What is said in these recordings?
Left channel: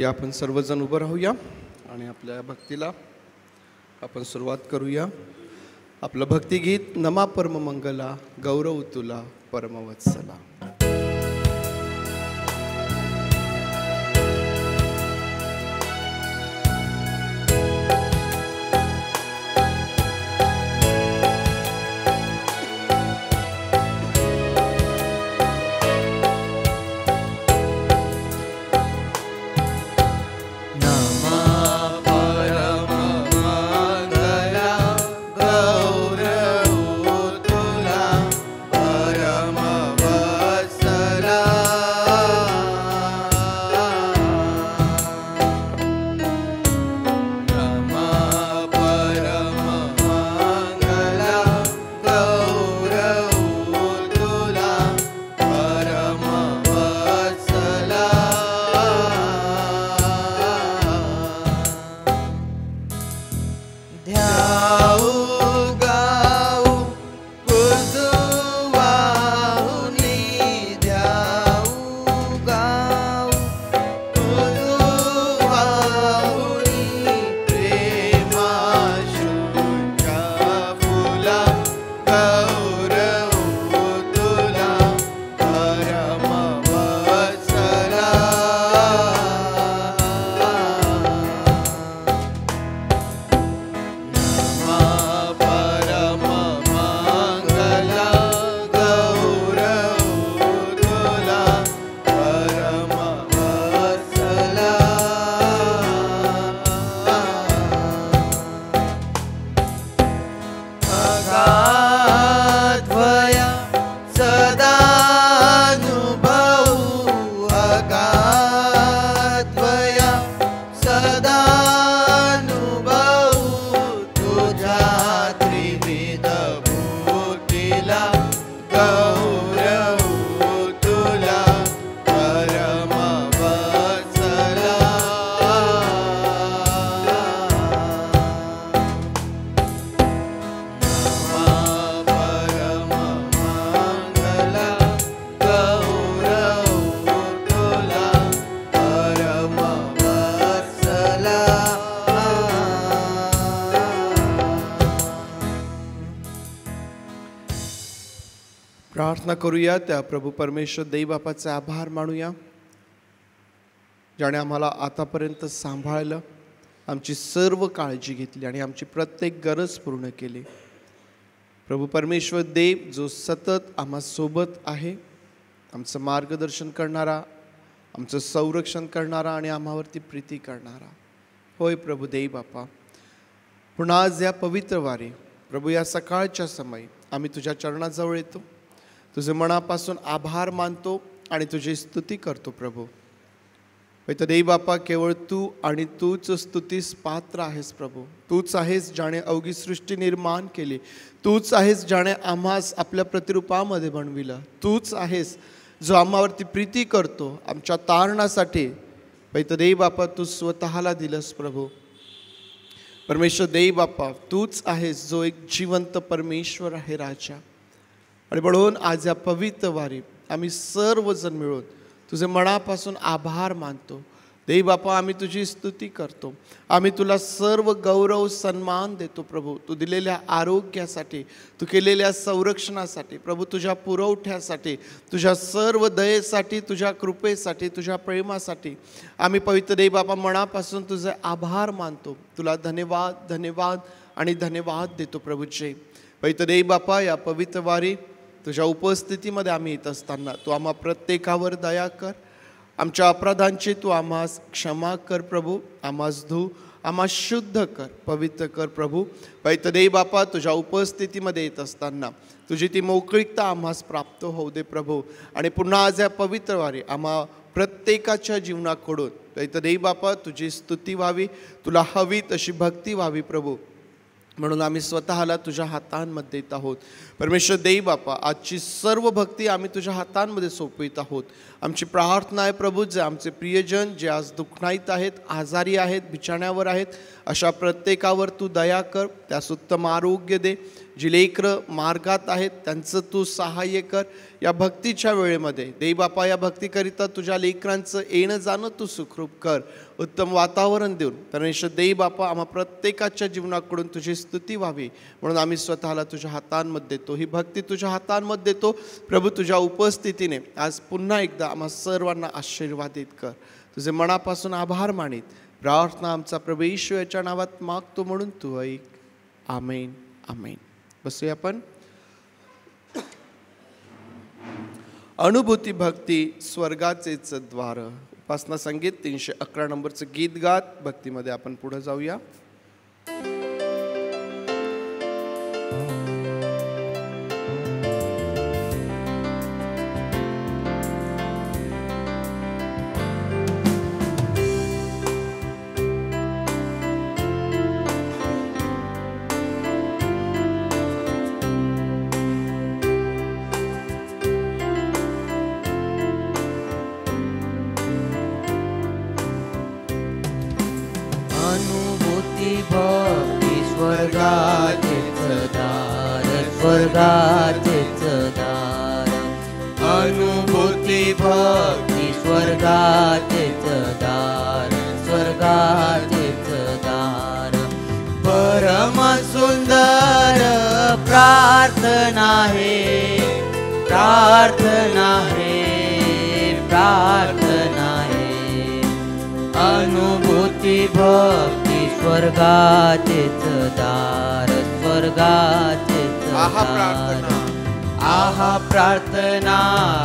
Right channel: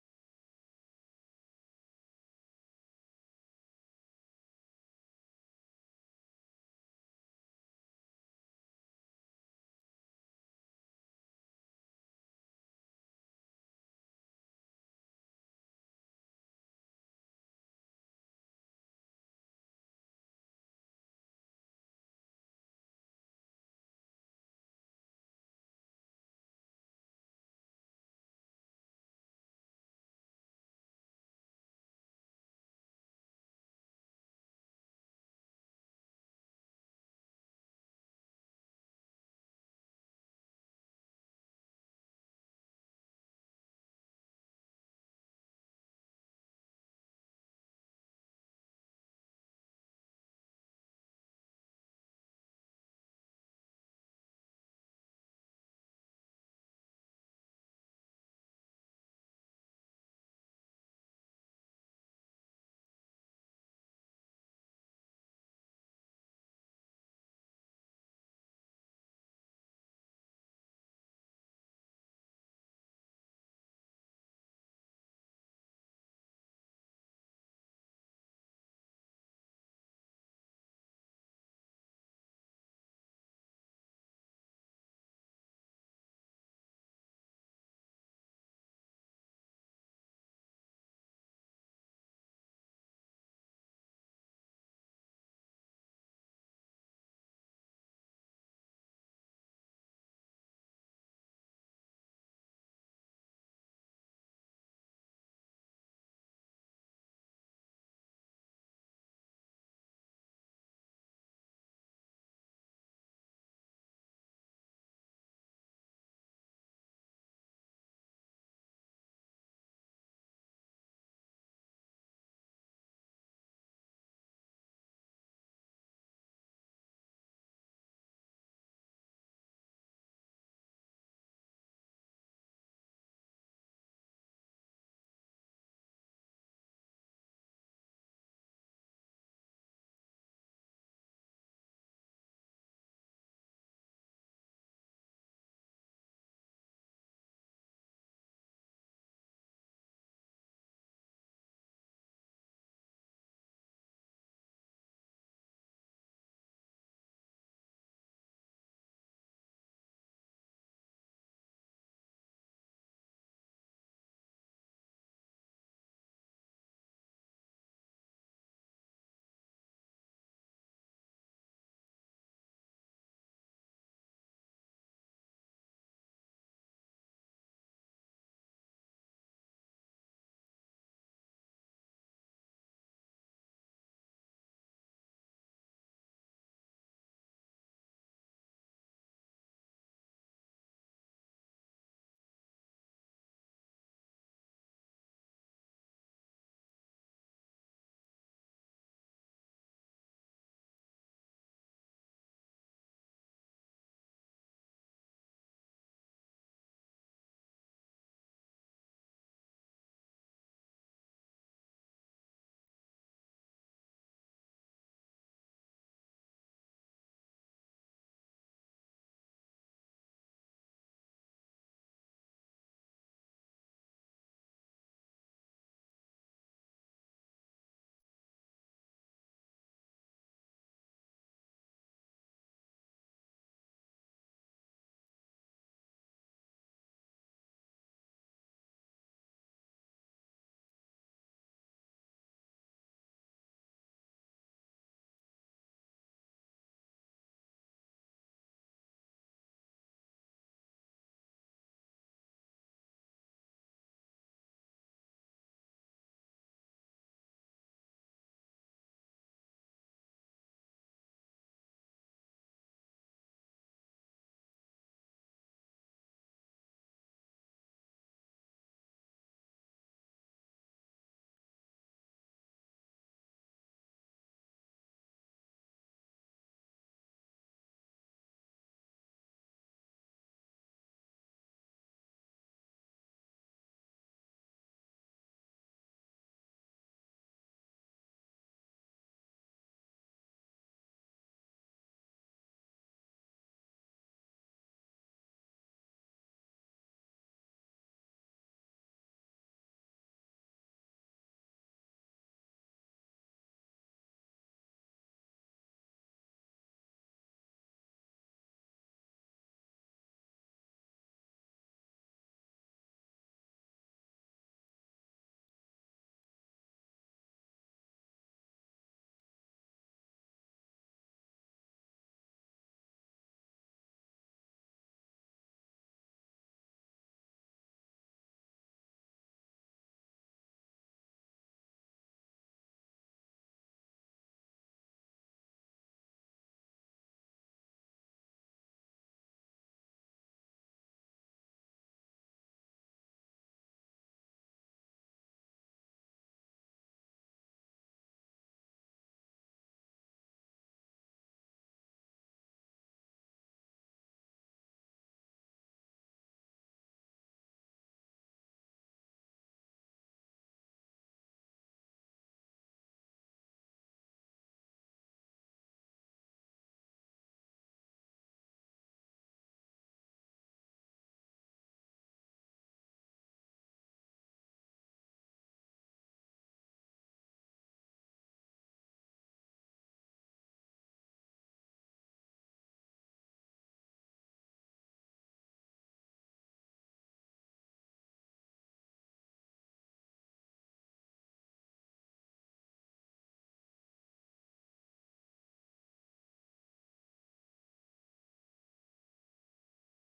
या आपण सर्वजण उभं राहूया आणि आपल्या भक्तीला आपण सुरुवात करूया. आपलं भक्तिगीत नमा परम मंगला गौरव तुला परमवत्सला. प्रार्थना करूया. त्या प्रभू परमेश्वर देव बापाचे आभार मानूया ज्याने आम्हाला आतापर्यंत सांभाळलं, आमची सर्व काळजी घेतली आणि आमची प्रत्येक गरज पूर्ण केली. प्रभू परमेश्वर देव जो सतत आम्हासोबत आहे, आमचं मार्गदर्शन करणारा, आमचं संरक्षण करणारा आणि आम्हावरती प्रीती करणारा. होय प्रभू देव बापा, पुन्हा आज या पवित्र वारी प्रभू या सकाळच्या समयी आम्ही तुझ्या चरणाजवळ येतो, तुझे मनापासून आभार मानतो आणि तुझी स्तुती करतो. प्रभू तर देव बापा, केवळ तू आणि तूच स्तुतीस पात्र आहेस. प्रभू तूच आहेस ज्याने अवघी सृष्टी निर्माण केली, तूच आहेस ज्याने आम्हास आपल्या प्रतिरूपामध्ये बनविलं, तूच आहेस जो आम्हावरती प्रीती करतो, आमच्या तारणासाठी तर देव बापा तू स्वतःला दिलंस. प्रभू परमेश्वर देव बापा, तूच आहेस जो एक जिवंत परमेश्वर आहे राजा. आणि म्हणून आज या पवित्र वारी आम्ही सर्वजण मिळून तुझे मनापासून आभार मानतो. देव बापा, आम्ही तुझी स्तुती करतो, आम्ही तुला सर्व गौरव सन्मान देतो. प्रभू तू दिलेल्या आरोग्यासाठी, तू केलेल्या संरक्षणासाठी, प्रभू तुझ्या पुरवठ्यासाठी, तुझ्या सर्व दयेसाठी, तुझ्या कृपेसाठी, तुझ्या प्रेमासाठी आम्ही पवित्र देव बापा मनापासून तुझे आभार मानतो. तुला धन्यवाद धन्यवाद आणि धन्यवाद देतो. प्रभूचे पवित्र देव बापा, या पवित्र वारी तुझ्या उपस्थितीमध्ये आम्ही येत असताना तू आम्हा प्रत्येकावर दया कर, आमच्या अपराधांची तू आम्हास क्षमा कर. प्रभू आम्हास धू, आम्हास शुद्ध कर, पवित्र कर. प्रभू पवित्र देव बापा, तुझ्या उपस्थितीमध्ये येत असताना तुझी ती मोकळीकता आम्हास प्राप्त होऊ दे. प्रभू आणि पुन्हा आज या पवित्र वारी आम्हा प्रत्येकाच्या जीवनाकडून पवित्र देव बापा तुझी स्तुती व्हावी, तुला हवी तशी भक्ती व्हावी. प्रभू म्हणून आम्ही स्वतःला तुझ्या हातांमध्ये देत आहोत. परमेश्वर देव बापा, आजची सर्व भक्ती आम्ही तुझ्या हातांमध्ये सोपवित आहोत. आमची प्रार्थना आहे प्रभू, जे आमचे प्रियजन जे आज दुःखनाईत आहेत, आजारी आहेत, बिछाण्यावर आहेत, अशा प्रत्येकावर तू दया कर, त्यास उत्तम आरोग्य दे. जी लेकरं मार्गात आहेत त्यांचं तू सहाय्य कर. या भक्तीच्या वेळेमध्ये देई बापा, या भक्तीकरिता तुझ्या लेकरांचं येणं जाणं तू सुखरूप कर, उत्तम वातावरण देऊन. परमेश्वर देई बापा, आम्हा प्रत्येकाच्या जीवनाकडून तुझी स्तुती व्हावी म्हणून आम्ही स्वतःला तुझ्या हातांमध्ये देतो, ही भक्ती तुझ्या हातांमध्ये देतो. प्रभू, तुझ्या उपस्थितीने आज पुन्हा एकदा आम्हा सर्वांना आशीर्वादित कर. तुझे मनापासून आभार मानित प्रार्थना आमचा प्रभू येशू याच्या नावात मागतो म्हणून तू ऐक. आमेन आमेन. बसूया आपण. अनुभूती भक्ती स्वर्गाचेच द्वार. उपासना संगीत 311 नंबरचं गीत गात भक्तीमध्ये आपण पुढे जाऊया. स्वर्गाचेच दार. अनुभूती भक्ती स्वर्गाचेच दार, स्वर्गाचेच दार. परम सुंदर प्रार्थना है, प्रार्थना है, प्रार्थना है. अनुभूती भक्ती स्वर्गाचेच दार, स्वर्गाचेच आहा प्रार्थना, आहा प्रार्थना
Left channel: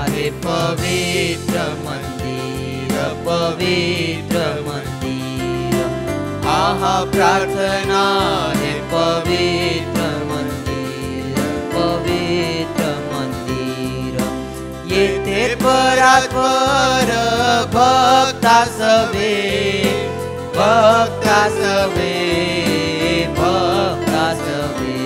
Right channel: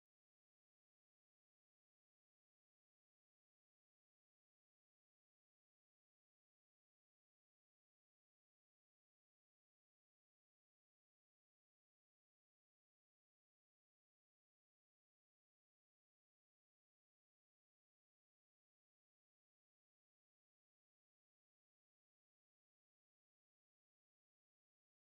रे पवित्र मंदिर, पवित्र मंदिर. आहा प्रार्थना रे पवित्र मंदिर, पवित्र मंदिर. येथे परात्पर भक्ता सवे, भक्ता सवे, भक्ता सवे.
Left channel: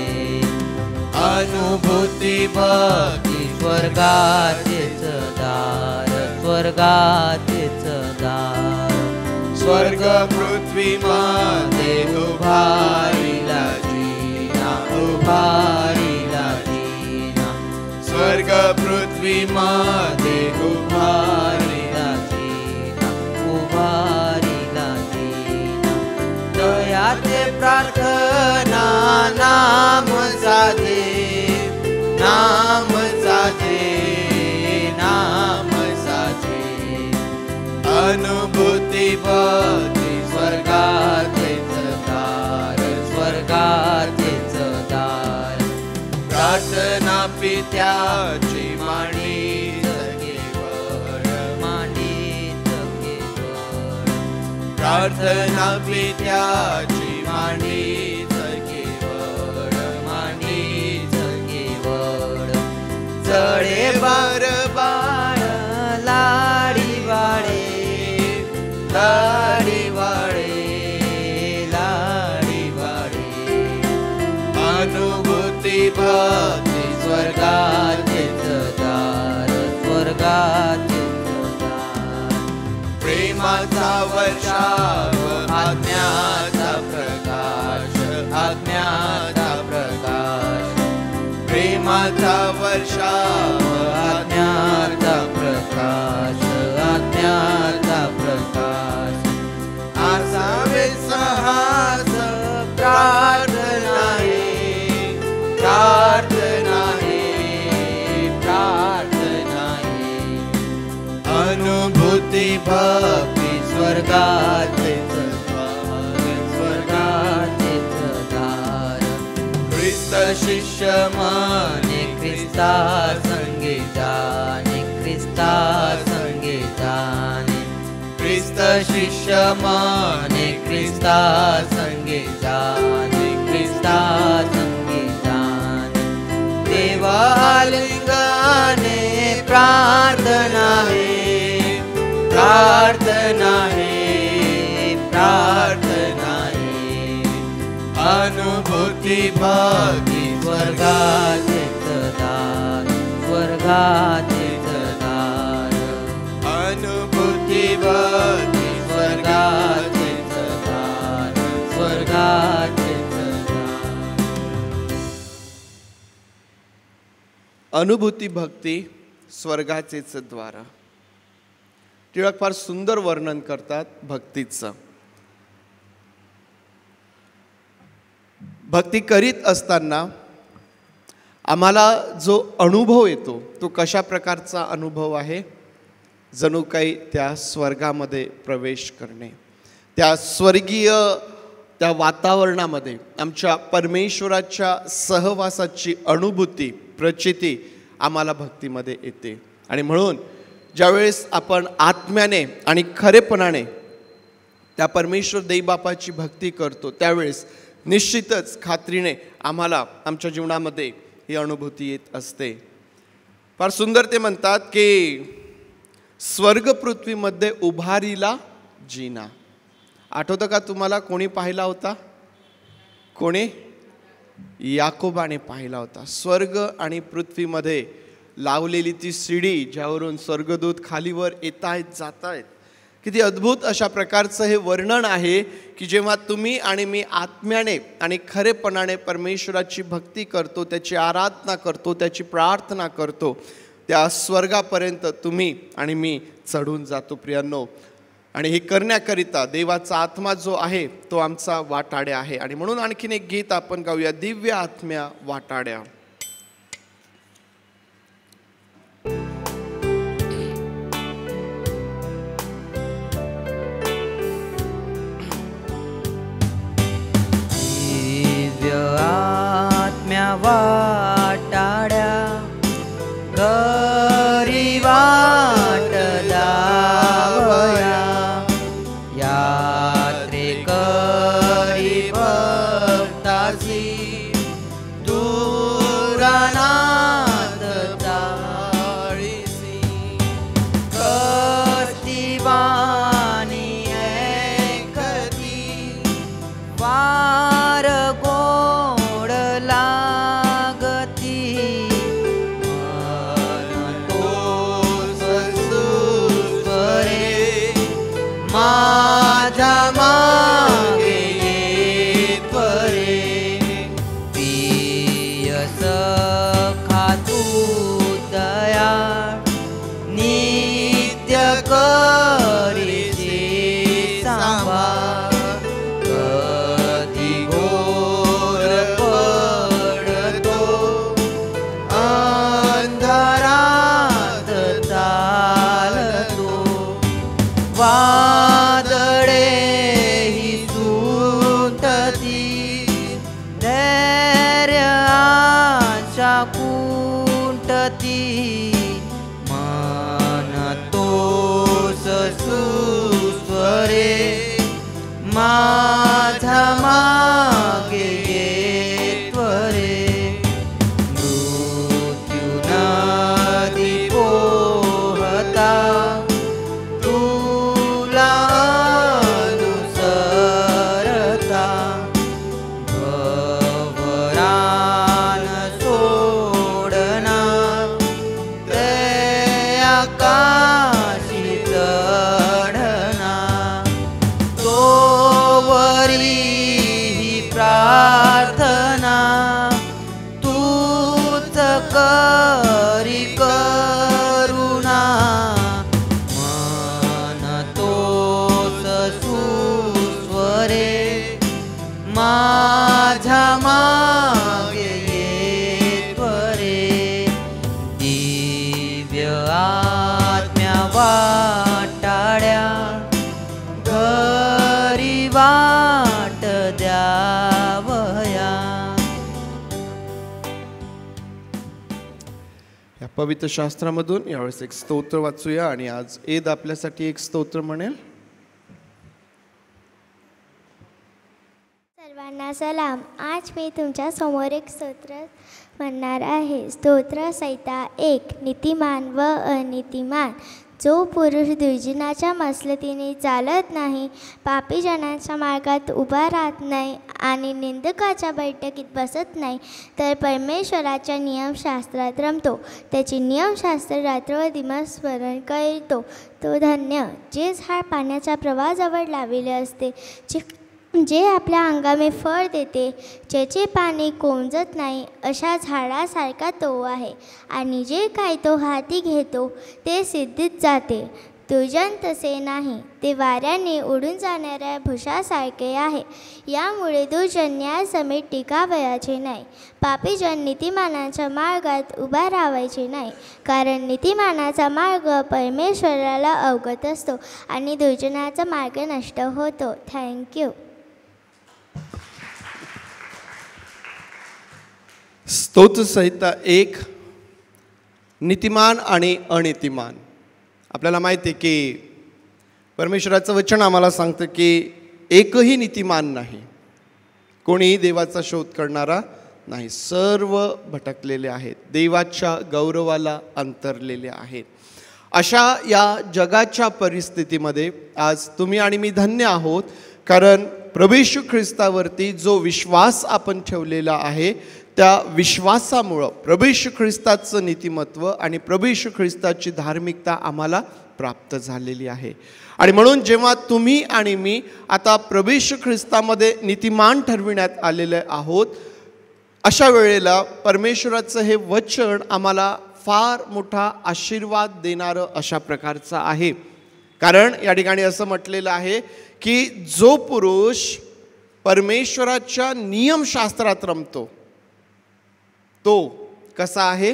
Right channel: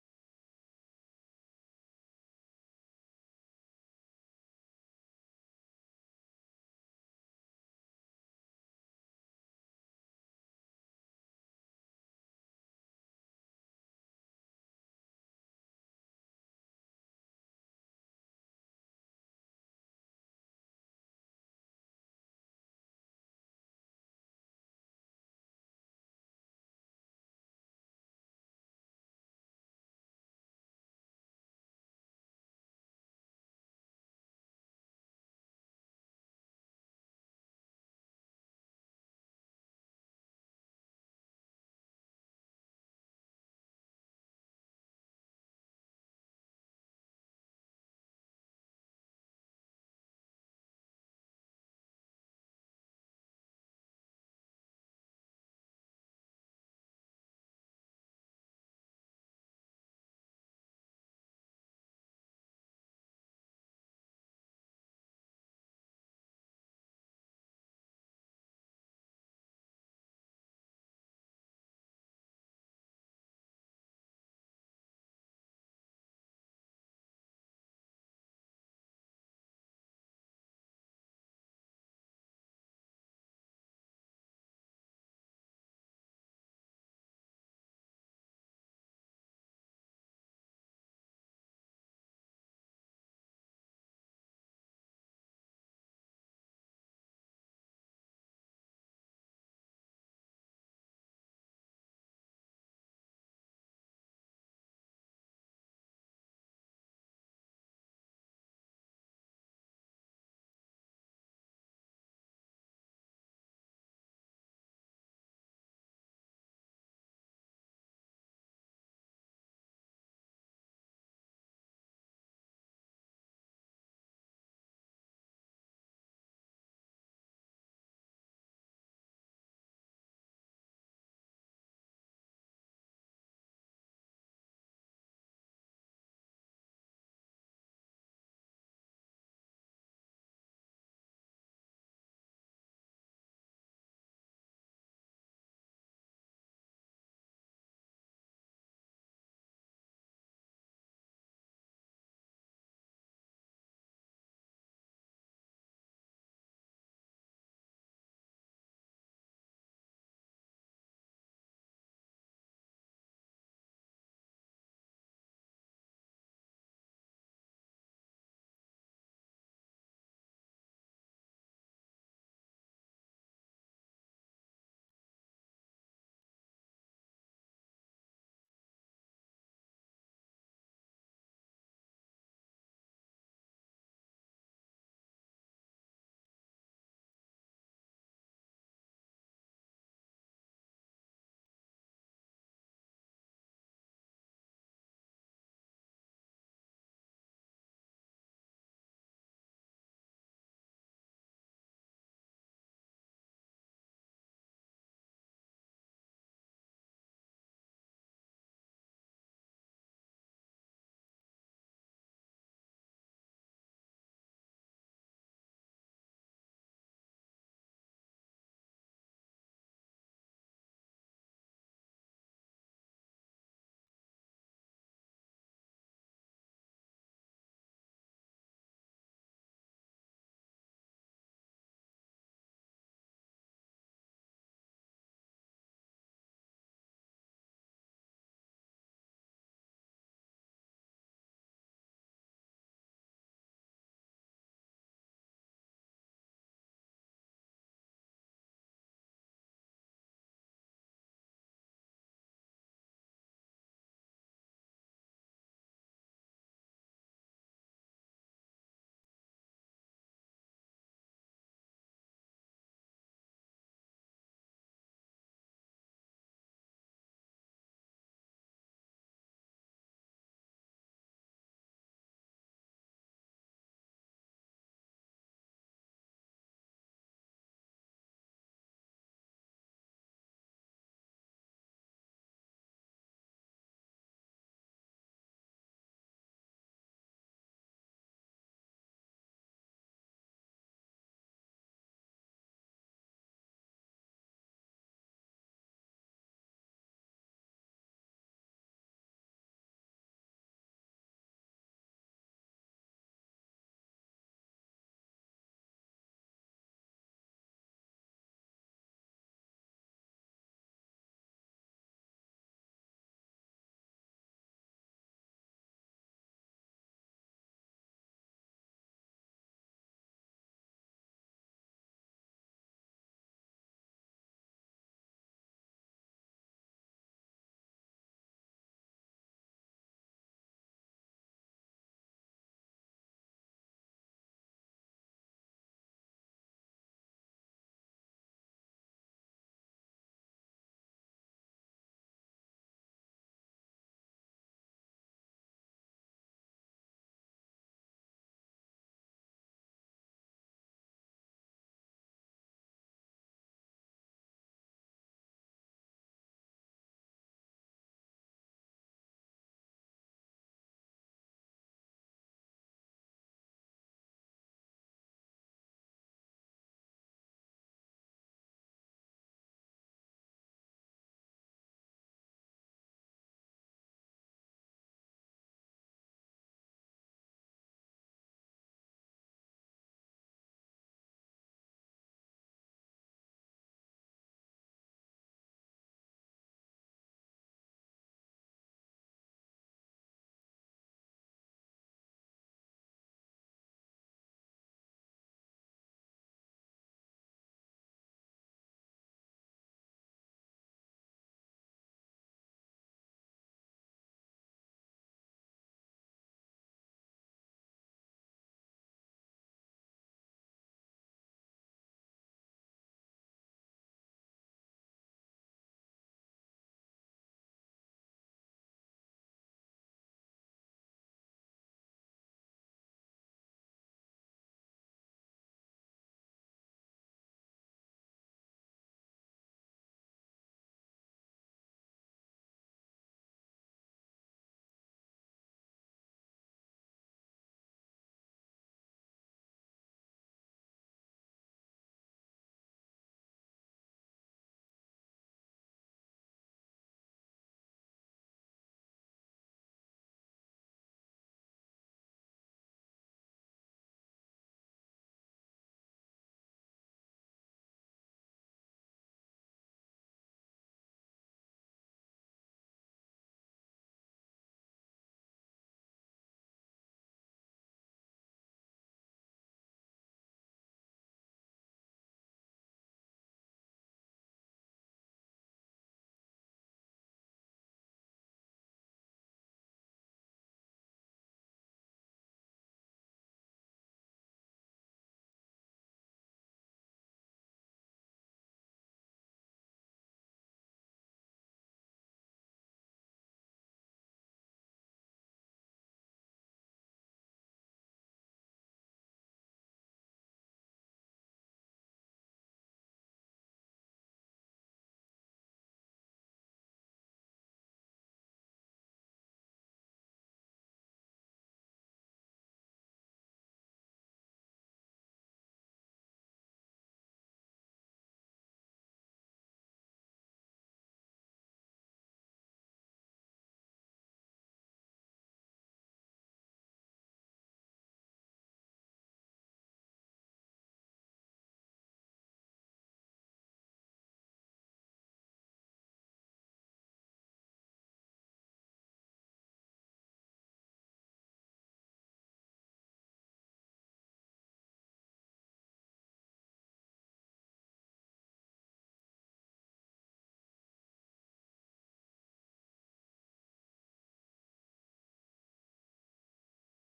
अनुभूती भक्ती स्वर्गाचेच दार, स्वर्गाचेच दार. स्वर्ग पृथ्वी मध्ये उभारिला जीना, उभारिला जीना. स्वर्ग पृथ्वी मध्ये उभारिला जीना, उभारिला जीना. दयाचे प्रार्थना नाम साधे, नाम साधे, नाम साधे. अनुभूती भक्ती स्वर्गाचेच दार, स्वर्गाचेच दार. प्रार्थना पित्याची मांडीत केवळ, मांडीत केवळ. प्रार्थना पित्याची मांडीत केवळ, मांडीत केवळ. जळे बर बाळ लाडी वाळे, लाडी वाळे, लाडी वाळे. अनुभूती भक्ती स्वर्गाचेच दार, स्वर्गाचेच दार. प्रेमाचा वर्षाव आज्ञाचा प्रकाश, आज्ञाचा प्रकाश. प्रेमाचा वर्षाव आज्ञाचा प्रकाश, आज्ञाचा प्रकाश. आसावे साहस प्रार्थना है, प्रार्थना है, प्रार्थना है. अनुभूती भक्ती स्वर्गाचेच द्वार, स्वर्गाचेच दार. ख्रिस्त शिष्य माने ख्रिस्ता संगे जाणे, ख्रिस्ता संगे जाणे. ख्रिस्त शिष्य माने ख्रिस्ता संगे जाणे, ख्रिस्ता संगे जाणे. देवा आलिंगने प्रार्थना है, प्रार्थना है, प्रार्थना है. अनुभूती भक्ती स्वर्गाचेच दार, स्वर्गाचेच दार. अनुभूती भक्ती स्वर्गाचेच दार, स्वर्गाचेच अनुभूती भक्ती स्वर्गाचेच द्वार. टिळक फार सुंदर वर्णन करतात भक्तीचं. भक्ती करीत असताना आम्हाला जो अनुभव येतो तो कशा प्रकारचा अनुभव आहे? जणू काही त्या स्वर्गामध्ये प्रवेश करणे, त्या स्वर्गीय त्या वातावरणामध्ये आमच्या परमेश्वराच्या सहवासाची अनुभूती प्रचिती आम्हाला भक्तीमध्ये येते. आणि म्हणून ज्यावेळेस आपण आत्म्याने आणि खरेपणाने त्या परमेश्वर देवबापाची भक्ती करतो त्यावेळेस निश्चितच खात्रीने आम्हाला आमच्या जीवनामध्ये ही अनुभूती येत असते. फार सुंदर ते म्हणतात की स्वर्ग पृथ्वीमध्ये उभारीला जिना. आठवतं का तुम्हाला? कोणी पाहिला होता? कोणी? याकोबाने पाहिला होता. स्वर्ग आणि पृथ्वीमध्ये लावलेली ती शिडी ज्यावरून स्वर्गदूत खालीवर येत आहेत जात आहेत. किती अद्भुत अशा प्रकारचं हे वर्णन आहे की जेव्हा तुम्ही आणि मी आत्म्याने आणि खरेपणाने परमेश्वराची भक्ती करतो, त्याची आराधना करतो, त्याची प्रार्थना करतो, त्या स्वर्गापर्यंत तुम्ही आणि मी चढून जातो प्रियांनो. आणि हे करण्याकरिता देवाचा आत्मा जो आहे तो आमचा वाटाड्या आहे. आणि म्हणून आणखीन एक गीत आपण गाऊया, दिव्य आत्म्या वाटाड्या. दिव्य आत्म्या वाटाड्या घरी वाट लावया, यात्रेकरी भक्तासी दूरानाथ जाळीसी. कष्टी वाणी ऐकती वार गोड लागती, मन तोच सुस्वरे माझ्या मागे येत्वरे. प्रिय सखा तू दयाळ नित्य करीसी सांभाळ, कधी घोर पडतो अंधारात चालतो, वादळे ही सुटती धैर्य आशा कुंटती, मन तोच सुस्वरे माझ्या मागे येत्वरे. मृत्यू नदी पोहता तुला अनुसरता, भवरान सोडणार ते आकाशी चढणार, तोवरी ही प्रार्थना तूच करी करुणा, मन तोच सुस्वरे माझ्या मागे येत्वरे. दिव्य आत्म्या वाटाड्या घरी वाट द्यावया. या पवित्र शास्त्रामधून यावेळेस एक स्तोत्र वाचूया. आणि आज ईद आपल्यासाठी एक स्तोत्र म्हणेल. सर्वांना सलाम. आज मी तुमच्या समोर एक स्तोत्र म्हणणार आहे. स्तोत्र संहिता 1. नीतिमान व अनीतिमान. जो पुरुष द्विजनाच्या मसलतीने चालत नाही, पापी जनांच्या मार्गात उभा राहत नाही आणि निंदकाच्या बैठकीत बसत नाही, तर परमेश्वराच्या नियमशास्त्रात रमतो, त्याची नियमशास्त्र रात्र व दिवस स्मरण करीतो, तो धन्य. जे झाड पाण्याच्या प्रवाहाजवळ लावलेले असते, जे जे आपल्या हंगामी फळ देते, ज्याचे पाणी कोंजत नाही, अशा झाडासारखा तो आहे. आणि जे काही तो हाती घेतो ते सिद्धीत जाते. दुर्जन तसे नाही, ते वाऱ्याने उडून जाणाऱ्या भुसासारखे आहे. यामुळे दुर्जन न्यायासमेत टिकावयाचे नाही. पापीजन नीतिमानाच्या मार्गात उभा राहायचे नाही, कारण नीतिमानाचा मार्ग परमेश्वराला अवगत असतो आणि दुर्जनाचा मार्ग नष्ट होतो. थँक्यू. स्तोत्रसंहिता 1. नीतिमान आणि अनीतिमान. आपल्याला माहिती आहे की परमेश्वराचं वचन आम्हाला सांगतं की एकही नीतिमान नाही, कोणीही देवाचा शोध करणारा नाही. सर्व भटकलेले आहेत, देवाच्या गौरवाला अंतरलेले आहेत. अशा या जगाच्या परिस्थितीमध्ये आज तुम्ही आणि मी धन्य आहोत, कारण प्रभू येशू ख्रिस्तावरती जो विश्वास आपण ठेवलेला आहे, त्या विश्वासामुळं प्रभू येशू ख्रिस्ताचं नीतिमत्व आणि प्रभू येशू ख्रिस्ताची धार्मिकता आम्हाला प्राप्त झालेली आहे. आणि म्हणून जेव्हा तुम्ही आणि मी आता प्रभू येशू ख्रिस्तामध्ये नीतिमान ठरविण्यात आलेले आहोत, अशा वेळेला परमेश्वराचं हे वचन आम्हाला फार मोठा आशीर्वाद देणारं अशा प्रकारचं आहे. कारण या ठिकाणी असं म्हटलेलं आहे की जो पुरुष परमेश्वराच्या नियमशास्त्रात रमतो तो कसा आहे?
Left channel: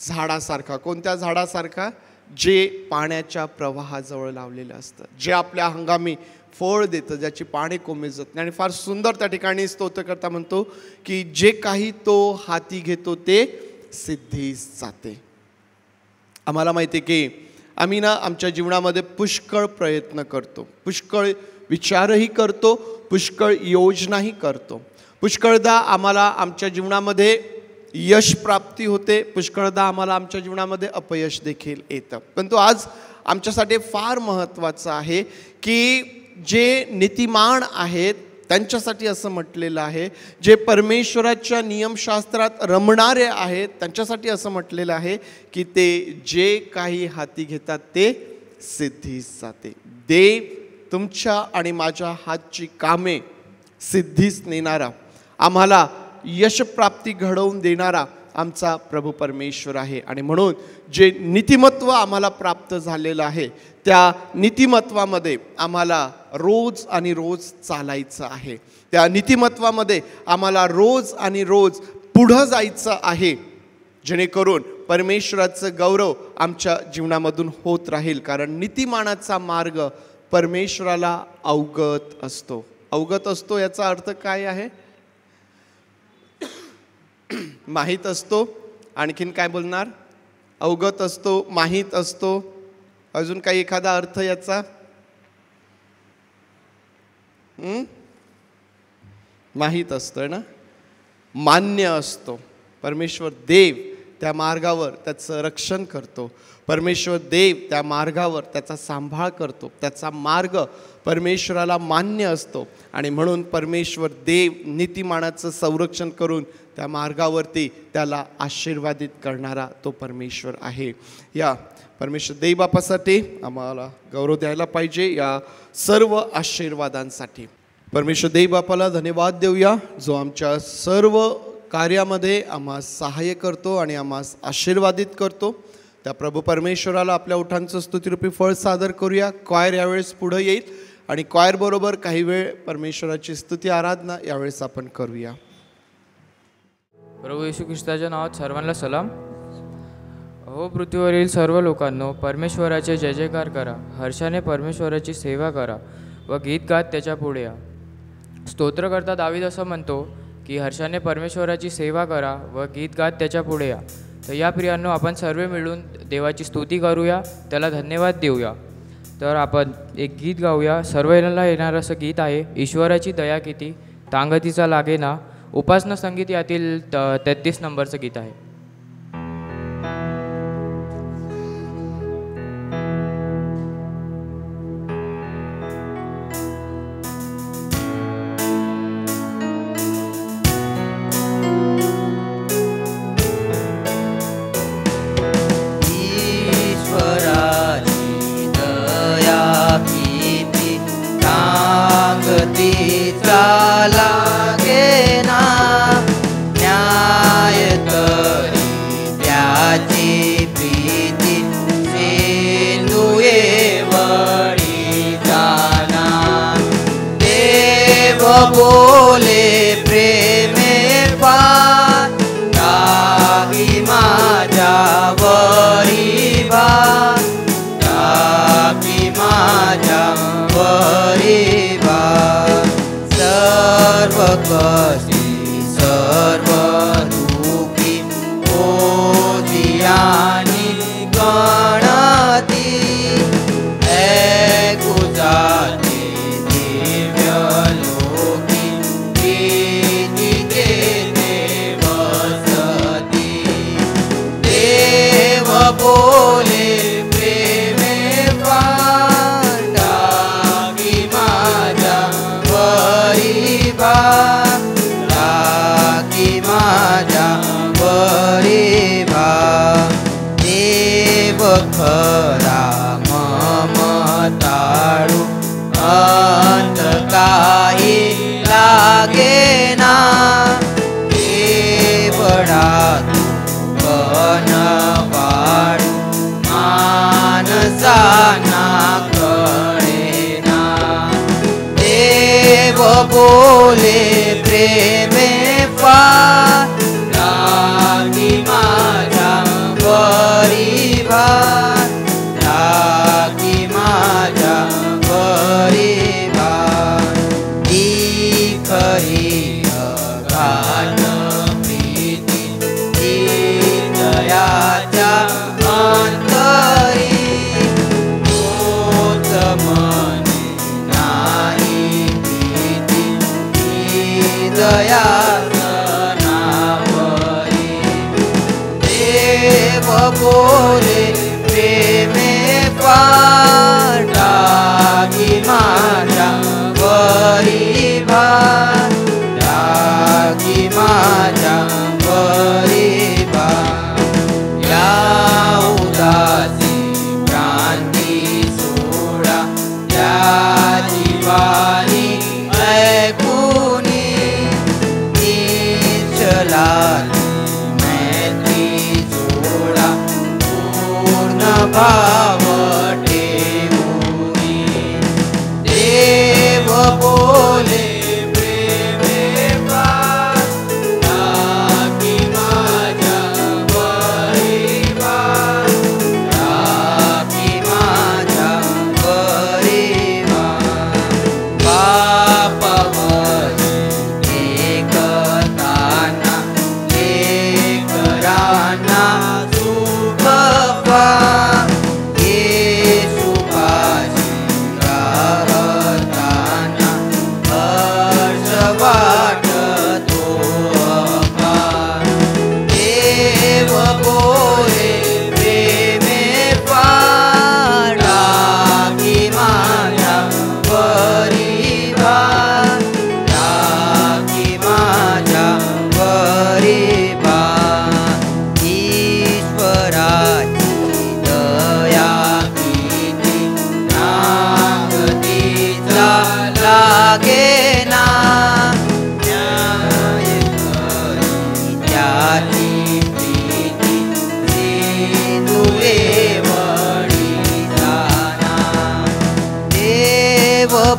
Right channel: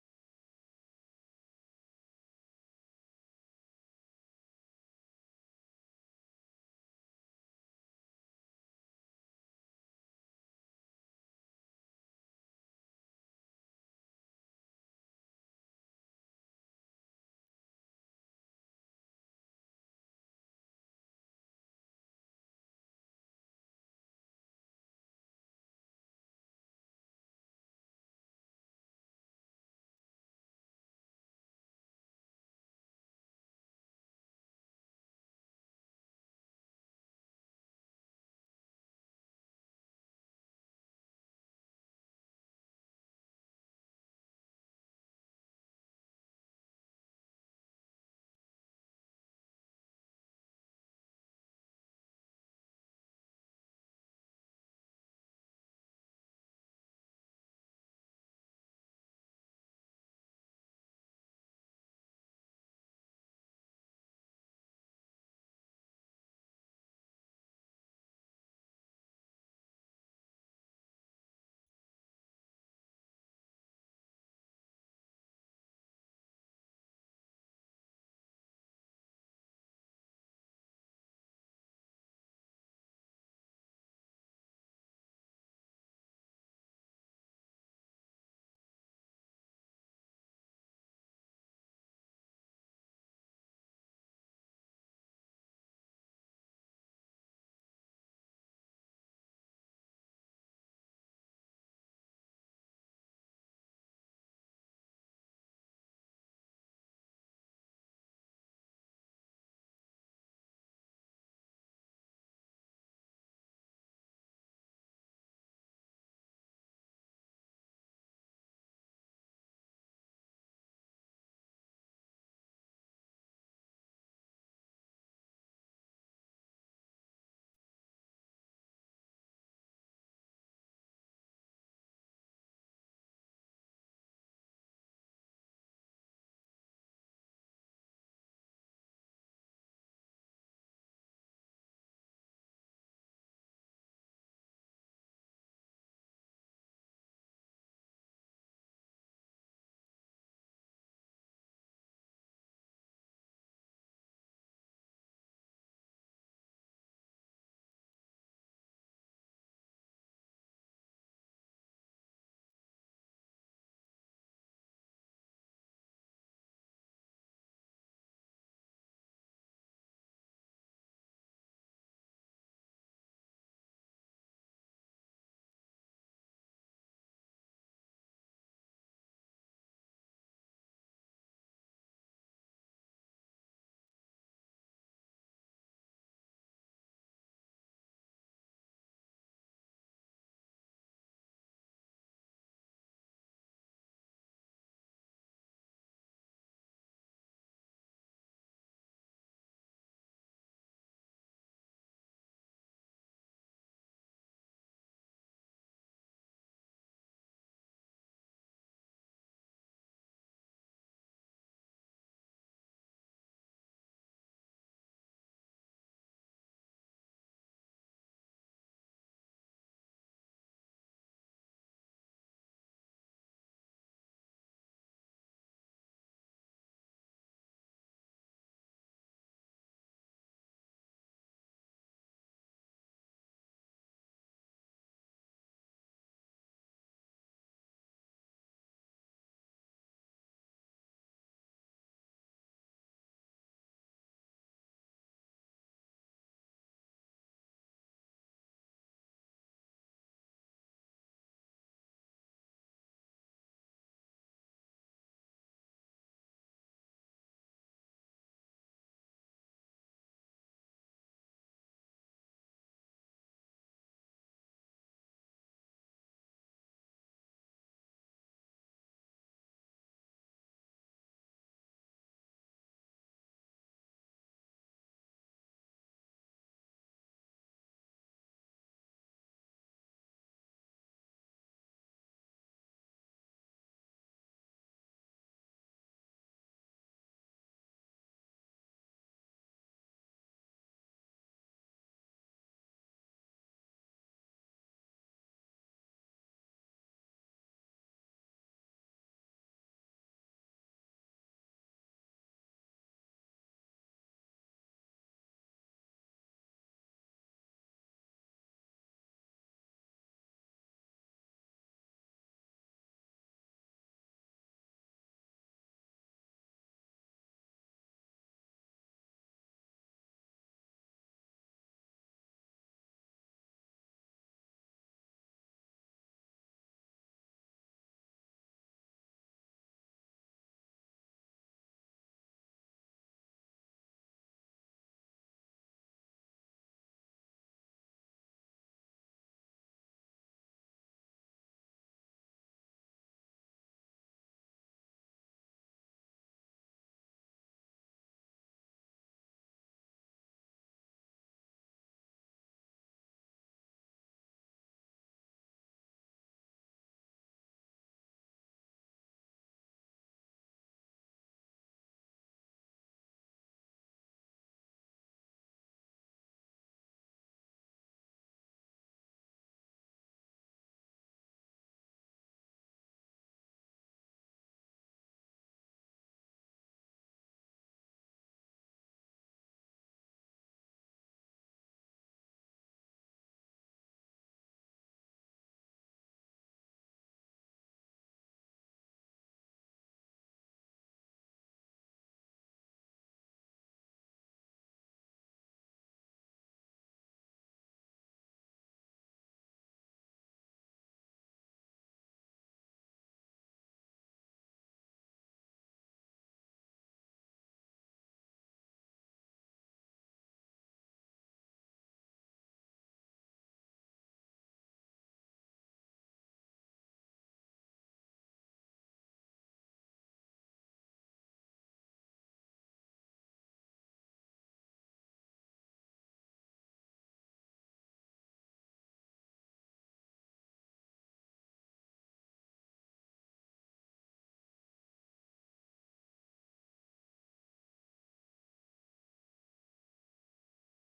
झाडासारखा. कोणत्या झाडासारखा? जे पाण्याच्या प्रवाहाजवळ लावलेलं असतं, जे आपल्या हंगामी फळ देतं, ज्याची पाणी कोमेजत नाही. आणि फार सुंदर त्या ठिकाणी स्तोत्रकर्ता म्हणतो की जे काही तो हाती घेतो ते सिद्धीस जाते. आम्हाला माहिती आहे की आम्ही आमच्या जीवनामध्ये पुष्कळ प्रयत्न करतो, पुष्कळ विचारही करतो, पुष्कळ योजनाही करतो. पुष्कळदा आम्हाला आमच्या जीवनामध्ये यश प्राप्ती होते, पुष्कळदा आम्हाला आमच्या जीवनामध्ये अपयश देखील येतं. परंतु आज आमच्यासाठी फार महत्त्वाचं आहे की जे नीतिमान आहेत त्यांच्यासाठी असं म्हटलेलं आहे, जे परमेश्वराच्या नियमशास्त्रात रमणारे आहेत त्यांच्यासाठी असं म्हटलेलं आहे की ते जे काही हाती घेतात ते सिद्धीस जाते. देव तुमच्या आणि माझ्या हातची कामे सिद्धीस नेणारा, आम्हाला यशप्राप्ती घडवून देणारा आमचा प्रभू परमेश्वर आहे. आणि म्हणून जे नीतिमत्व आम्हाला प्राप्त झालेलं आहे त्या नीतिमत्वामध्ये आम्हाला रोज आणि रोज चालायचं आहे. त्या नीतिमत्वामध्ये आम्हाला रोज आणि रोज पुढं जायचं आहे, जेणेकरून परमेश्वराचं गौरव आमच्या जीवनामधून होत राहील. कारण नीतिमानाचा मार्ग परमेश्वराला अवगत असतो. अवगत असतो याचा अर्थ काय आहे? माहीत असतो. आणखीन काय बोलणार? अवगत असतो, माहीत असतो. अजून काही एखादा अर्थ याचा? माहीत असतोय ना, मान्य असतो. परमेश्वर देव त्या मार्गावर त्याचं रक्षण करतो. परमेश्वर देव त्या मार्गावर त्याचा सांभाळ करतो. त्याचा मार्ग परमेश्वराला मान्य असतो आणि म्हणून परमेश्वर देव नीतिमानाचं संरक्षण करून त्या मार्गावरती त्याला आशीर्वादित करणारा तो परमेश्वर आहे. या परमेश्वर देव बापासाठी आम्हाला गौरव द्यायला पाहिजे, या सर्व आशीर्वादांसाठी. परमेश्वर देव बापाला धन्यवाद देऊया, जो आमच्या सर्व कार्यामध्ये आम्हा सहाय्य करतो आणि आम्हा आशीर्वादित करतो. त्या प्रभू परमेश्वराला आपल्या ओठांचं स्तुतिरूपी फळ सादर करूया. क्वायर यावेळेस पुढं येईल आणि क्वायर बरोबर काही वेळ परमेश्वराची स्तुती आराधना यावेळेस आपण करूया. प्रभू येशू ख्रिस्ताच्या नावात सर्वांना सलाम. हो पृथ्वीवरील सर्व लोकांनो, परमेश्वराचे जय जयकार करा. हर्षाने परमेश्वराची सेवा करा व गीत गात त्याच्या पुढे या. स्तोत्रकर्ता दावीद असं म्हणतो की हर्षाने परमेश्वराची सेवा करा व गीत गात त्याच्या पुढे या. तर या प्रियांनो, आपण सर्व मिळून देवाची स्तुती करूया, त्याला धन्यवाद देऊया. तर आपण एक गीत गाऊया. सर्वांना येणारं असं गीत आहे, ईश्वराची दया किती तांगतीचा लागे ना. उपासना संगीत यातील 33 नंबरचं गीत आहे. ईश्वराची दया किती तांगती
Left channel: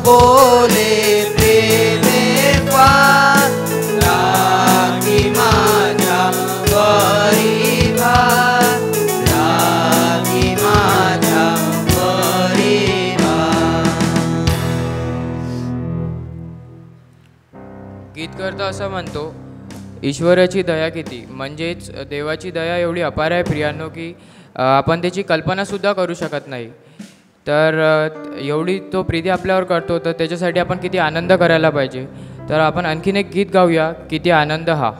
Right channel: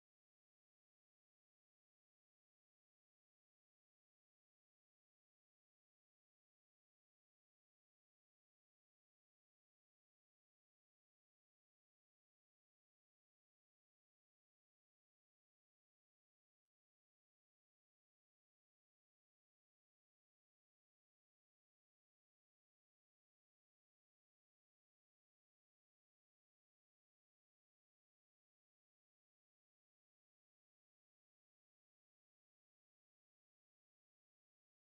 बोले प्रेमे फार लागी माझ्या वरी भार लागी माझ्या वरी भार. गीतकर्ता असं म्हणतो, ईश्वराची दया किती, म्हणजेच देवाची दया एवढी अपार आहे प्रियांनो की आपण त्याची कल्पनासुद्धा करू शकत नाही. तर एवढी तो प्रीती आपल्यावर करतो, तर त्याच्यासाठी आपण किती आनंद करायला पाहिजे. तर आपण आणखीन एक गीत गाऊया, किती आनंद हा.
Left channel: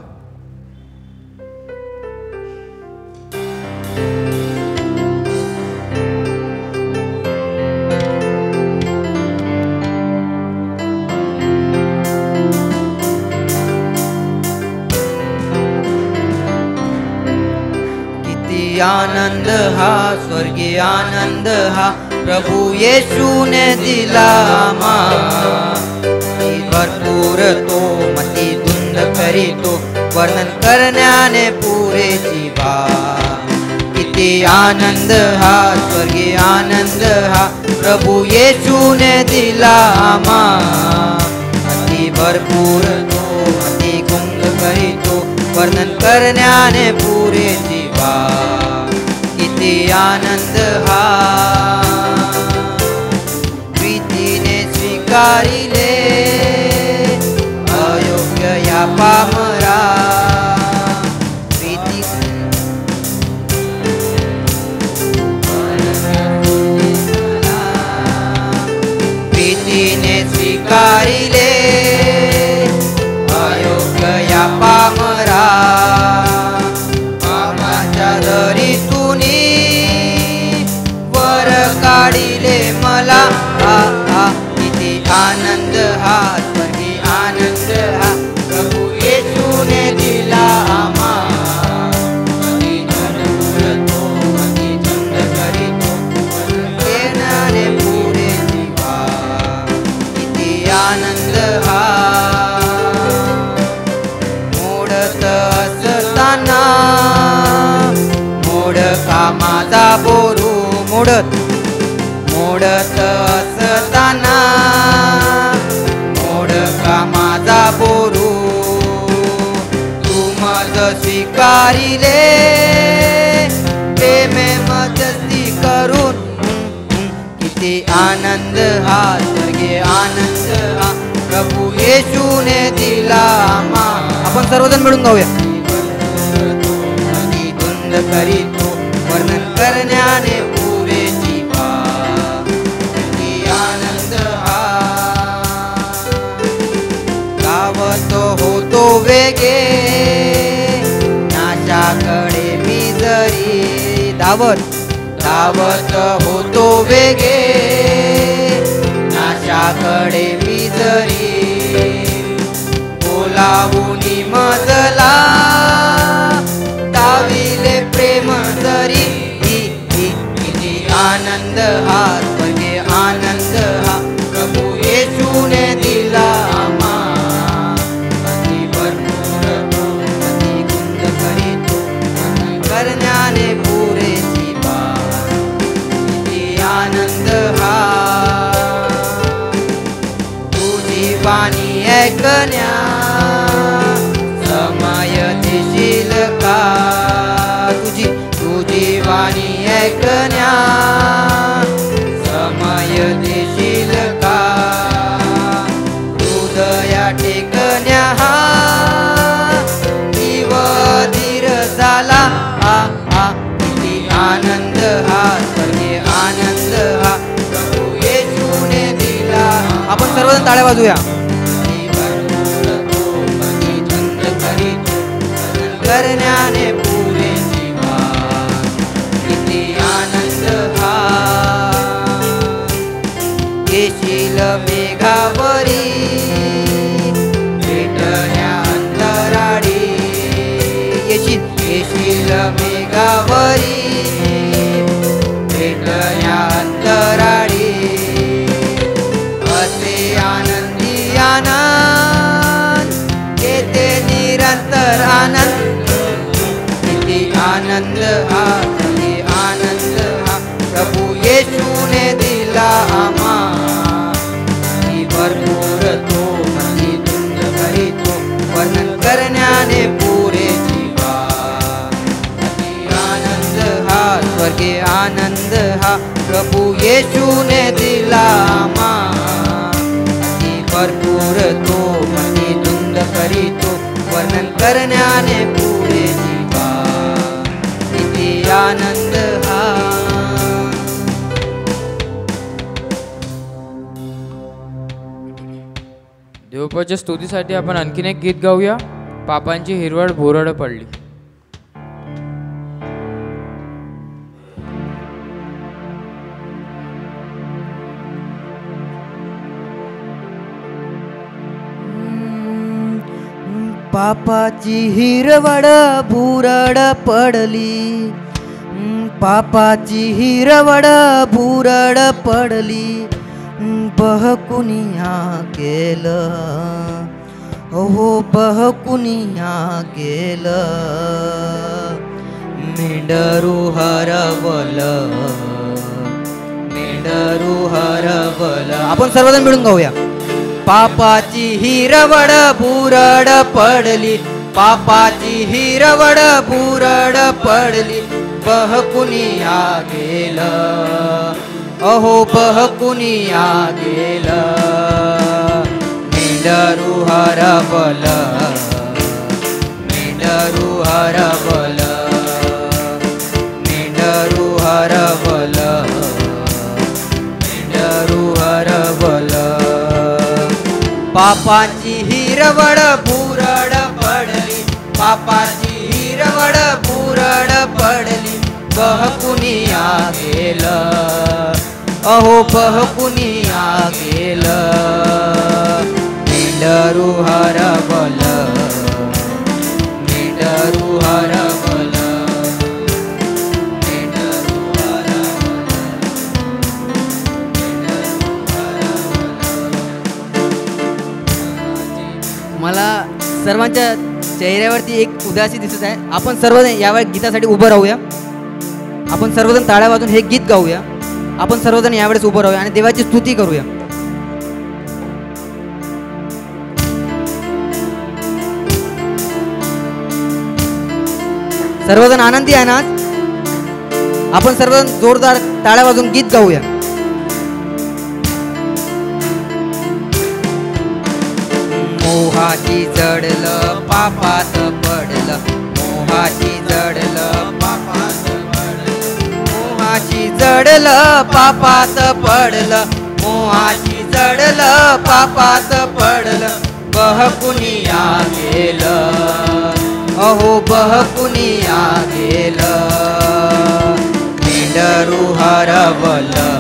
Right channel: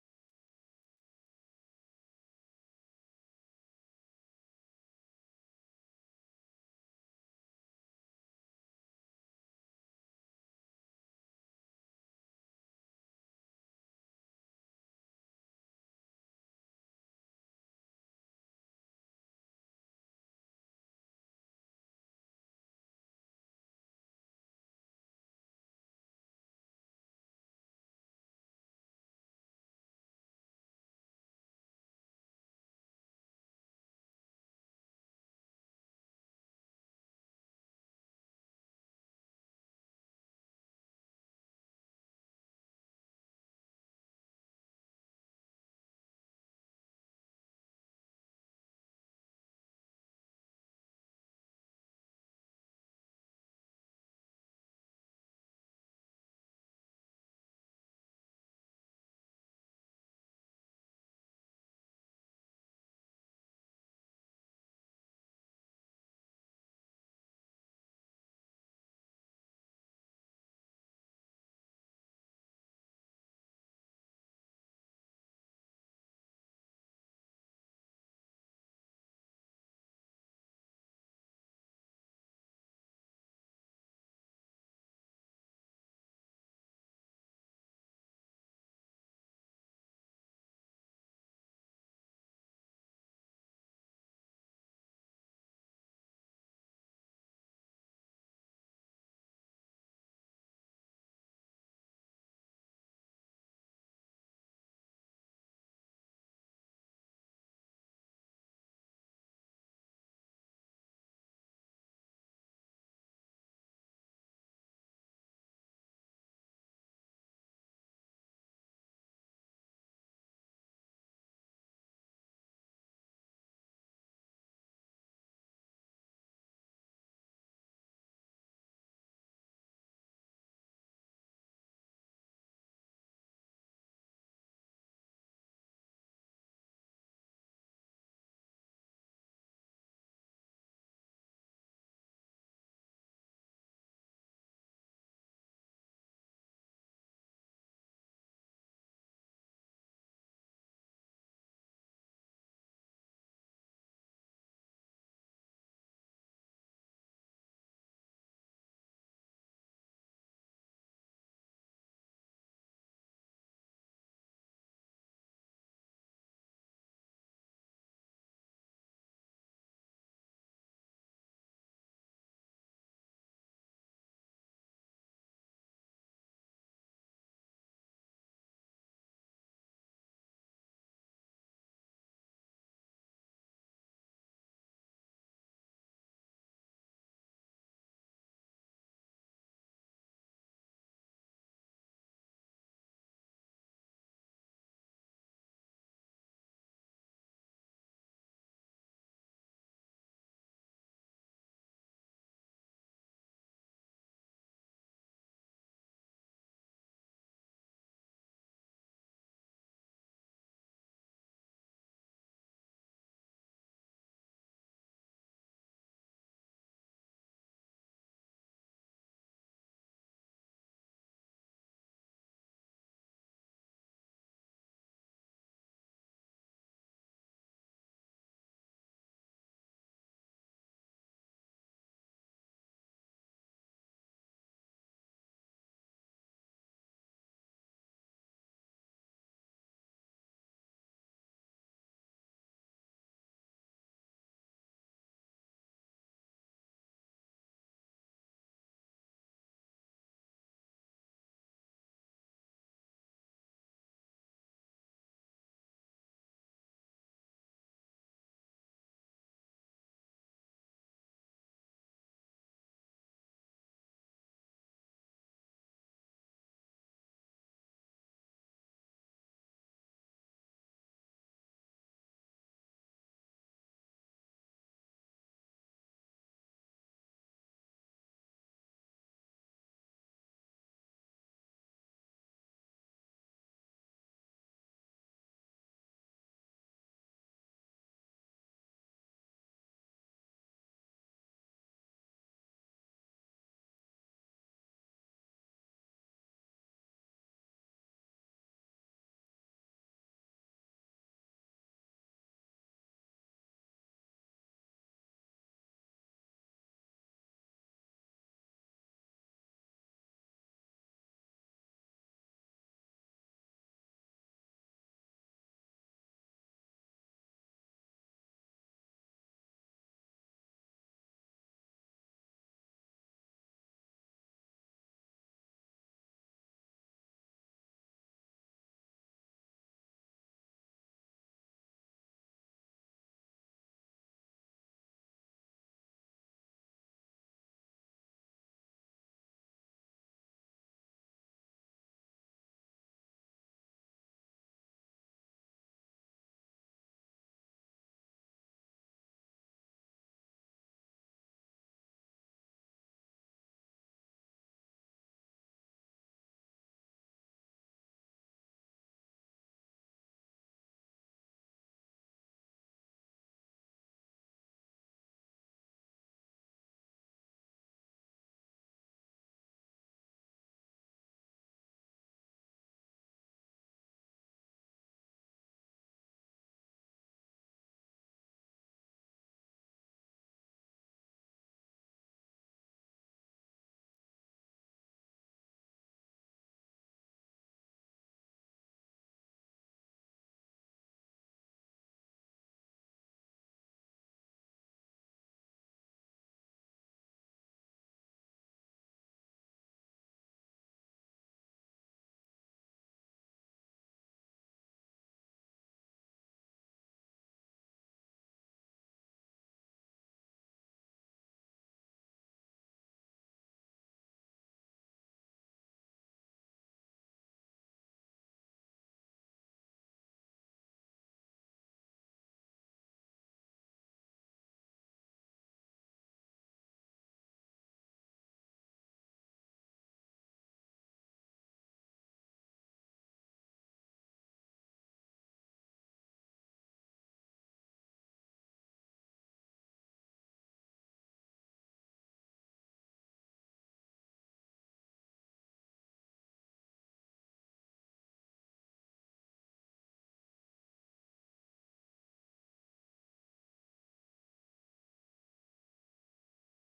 आनंद हा स्वर्गीय आनंद हा प्रभु येशू ने दिला भरपूर तो मती धुंद करीतो वर्णन करण्याने पुरे जीवा. किती आनंद हा स्वर्गीय आनंद हा प्रभु येशू ने दिला मती भरपूर तो मती धुंद करीतो वर्णन करण्याने पुरे जीवा. किती आनंद हा प्रीतीने स्वीकारिले अयोग्य या पामरा. प्रीतीने स्वीकारिले अयोग्य या पामरा. काढिले मला किती आनंद हा स्वर्गीय आनंद हा प्रभु येशूने दिला येणारे पुरे जीवा. किती आनंद हा मोडत असताना मोड कामाचा बोरू मोडत असताना मोड कामाचा बोरू तू मज स्वीकारिले प्रेमे मजस्ती करून. किती आनंद हा स्वर्गीय आनंद हा प्रभु येशूने दिला. आपण सर्वजण मिळून गाऊया. धुंद करीतो वर्णन करण्याने पुरे जीवा. आनंद हा गावतो होतो वेगे नाशाकडे मी जरी धावत होतो वेगे नाशाकडे मी जरी बोलावूनी मजला दाविले प्रेम जरी. किती आनंद हा स्वर्गीय आनंद हा प्रभु येशूने दिला अति भरपूर तो अति गुंद करीतो करण्याने पुरे जीवा. किती आनंद हा तुझी वाणी ऐकण्या समय देशील का. तुझी वाणी ऐकण्या समय देशील का. हृदया टेकण्या हा जीव धीर झाला. किती आनंद हा स्वर्गीय आनंद हा प्रभु येशूने दिला. आपण सर्वजण टाळ्या वाजूया. करण्याने पुरे जीवा. किती आनंद हा येशील मेघावरी भेटण्या अंतराळी. येशील मेघावरी भेटण्या अंतराळी. असे आनंदी आनंद येते निरंतर आनंद. आनंद हा स्वर्गीय आनंद हा प्रभु येशूने दिला येशूने दिला अति भरपूर तो मनी धुंद करीतो वर्णन करण्याने पुरे जीवा किती आनंद हा. देवपाच्या स्तुतीसाठी आपण आणखीन एक गीत गाऊया. पापांची हिरवळ भुरळ पडली. पापाची हिरवळ भुरळ पडली, पापाची हिरवळ भुरळ पडली, बहकुनिया गेलं, हो बहकुनिया गेलं, मेंढरू हरवलं, मेंढरू हरवलं. आपण सर्वजण मिळून गाऊया. पापाची हिरवळ भुरळ पडली, पापाची हिरवळ भुरळ पडली, बहकुनिया गेलं, अहो बहकुनिया गेलं, मेंढरू हरवलं, मेंढरू हरवलं, मेंढरू हरवलं, मेंढरू हरवलं. पापाची हिरवळ भुरळ पडली, पापाची हिरवळ भुरळ पडली, बहकुनिया गेलं, अहो बहकुनिया गेलं, मेंढरू हरवलं, मेंढरू हरवलं, मेंढरू हरवलं, मला सर्वांच्या चेहऱ्यावरती एक उदासी दिसत आहे. आपण सर्वजण यावेळी गीतासाठी उभं राहूया. आपण सर्वजण टाळ्या वाजून हे गीत गाऊया. आपण सर्वजण यावेळेस उभं राहूया आणि देवाची स्तुती करूया. सर्वजण आनंदी आहे ना? आपण सर्वजण जोरदार टाळ्या वाजून गीत गाऊया. मोहाची जडलं पापात पडलं, मोहाची जडलं पापात पडलं, मोहाची जडलं पापात पडलं, मोहाची जडलं पापात पडलं, बहकुनिया गेलं, अहो बहकुनिया गेलं, मेंढरू हरवलं,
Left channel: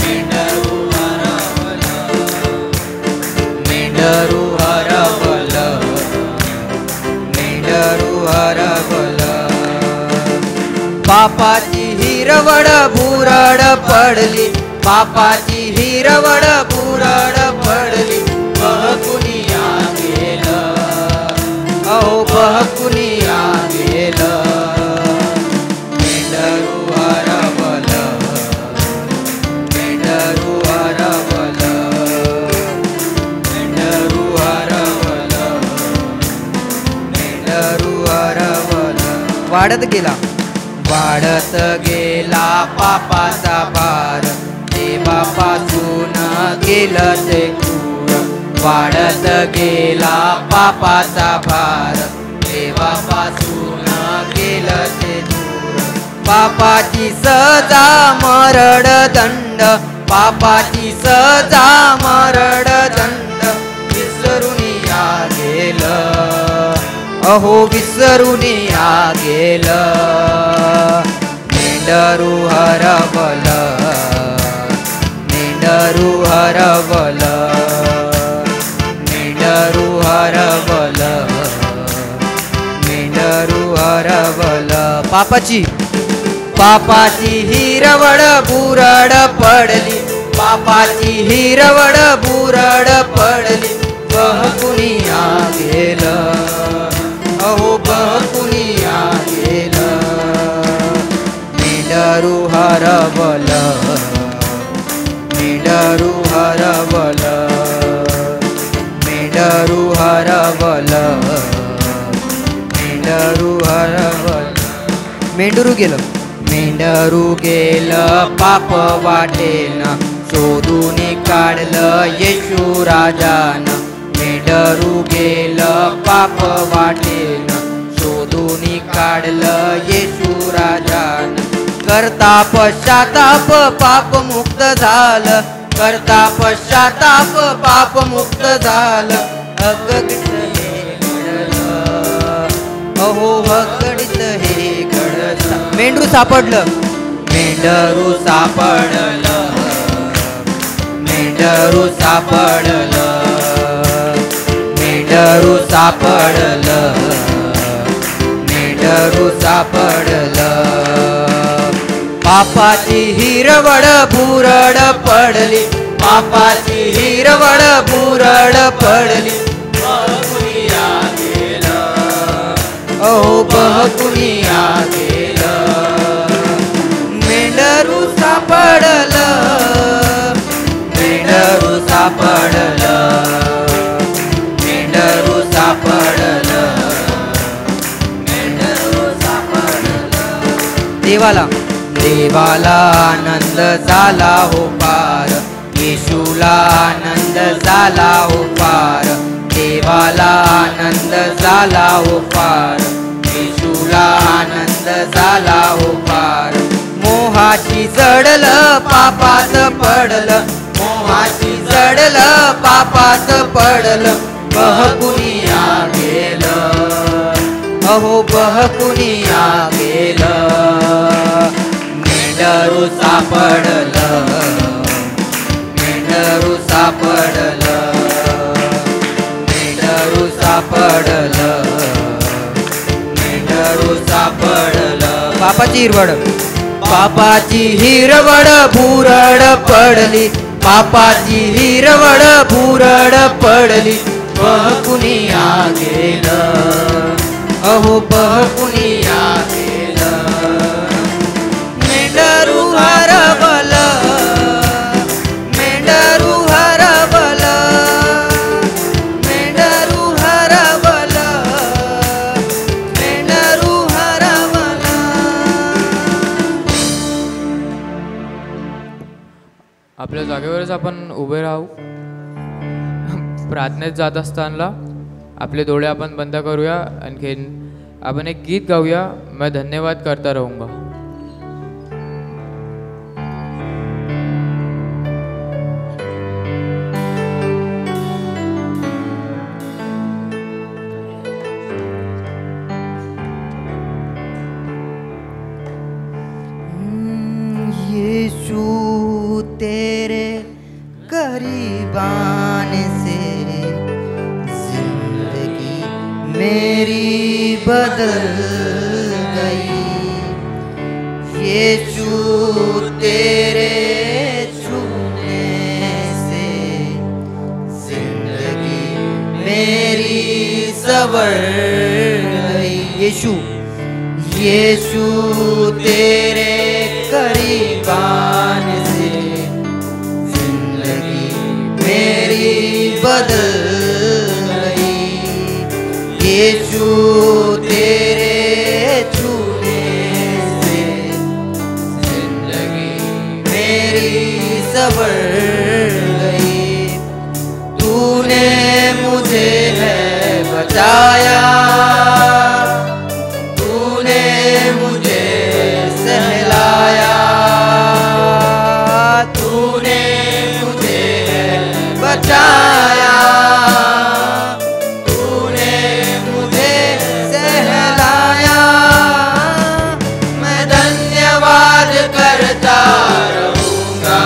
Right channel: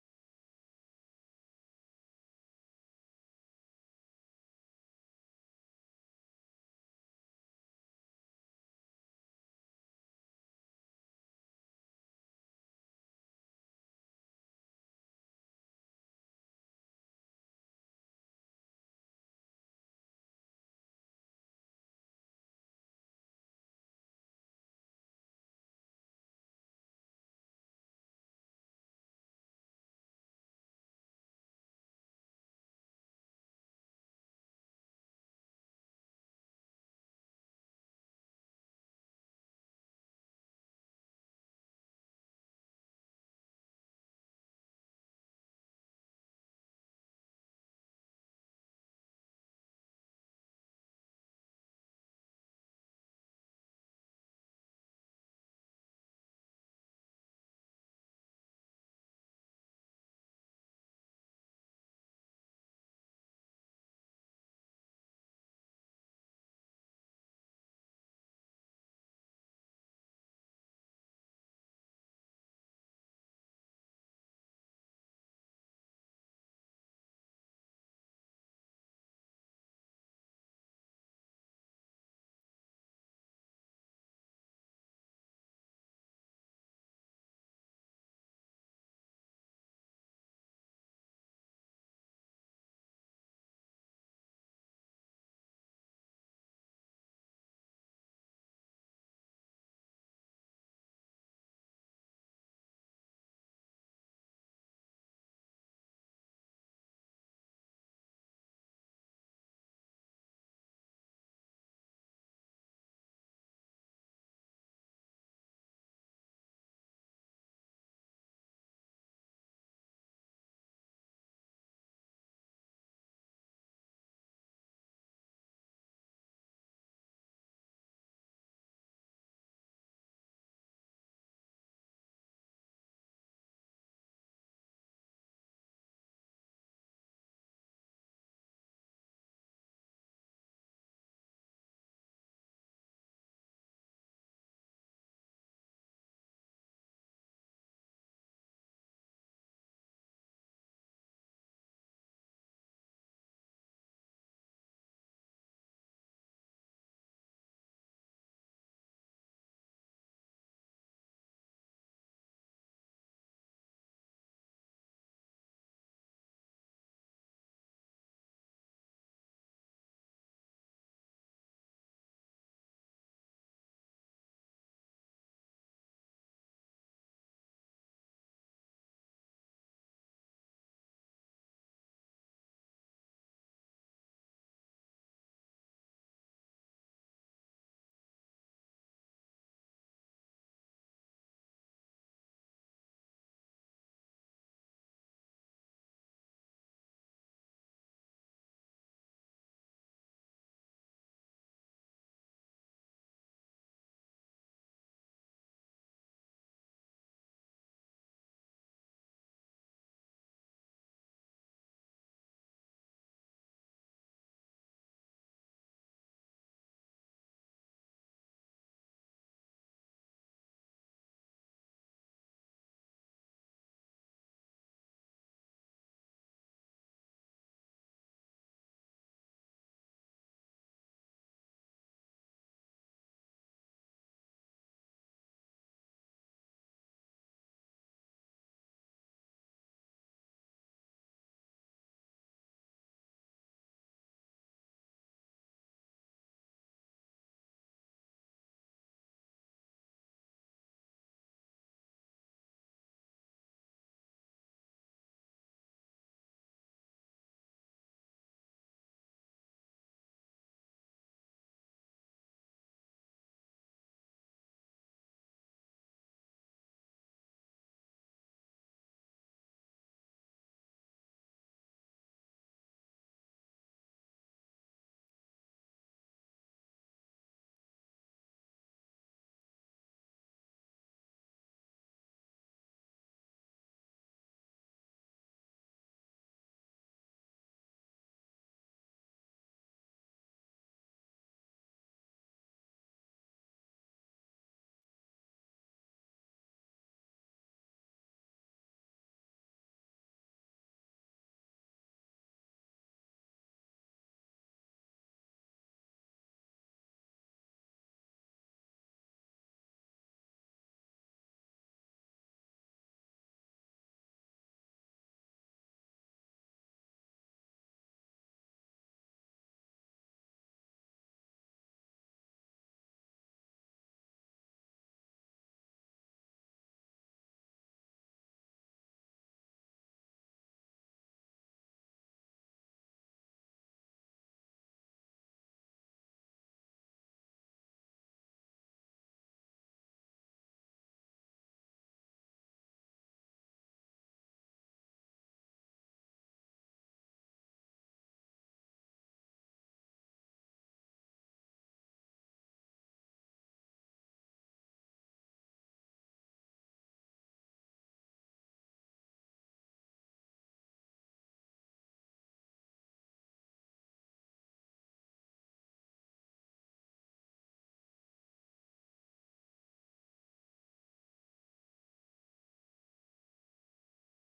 मेंढरू हरवलं, मेंढरू हरवलं, मेंढरू हरवलं. पापाची हिरवळ भुरळ पडली, पापाची हिरवळ भुरळ पडली, बहकुनिया गेलं, अहो बहकुनिया गेलं, मेंढरू हरवलं, मेंढरू हरवलं, मेंढरू हरवलं, मेंढरू हरवलं. वाढत गेला, वाढत गेला पापाचा भार, देवापासून गेलं ते दूर, वाढत गेला पापाचा भार, देवापासून गेलं ते दूर. पापाची सजा मरण दंड, पापाची सजा मरण दंड, विसरून या गेलं, अहो विसरून या गेलं, मेंढरू हरवलं, मेंढरू हरवलं, मेंढरू हरवलं, मेंढरू हरवलं. पापाची पापाची हिरवळ भुरळ पडली, पापाची हिरवळ भुरळ पडली, बहकुनिया गेलं, अहो बहकुनिया गेलं, मेंढरू हरवलं, मेंढरू हरवलं, मेंढरू हरवलं, मेंढरू हरवलं. मेंढरू गेलं, मेंढरू मेंढरू गेलं पाप वाटेन, शोधून काढलं येशू राजान. मेंढरू गेलं पाप वाटेन, शोधून काढलं येशू राजान. करता पश्चाताप पाप मुक्त झालं, करता पश्चाताप पाप मुक्त झालं. अगणित हे घडलं, अहो अगणित हे घडलं. मेंढरू सापडलं, मेंढरू सापडलं, मेंढरू सापडलं, मेंढरू सापडलं, मेंढरू सापडलं. पापाची हिरवड भुरड पडली, पापाची हिरवड भुरड पडली. बहकुनिया गेलं, अहो बहकुनिया गेलं. मेंढरू सापडलं, मेंढरू सापडलं, मेंढरू सापडलं, मेंढरू सापडलं. देवाला देवाला आनंद झाला हो पार, येशूला आनंद झाला हो पार. देवाला आनंद झाला हो पार, येशूला आनंद झाला हो पार. मोहाची जडलं पापात पडलं, मोहाची जडलं पापात पडलं. बहकुनिया गेलं, अहो बहकुनिया गेलं. मेंढरू सापडलं, मेंढरू सापडलं, मेंढरू सापडलं, मेंढरू सापडलं. पापाची हिरवड, पापाची हिरवड भुरड पडली, पापाची हिरवड भुरड पडली. बहकुनिया गेलं, अहो बहकुनिया गेलं. मेंढरू हरवलं, मेंढरू हरवलं, मेंढरू हरवलं, मेंढरू हरवलं. आपल्या जागेवरच आपण उभे राहू. प्रार्थनेत जात असताना आपले डोळे आपण बंद करूया. आणखीन आपण एक गीत गाऊया, मैं धन्यवाद करता रहूंगा. यीशु तेरे करीब आने से जिंदगी मेरी बदल गई. यीशु तेरे छूने से जिंदगी मेरी संवर गई. यीशु यीशु तेरे करीब आने से जिंदगी मेरी बदल गई. यीशु तेरे छूने से जिंदगी मेरी संवर गई. तूने मुझे है बचाया, तूने मुझे सहलाया, तूने मुझे बचाया, तूने मुझे सहलाया. मैं धन्यवाद करता रहूंगा,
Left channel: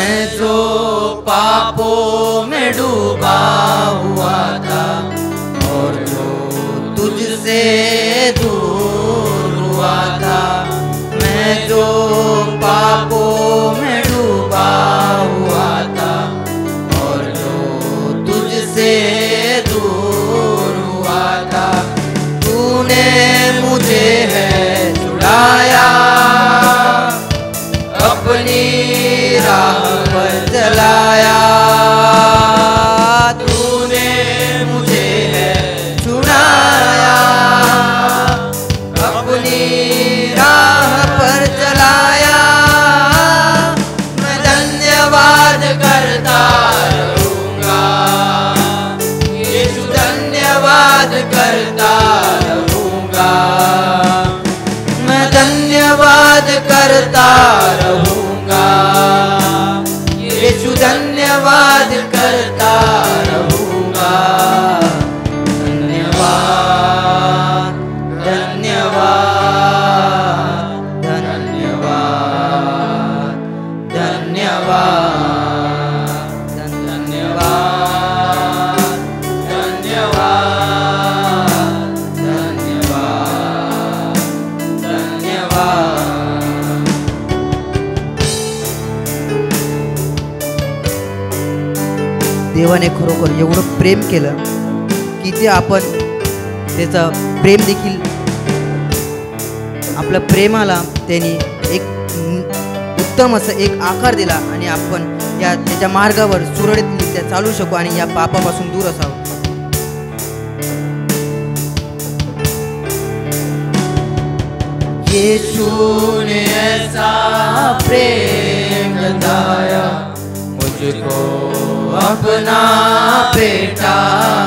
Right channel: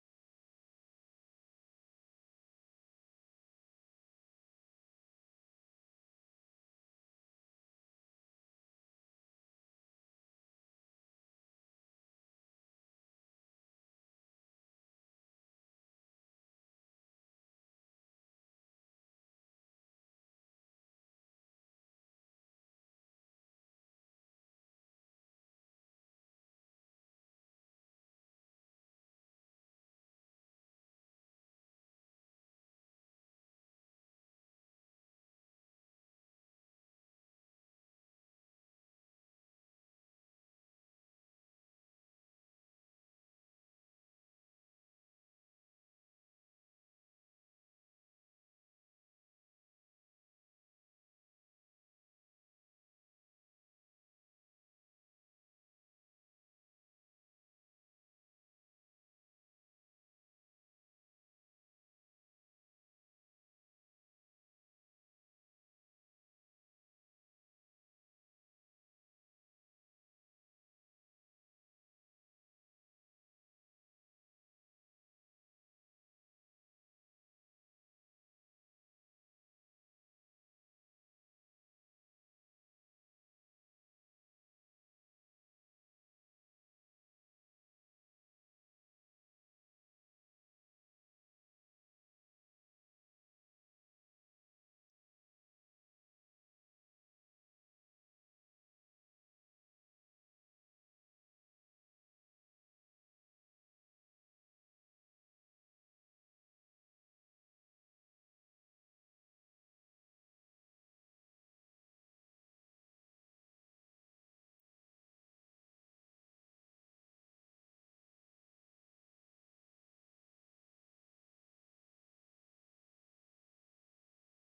मैं जो पापों में डूबा हुआ था और जो तुझसे दूर हुआ था, मैं जो पापों में डूबा हुआ था और जो तुझसे दूर हुआ था, तूने मुझे है छुड़ाया, अपनी राह पर चलाया। तूने मुझे है छुड़ाया, अपनी राह पर चलाया। मैं धन्यवाद करता रहूँगा, यीशु धन्यवाद करता रहूँगा। मैं धन्यवाद करता रहूँगा, यीशु धन्यवाद करता रहूँगा। धन्यवाद धन्यवाद धन्यवाद धन्यवाद धन्यवाद धन्यवाद धन्यवाद धन्यवाद। देवाने खरोखर एवढं प्रेम केलं की ते आपण त्याचं प्रेम देखील, आपल्या प्रेमाला त्यांनी एक उत्तम असं एक आकार दिला आणि आपण या त्याच्या मार्गावर सुरळीतरित्या चालू शकू आणि या पापापासून दूर असावं। यीशु ने ऐसा प्रेम जताया, मुझको अपना बेटा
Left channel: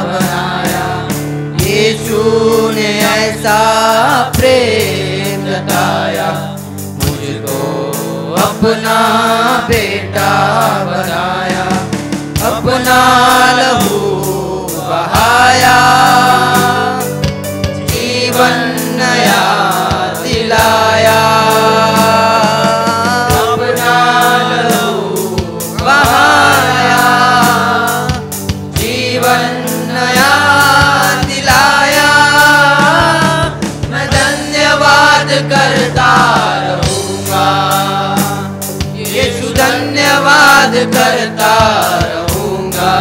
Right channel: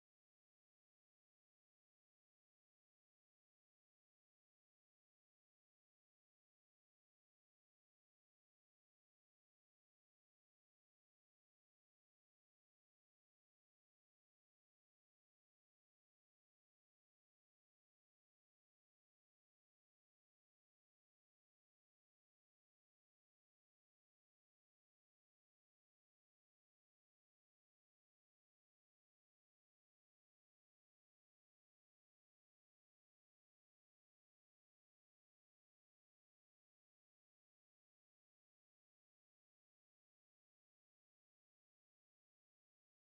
बनाया। यीशु ने ऐसा प्रेम जताया, मुझको अपना बेटा बनाया। अपना लहू बहाया, जीवन नया दिलाया। अपना लहू बहाया, जीवन नया दिलाया। मैं धन्यवाद करता रहूँगा, यीशु धन्यवाद करता रहूँगा।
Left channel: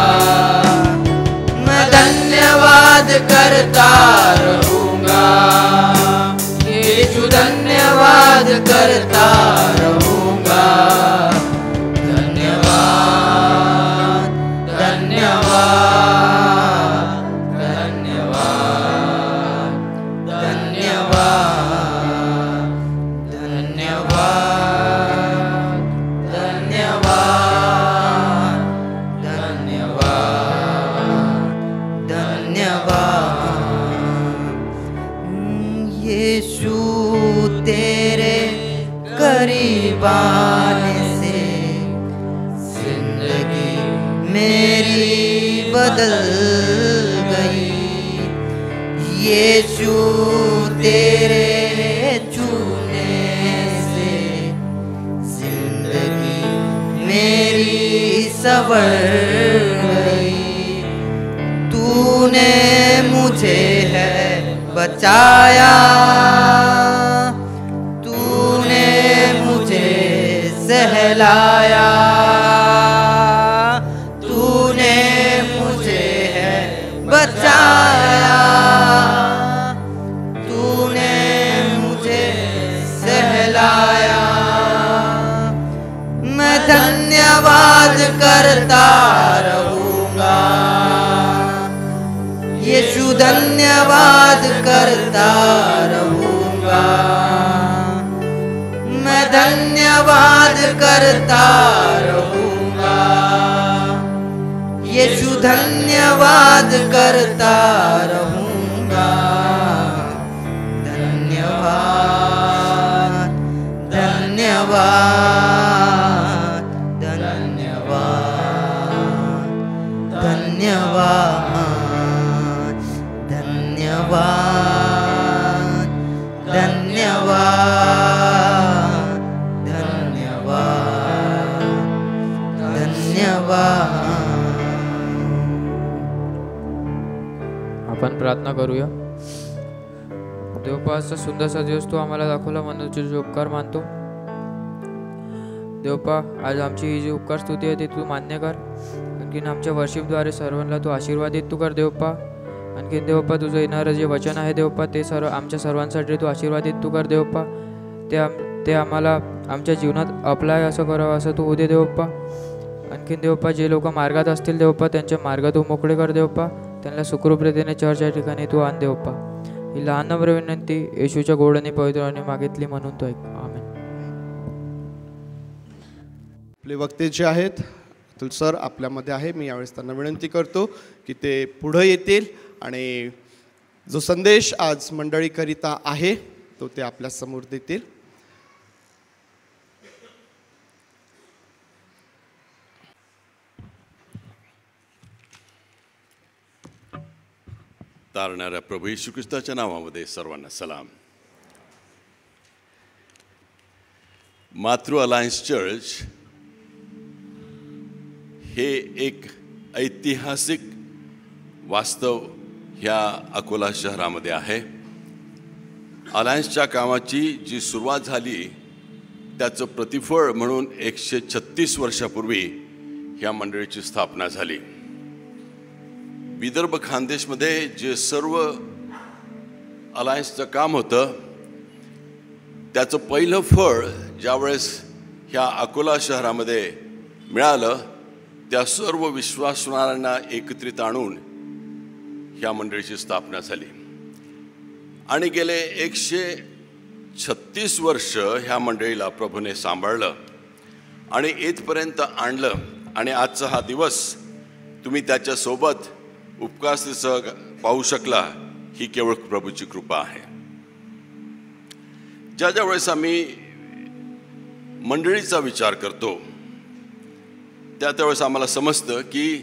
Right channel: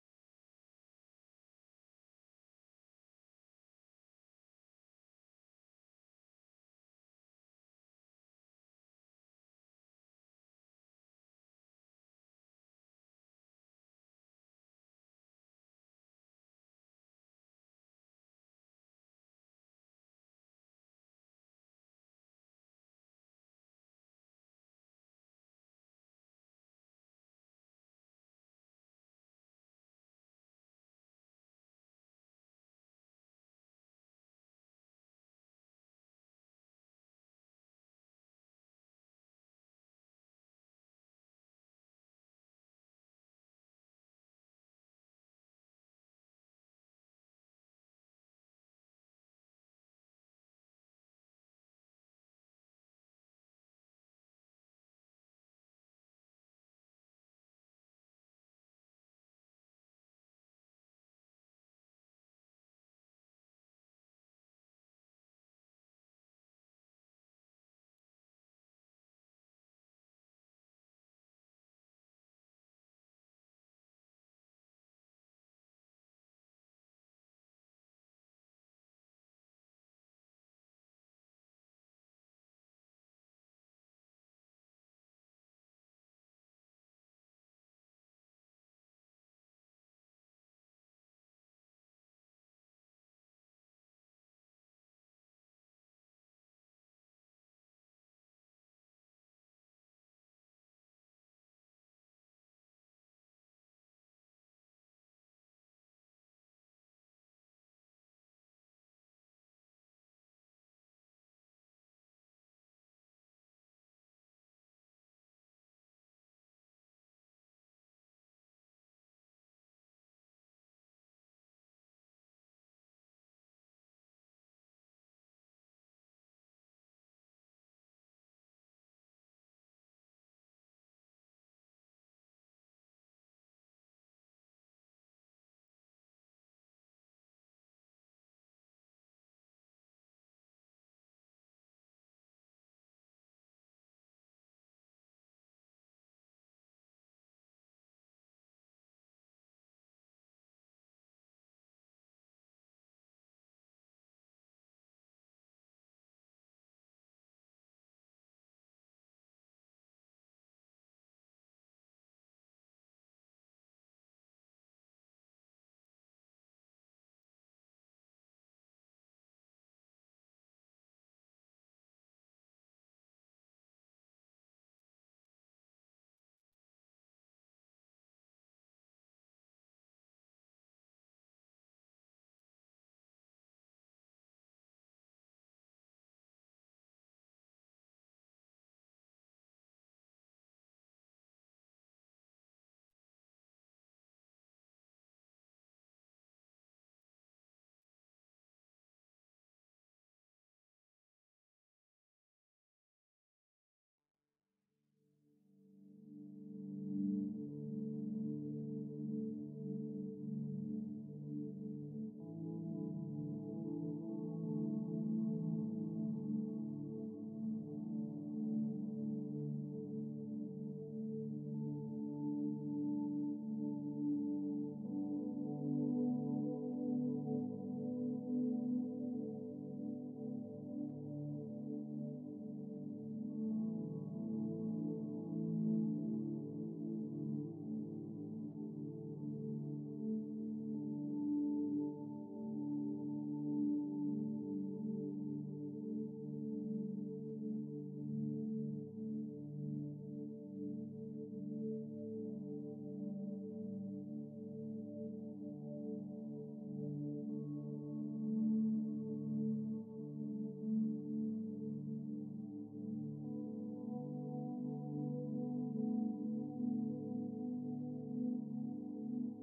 मैं धन्यवाद करता रहूँगा, यीशु धन्यवाद करता रहूँगा। धन्यवाद धन्यवाद धन्यवाद धन्यवाद धन्यवाद धन्यवाद धन्यवाद धन्यवाद। यीशु तेरे करीब आने से जिंदगी मेरी बदल गई। यीशु तेरे छूने से जिंदगी मेरी संवर गई। तूने मुझे है बचाया, तूने मुझे सहलाया। तूने मुझे है बचाया, तूने मुझे सहलाया। मैं धन्यवाद करता रहूँगा, यीशु धन्यवाद करता रहूँगा। मैं धन्यवाद करता रहूँगा, यीशु धन्यवाद करता रहूँगा। धन्यवाद धन्यवाद धन्यवाद धन्यवाद धन्यवाद धन्यवाद धन्यवाद प्रार्थना करूया. देवपा असा सुंदरसा दिवस तू आम्हाला दाखवला म्हणून तुझे उपकार मानतो. देवपा आज आमची ही जी उपकार स्तुती आहे ती तू मान्य कर. आणखीन आमच्या वर्शिपद्वारे सर्वांना तू आशीर्वादित तू कर देवपा. आणखीन देवपा तुझं येणारं जे वचन आहे देवपा ते आमच्या सर्वांसाठी तू आशीर्वादित तू कर देवपा. ते आम्हाला आमच्या जीवनात अप्लाय असं करावं असं तू उदे देवपा. आणखीन देवपा जे लोक मार्गात असतील देवपा त्यांच्या मार्ग तू मोकळे कर देवपा. त्यांना सुखरूप रीतीने चर्च या ठिकाणी तू आण देवपा. ही लहान नम्र विनंती येशूच्या गोड आणि पवित्र नावाने मागितली म्हणून तो ऐक. आमेन. आपले वक्ते जे आहेत अतुल सर आपल्यामध्ये आहे. मी यावेळेस त्यांना विनंती करतो की ते पुढं येतील आणि जो संदेश आज मंडळीकरिता आहे तो ते आपल्या समोर देतील. तारणाऱ्या प्रभू येशू ख्रिस्ताच्या नावामध्ये सर्वांना सलाम. मातृ अलायन्स चर्च हे एक ऐतिहासिक वास्तव ह्या अकोला शहरामध्ये आहे. अलायन्सच्या कामाची जी सुरुवात झाली त्याचं प्रतिफळ म्हणून 136 वर्षापूर्वी ह्या मंडळीची स्थापना झाली. विदर्भ खानदेशमध्ये जे सर्व अलायन्सचं काम होतं त्याचं पहिलं फळ ज्यावेळेस ह्या अकोला शहरामध्ये मिळालं त्या सर्व विश्वासणाऱ्यांना एकत्रित आणून ह्या मंडळीची स्थापना झाली. आणि गेले 136 वर्ष ह्या मंडळीला प्रभूने सांभाळलं आणि इथपर्यंत आणलं. आणि आजचा हा दिवस तुम्ही त्याच्यासोबत उपस्थितीसह पाहू शकला ही केवळ प्रभूची कृपा आहे. ज्या वेळेस आम्ही मंडळीचा विचार करतो त्यावेळेस आम्हाला समजतं की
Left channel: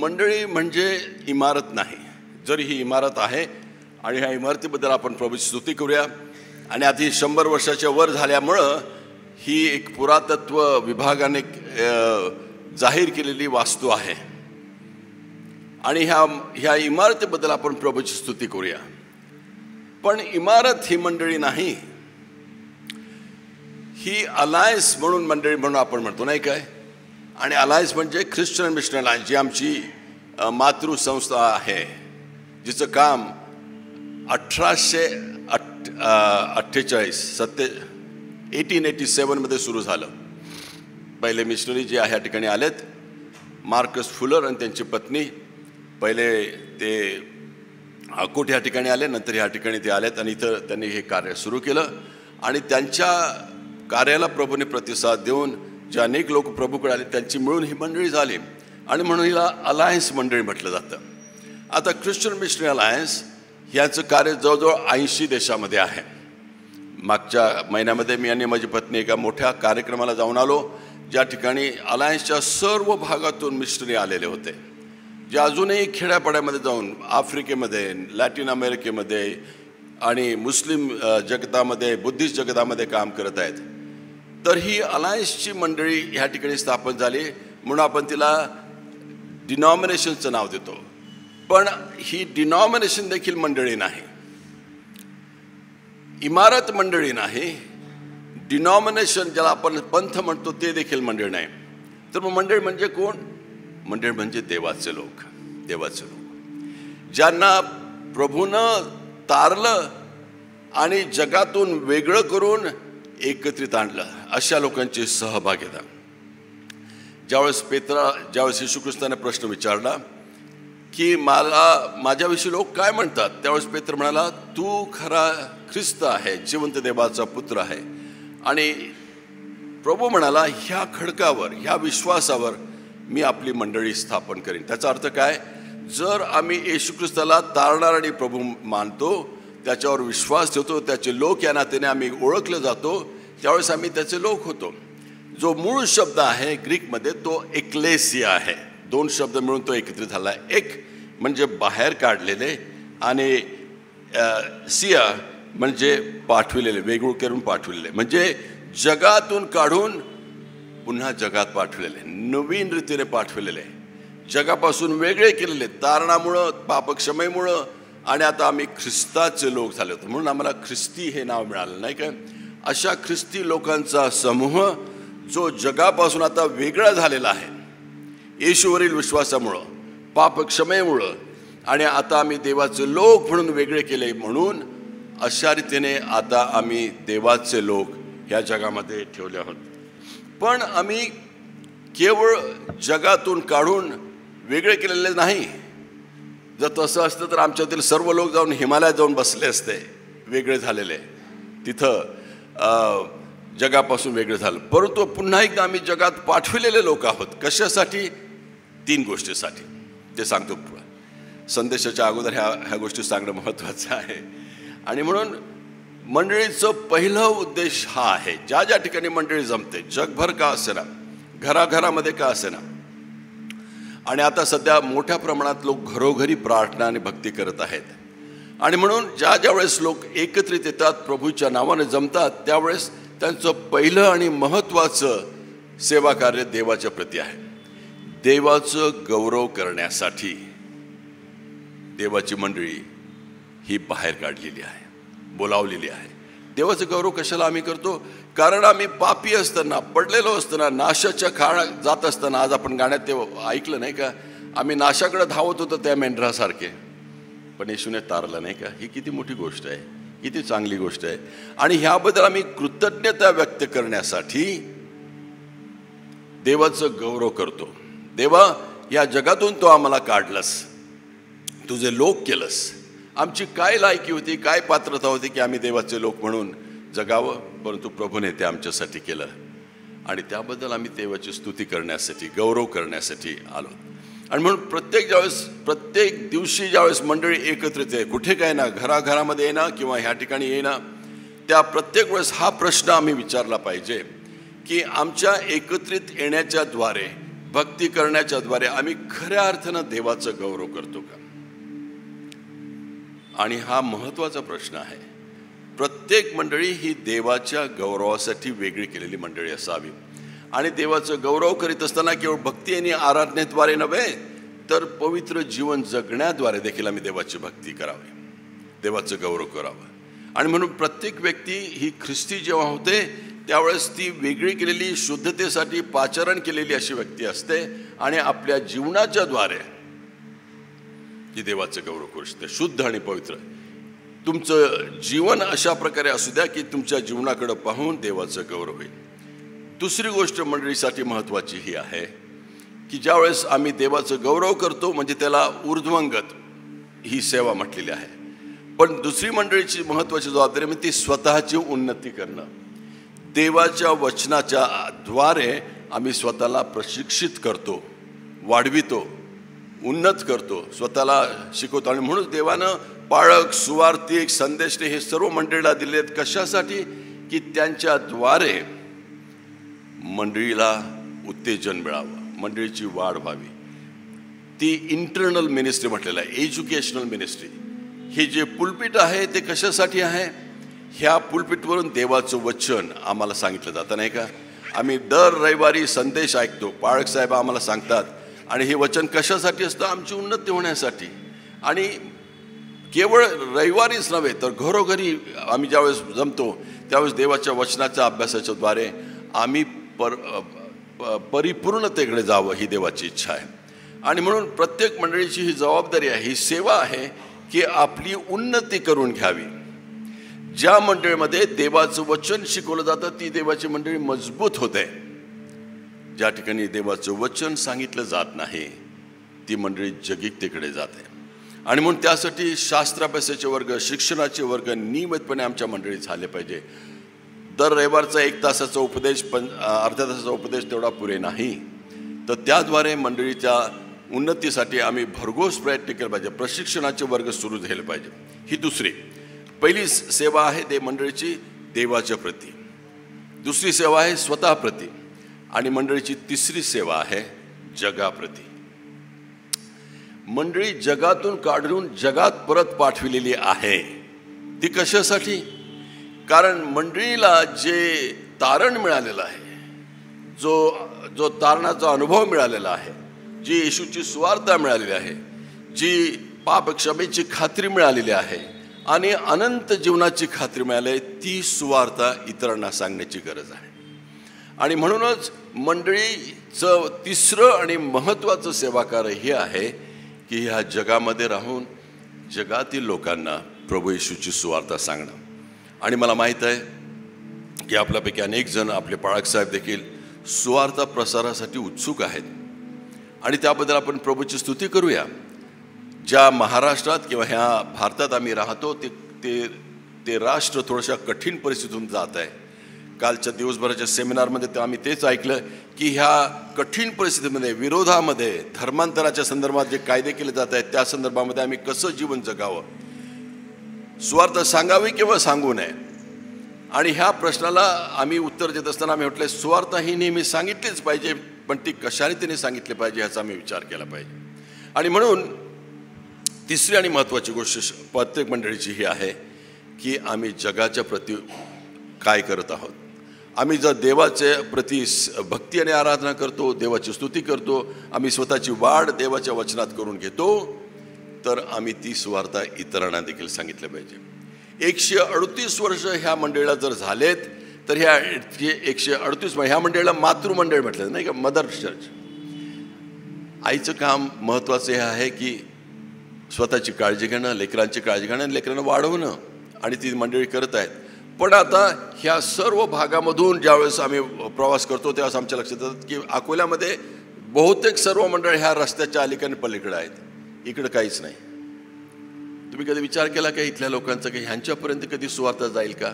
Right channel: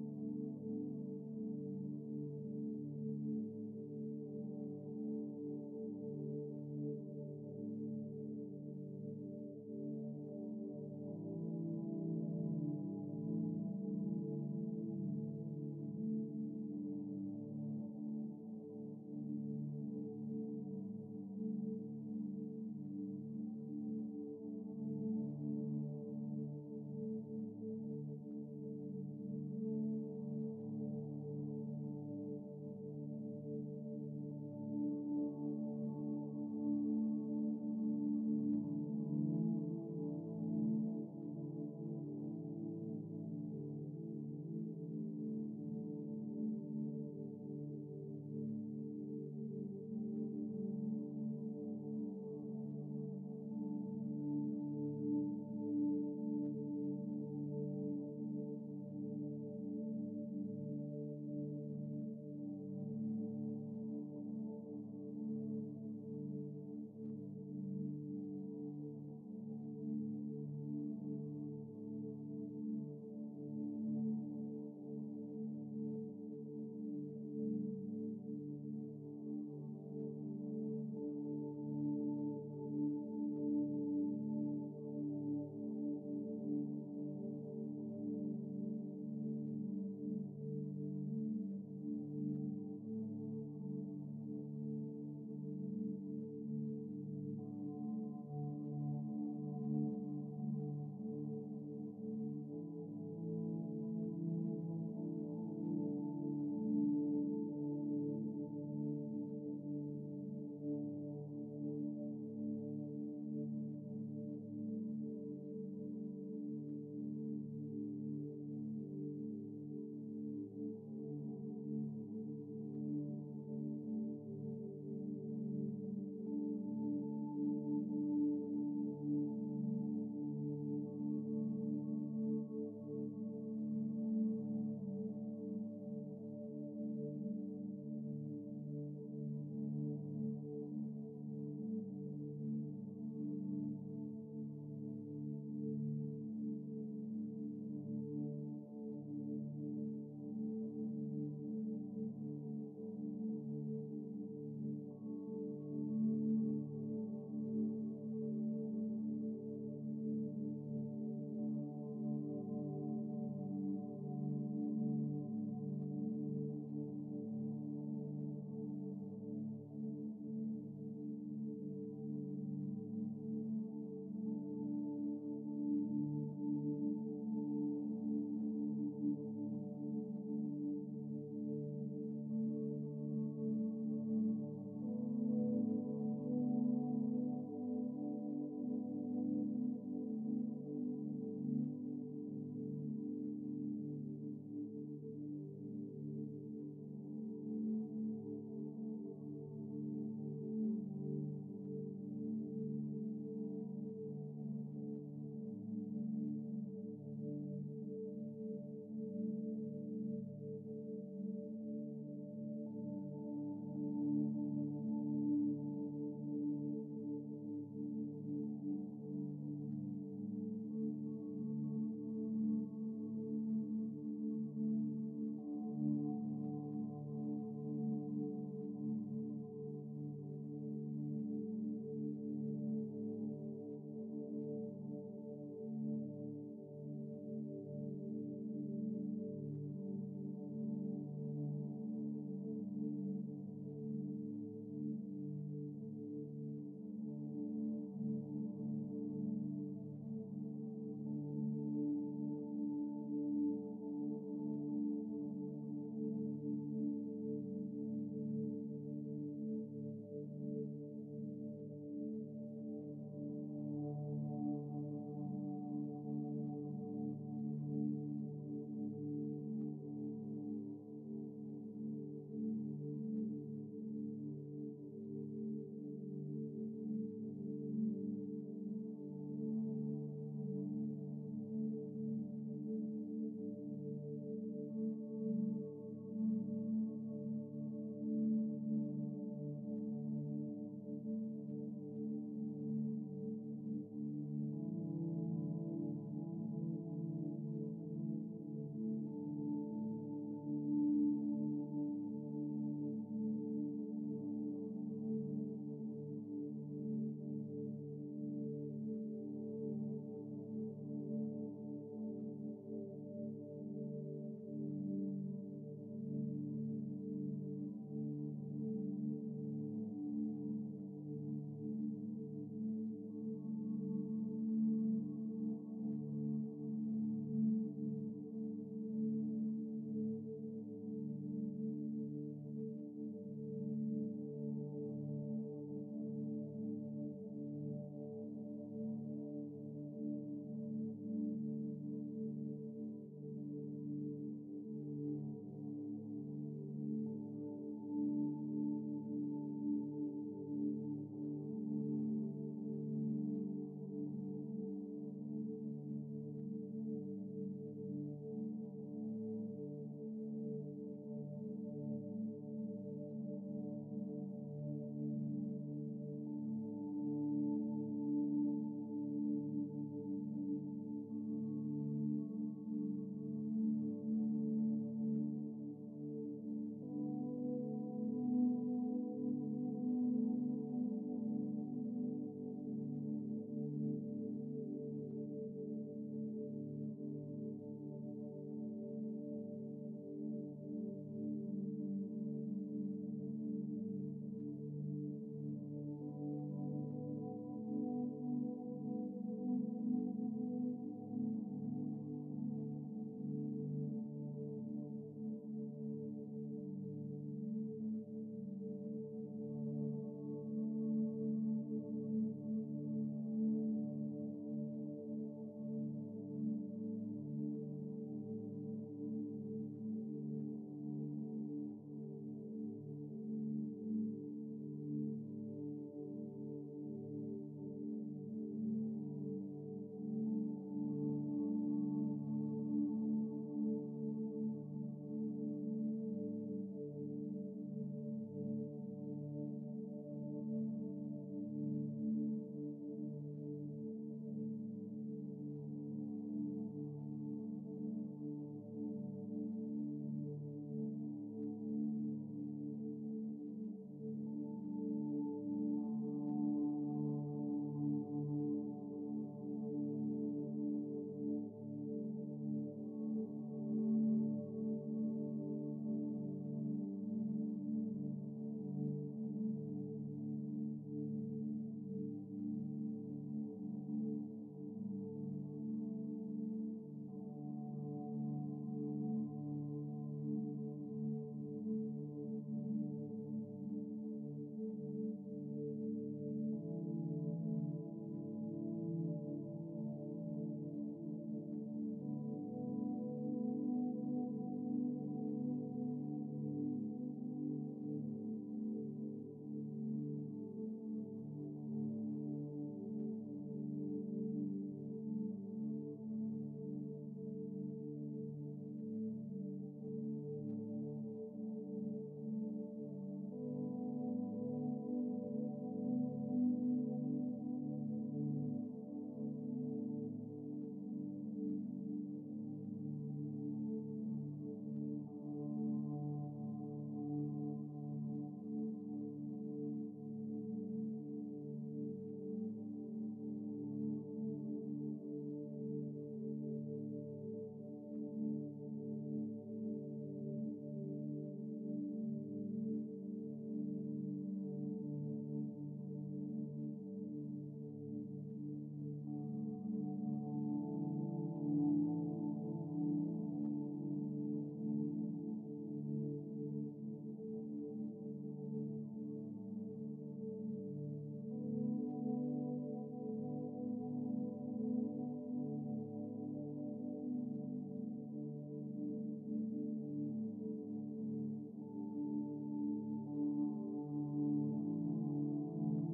मंडळी म्हणजे इमारत नाही. जरी ही इमारत आहे आणि ह्या इमारतीबद्दल आपण प्रभूची स्तुती करूया. आणि आता ही 100 वर्षाच्या वर झाल्यामुळं ही एक पुरातत्व विभागाने जाहीर केलेली वास्तू आहे. आणि ह्या इमारतीबद्दल आपण प्रभूची स्तुती करूया. पण इमारत ही मंडळी नाही. ही अलायन्स म्हणून मंडळी म्हणून आपण म्हणतो नाही काय. आणि अलायन्स म्हणजे ख्रिश्चन मिशनरी अलायन्स जी आमची मातृसंस्था आहे जिचं काम 1887 मध्ये सुरू झालं. पहिले मिशनरी जे ह्या ठिकाणी आलेत मार्कस फुलर आणि त्यांची पत्नी. पहिले ते अकोट ह्या ठिकाणी आले नंतर ह्या ठिकाणी ते आलेत आणि इथं त्यांनी हे कार्य सुरू केलं. आणि त्यांच्या कार्याला प्रभूने प्रतिसाद देऊन जे अनेक लोक प्रभूकडे आले त्यांची मिळून ही मंडळी झाली. आणि म्हणून हिला अलायन्स मंडळी म्हटलं जातं. आता ख्रिश्चन मिशनरी अलायन्स ह्याचं कार्य जवळजवळ 80 देशामध्ये आहे. मागच्या महिन्यामध्ये मी आणि माझी पत्नी एका मोठ्या कार्यक्रमाला जाऊन आलो ज्या ठिकाणी अलायन्सच्या सर्व भागातून मिशनरी आलेले होते जे अजूनही खेड्यापाड्यामध्ये जाऊन आफ्रिकेमध्ये लॅटिन अमेरिकेमध्ये आणि मुस्लिम जगतामध्ये बुद्धिस्ट जगतामध्ये काम करत आहेत. तर ही अलायन्सची मंडळी ह्या ठिकाणी स्थापन झाली म्हणून आपण तिला डिनॉमिनेशनचं नाव देतो. पण ही डिनॉमिनेशन देखील मंडळी नाही. इमारत मंडळी नाही. डिनॉमिनेशन ज्याला आपण पंथ म्हणतो ते देखील मंडळ नाही. तर मग मंडळ म्हणजे कोण. मंडळ म्हणजे देवाचे लोक. देवाचे लोक ज्यांना प्रभूनं तारलं आणि जगातून वेगळं करून एकत्रित आणलं अशा लोकांची सहभागिता. ज्यावेळेस येशू ख्रिस्ताने प्रश्न विचारला की माझ्याविषयी लोक काय म्हणतात त्यावेळेस पेत्र म्हणाला तू खरा ख्रिस्त आहे जिवंत देवाचा पुत्र आहे. आणि प्रभू म्हणाला ह्या खडकावर ह्या विश्वासावर मी आपली मंडळी स्थापन करीन. त्याचा अर्थ काय. जर आम्ही येशू ख्रिस्ताला तारणार आणि प्रभू मानतो त्याच्यावर विश्वास ठेवतो त्याचे लोक या नात्याने आम्ही ओळखले जातो त्यावेळेस आम्ही त्याचे लोक होतो. जो मूळ शब्द आहे ग्रीकमध्ये तो एक्लेसिया आहे. 2 शब्द मिळून तो एकत्रित झाला. एक म्हणजे बाहेर काढलेले आणि सिया म्हणजे पाठविलेले वेगळं करून पाठविलेले म्हणजे जगातून काढून पुन्हा जगात पाठविलेले नवीन रीतीने पाठविलेले. जगापासून वेगळे केलेले, तारणामुळं, पापक्षमेमुळं, आणि आता आम्ही ख्रिस्ताचे लोक झाले होते म्हणून आम्हाला ख्रिस्ती हे नाव मिळालं, नाही का? अशा ख्रिस्ती लोकांचा समूह जो जगापासून आता वेगळा झालेला आहे येशूवरील विश्वासामुळं, पापक्षमेमुळं, आणि आता आम्ही देवाचे लोक म्हणून वेगळे केले. म्हणून अशा रीतीने आता आम्ही देवाचे लोक ह्या जगामध्ये ठेवले आहोत. पण आम्ही केवळ जगातून काढून वेगळे केलेले नाही. जर तसं असतं तर आमच्यातील सर्व लोक जाऊन हिमालयात जाऊन बसले असते, वेगळे झालेले, तिथं जगापासून वेगळे झालं. परंतु पुन्हा एकदा आम्ही जगात पाठविलेले लोक आहोत. कशासाठी? 3 गोष्टीसाठी. ते सांगतो. संदेशाच्या अगोदर ह्या गोष्टी सांगणं महत्त्वाचं आहे. आणि म्हणून मंडळीचं पहिलं उद्देश हा आहे, ज्या ज्या ठिकाणी मंडळी जमते, जगभर का असेना, घराघरामध्ये का असेना, आणि आता सध्या मोठ्या प्रमाणात लोक घरोघरी प्रार्थना आणि भक्ती करत आहेत. आणि म्हणून ज्या ज्या वेळेस लोक एकत्रित येतात, प्रभूच्या नावाने जमतात, त्यावेळेस त्यांचं पहिलं आणि महत्त्वाचं सेवा कार्य देवाच्या प्रती आहे. देवाचं गौरव करण्यासाठी देवाची मंडळी ही बाहेर काढलेली आहे, बोलावलेली आहे. देवाचं गौरव कशाला आम्ही करतो? कारण आम्ही पापी असताना, पडलेलो असताना, नाशाच्या काळात जात असताना, आज आपण गाण्यात ते ऐकलं नाही का, आम्ही नाशाकडे धावत होतो त्या मेंढरासारखे, पण येशूने तारलं, नाही का? ही किती मोठी गोष्ट आहे, किती चांगली गोष्ट आहे. आणि ह्याबद्दल आम्ही कृतज्ञता व्यक्त करण्यासाठी देवाचं गौरव करतो. देवा, या जगातून तो आम्हाला काढलंस, तुझे लोक केलंस. आमची काय लायकी होती, काय पात्रता होती की आम्ही देवाचे लोक म्हणून जगावं, परंतु प्रभूने ते आमच्यासाठी केलं. आणि त्याबद्दल आम्ही देवाची स्तुती करण्यासाठी, गौरव करण्यासाठी आलो. आणि म्हणून प्रत्येक दिवशी ज्यावेळेस मंडळी एकत्रित आहे, कुठे काय ना, घराघरामध्ये येणं किंवा ह्या ठिकाणी येणं, त्या प्रत्येक वेळेस हा प्रश्न आम्ही विचारला पाहिजे की आमच्या एकत्रित येण्याच्या द्वारे, भक्ती करण्याच्या द्वारे आम्ही खऱ्या अर्थानं देवाचं गौरव करतो का? आणि हा महत्त्वाचा प्रश्न आहे. प्रत्येक मंडळी ही देवाच्या गौरवासाठी वेगळी केलेली मंडळी असावी. आणि देवाचं गौरव करीत असताना केवळ भक्ती आणि आराधनेद्वारे नव्हे, तर पवित्र जीवन जगण्याद्वारे देखील आम्ही देवाची भक्ती करावी, देवाचं गौरव करावं. आणि म्हणून प्रत्येक व्यक्ती ही ख्रिस्ती जेव्हा होते त्यावेळेस ती वेगळी केलेली, शुद्धतेसाठी पाचारण केलेली अशी व्यक्ती असते. आणि आपल्या जीवनाच्या द्वारे ती देवाचं गौरव करू शकते, शुद्ध आणि पवित्र. तुमचं जीवन अशा प्रकारे असू द्या की तुमच्या जीवनाकडे पाहून देवाचं गौरव होईल. दुसरी गोष्ट मंडळीसाठी महत्त्वाची ही आहे की ज्यावेळेस आम्ही देवाचं गौरव करतो म्हणजे त्याला ऊर्ध्वंगत ही सेवा म्हटलेली आहे. पण दुसरी मंडळीची महत्त्वाची जबाबदारी म्हणजे ती स्वतःची उन्नती करणं. देवाच्या वचनाच्या द्वारे आम्ही स्वतःला प्रशिक्षित करतो, वाढवितो, उन्नत करतो, स्वतःला शिकवतो. आणि म्हणून देवानं पाळक, सुवार्तिक, संदेशने हे सर्व मंडळीला दिलेत. कशासाठी? की त्यांच्याद्वारे मंडळीला उत्तेजन मिळावं, मंडळीची वाढ व्हावी. ती इंटरनल मिनिस्ट्री म्हटलेलं आहे, एज्युकेशनल मिनिस्ट्री. हे जे पुलपिट आहे ते कशासाठी आहे? ह्या पुलपिटवरून देवाचं वचन आम्हाला सांगितलं जातं, नाही का? आम्ही दर रविवारी संदेश ऐकतो, पाळक साहेब आम्हाला सांगतात. आणि हे वचन कशासाठी असतं? आमची उन्नती होण्यासाठी. आणि केवळ रविवारीच नव्हे तर घरोघरी आम्ही ज्यावेळेस जमतो त्यावेळेस देवाच्या वचनाच्या अभ्यासाच्या द्वारे आम्ही परिपूर्णतेकडे जावं ही देवाची इच्छा आहे. आणि म्हणून प्रत्येक मंडळीची ही जबाबदारी आहे, ही सेवा आहे की आपली उन्नती करून घ्यावी. ज्या मंडळीमध्ये देवाचं वचन शिकवलं जातं ती देवाची मंडळी मजबूत होते. ज्या ठिकाणी देवाचं वचन सांगितलं जात नाही ती मंडळी जगिकतेकडे जाते. आणि म्हणून त्यासाठी शास्त्राभ्यासाचे वर्ग, शिक्षणाचे वर्ग नियमितपणे आमच्या मंडळीत झाले पाहिजे. दर रविवारचा 1 तासाचा उपदेश, अर्ध्या तासाचा उपदेश तेवढा पुरे नाही, तर त्याद्वारे मंडळीच्या उन्नतीसाठी आम्ही भरघोस प्रयत्न केले पाहिजे. प्रशिक्षणाचे वर्ग सुरू झाले पाहिजे. ही दुसरी. पहिली सेवा आहे ते मंडळीची देवाच्या प्रती, दुसरी सेवा आहे स्वतःप्रती, आणि मंडळीची तिसरी सेवा आहे जगाप्रती. मंडळी जगातून काढून जगात परत पाठविलेली आहे. ती कशासाठी? कारण मंडळीला जे तारण मिळालेलं आहे, जो तारणाचा अनुभव मिळालेला आहे, जी येशूची सुवार्ता मिळालेली आहे, जी पाप क्षमेची खात्री मिळालेली आहे आणि अनंत जीवनाची खात्री मिळाली आहे, ती सुवार्ता इतरांना सांगण्याची गरज आहे. आणि म्हणूनच मंडळीचं तिसरं आणि महत्त्वाचं सेवाकार्य हे आहे की ह्या जगामध्ये राहून जगातील लोकांना प्रभू येशूची सुवार्ता सांगणं. आणि मला माहीत आहे की आपल्यापैकी अनेक जण, आपले पाळकसाहेब देखील सुवार्ता प्रसारासाठी उत्सुक आहेत आणि त्याबद्दल आपण प्रभूची स्तुती करूया. ज्या महाराष्ट्रात किंवा ह्या भारतात आम्ही राहतो ते राष्ट्र थोड्याशा कठीण परिस्थितीतून जात आहे. कालच्या दिवसभराच्या सेमिनारमध्ये आम्ही तेच ऐकलं की ह्या कठीण परिस्थितीमध्ये, विरोधामध्ये, धर्मांतराच्या संदर्भात जे कायदे केले जात आहेत त्या संदर्भामध्ये आम्ही कसं जीवन जगावं, सुवार्ता सांगावी किंवा सांगू नये. आणि ह्या प्रश्नाला आम्ही उत्तर देत असताना आम्ही म्हटलं सुवार्ता ही नेहमी सांगितलीच पाहिजे, पण ती कशाने तिने सांगितली पाहिजे ह्याचा आम्ही विचार केला पाहिजे. आणि म्हणून तिसरी आणि महत्त्वाची गोष्ट प्रत्येक मंडळीची ही आहे की आम्ही जगाच्या प्रती काय करत आहोत. आम्ही जर देवाच्या प्रती भक्ती आणि आराधना करतो, देवाची स्तुती करतो, आम्ही स्वतःची वाढ देवाच्या वचनात करून घेतो, तर आम्ही ती सुवार्ता इतरांना देखील सांगितलं पाहिजे. 138 वर्ष ह्या मंडळीला जर झालेत तर ह्या 138 ह्या मंडळीला मातृमंडळ म्हटलं नाही का, मदर चर्च. आईचं काम महत्त्वाचं हे आहे की स्वतःची काळजी घेणं, लेकरांची काळजी घेणं, लेकरांना वाढवणं, आणि ती मंडळी करत आहेत. पण आता ह्या सर्व भागामधून ज्यावेळेस आम्ही प्रवास करतो त्यावेळेस आमच्या लक्षात येतात की अकोल्यामध्ये बहुतेक सर्व मंडळ ह्या रस्त्याच्या अलीकडे पलीकडे आहेत, इकडं काहीच नाही. तुम्ही कधी विचार केला का इथल्या लोकांचा की ह्यांच्यापर्यंत कधी सुवार्ता जाईल का?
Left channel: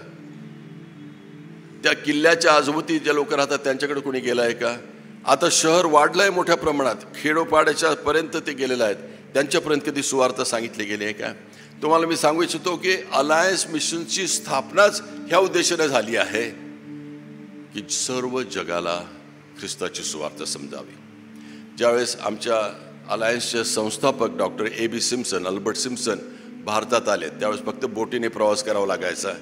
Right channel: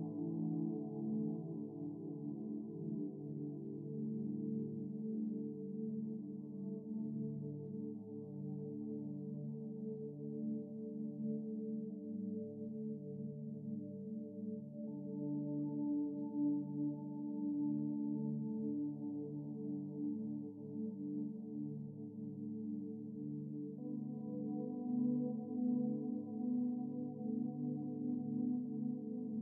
त्या किल्ल्याच्या आजूबाजूला जे लोक राहतात त्यांच्याकडे कोणी गेलं आहे का? आता शहर वाढलंय मोठ्या प्रमाणात, खेडोपाड्याच्या पर्यंत ते गेलेलं आहेत, त्यांच्यापर्यंत कधी सुवार्ता सांगितली गेली आहे का? तुम्हाला मी सांगू इच्छितो की अलायन्स मिशनची स्थापनाच ह्या उद्देशाने झाली आहे की सर्व जगाला ख्रिस्ताची सुवार्ता समजावी. ज्यावेळेस आमच्या अलायन्सचे संस्थापक doctor A.B. Simpson, Albert Simpson भारतात आले त्यावेळेस फक्त बोटीने प्रवास करावा लागायचा.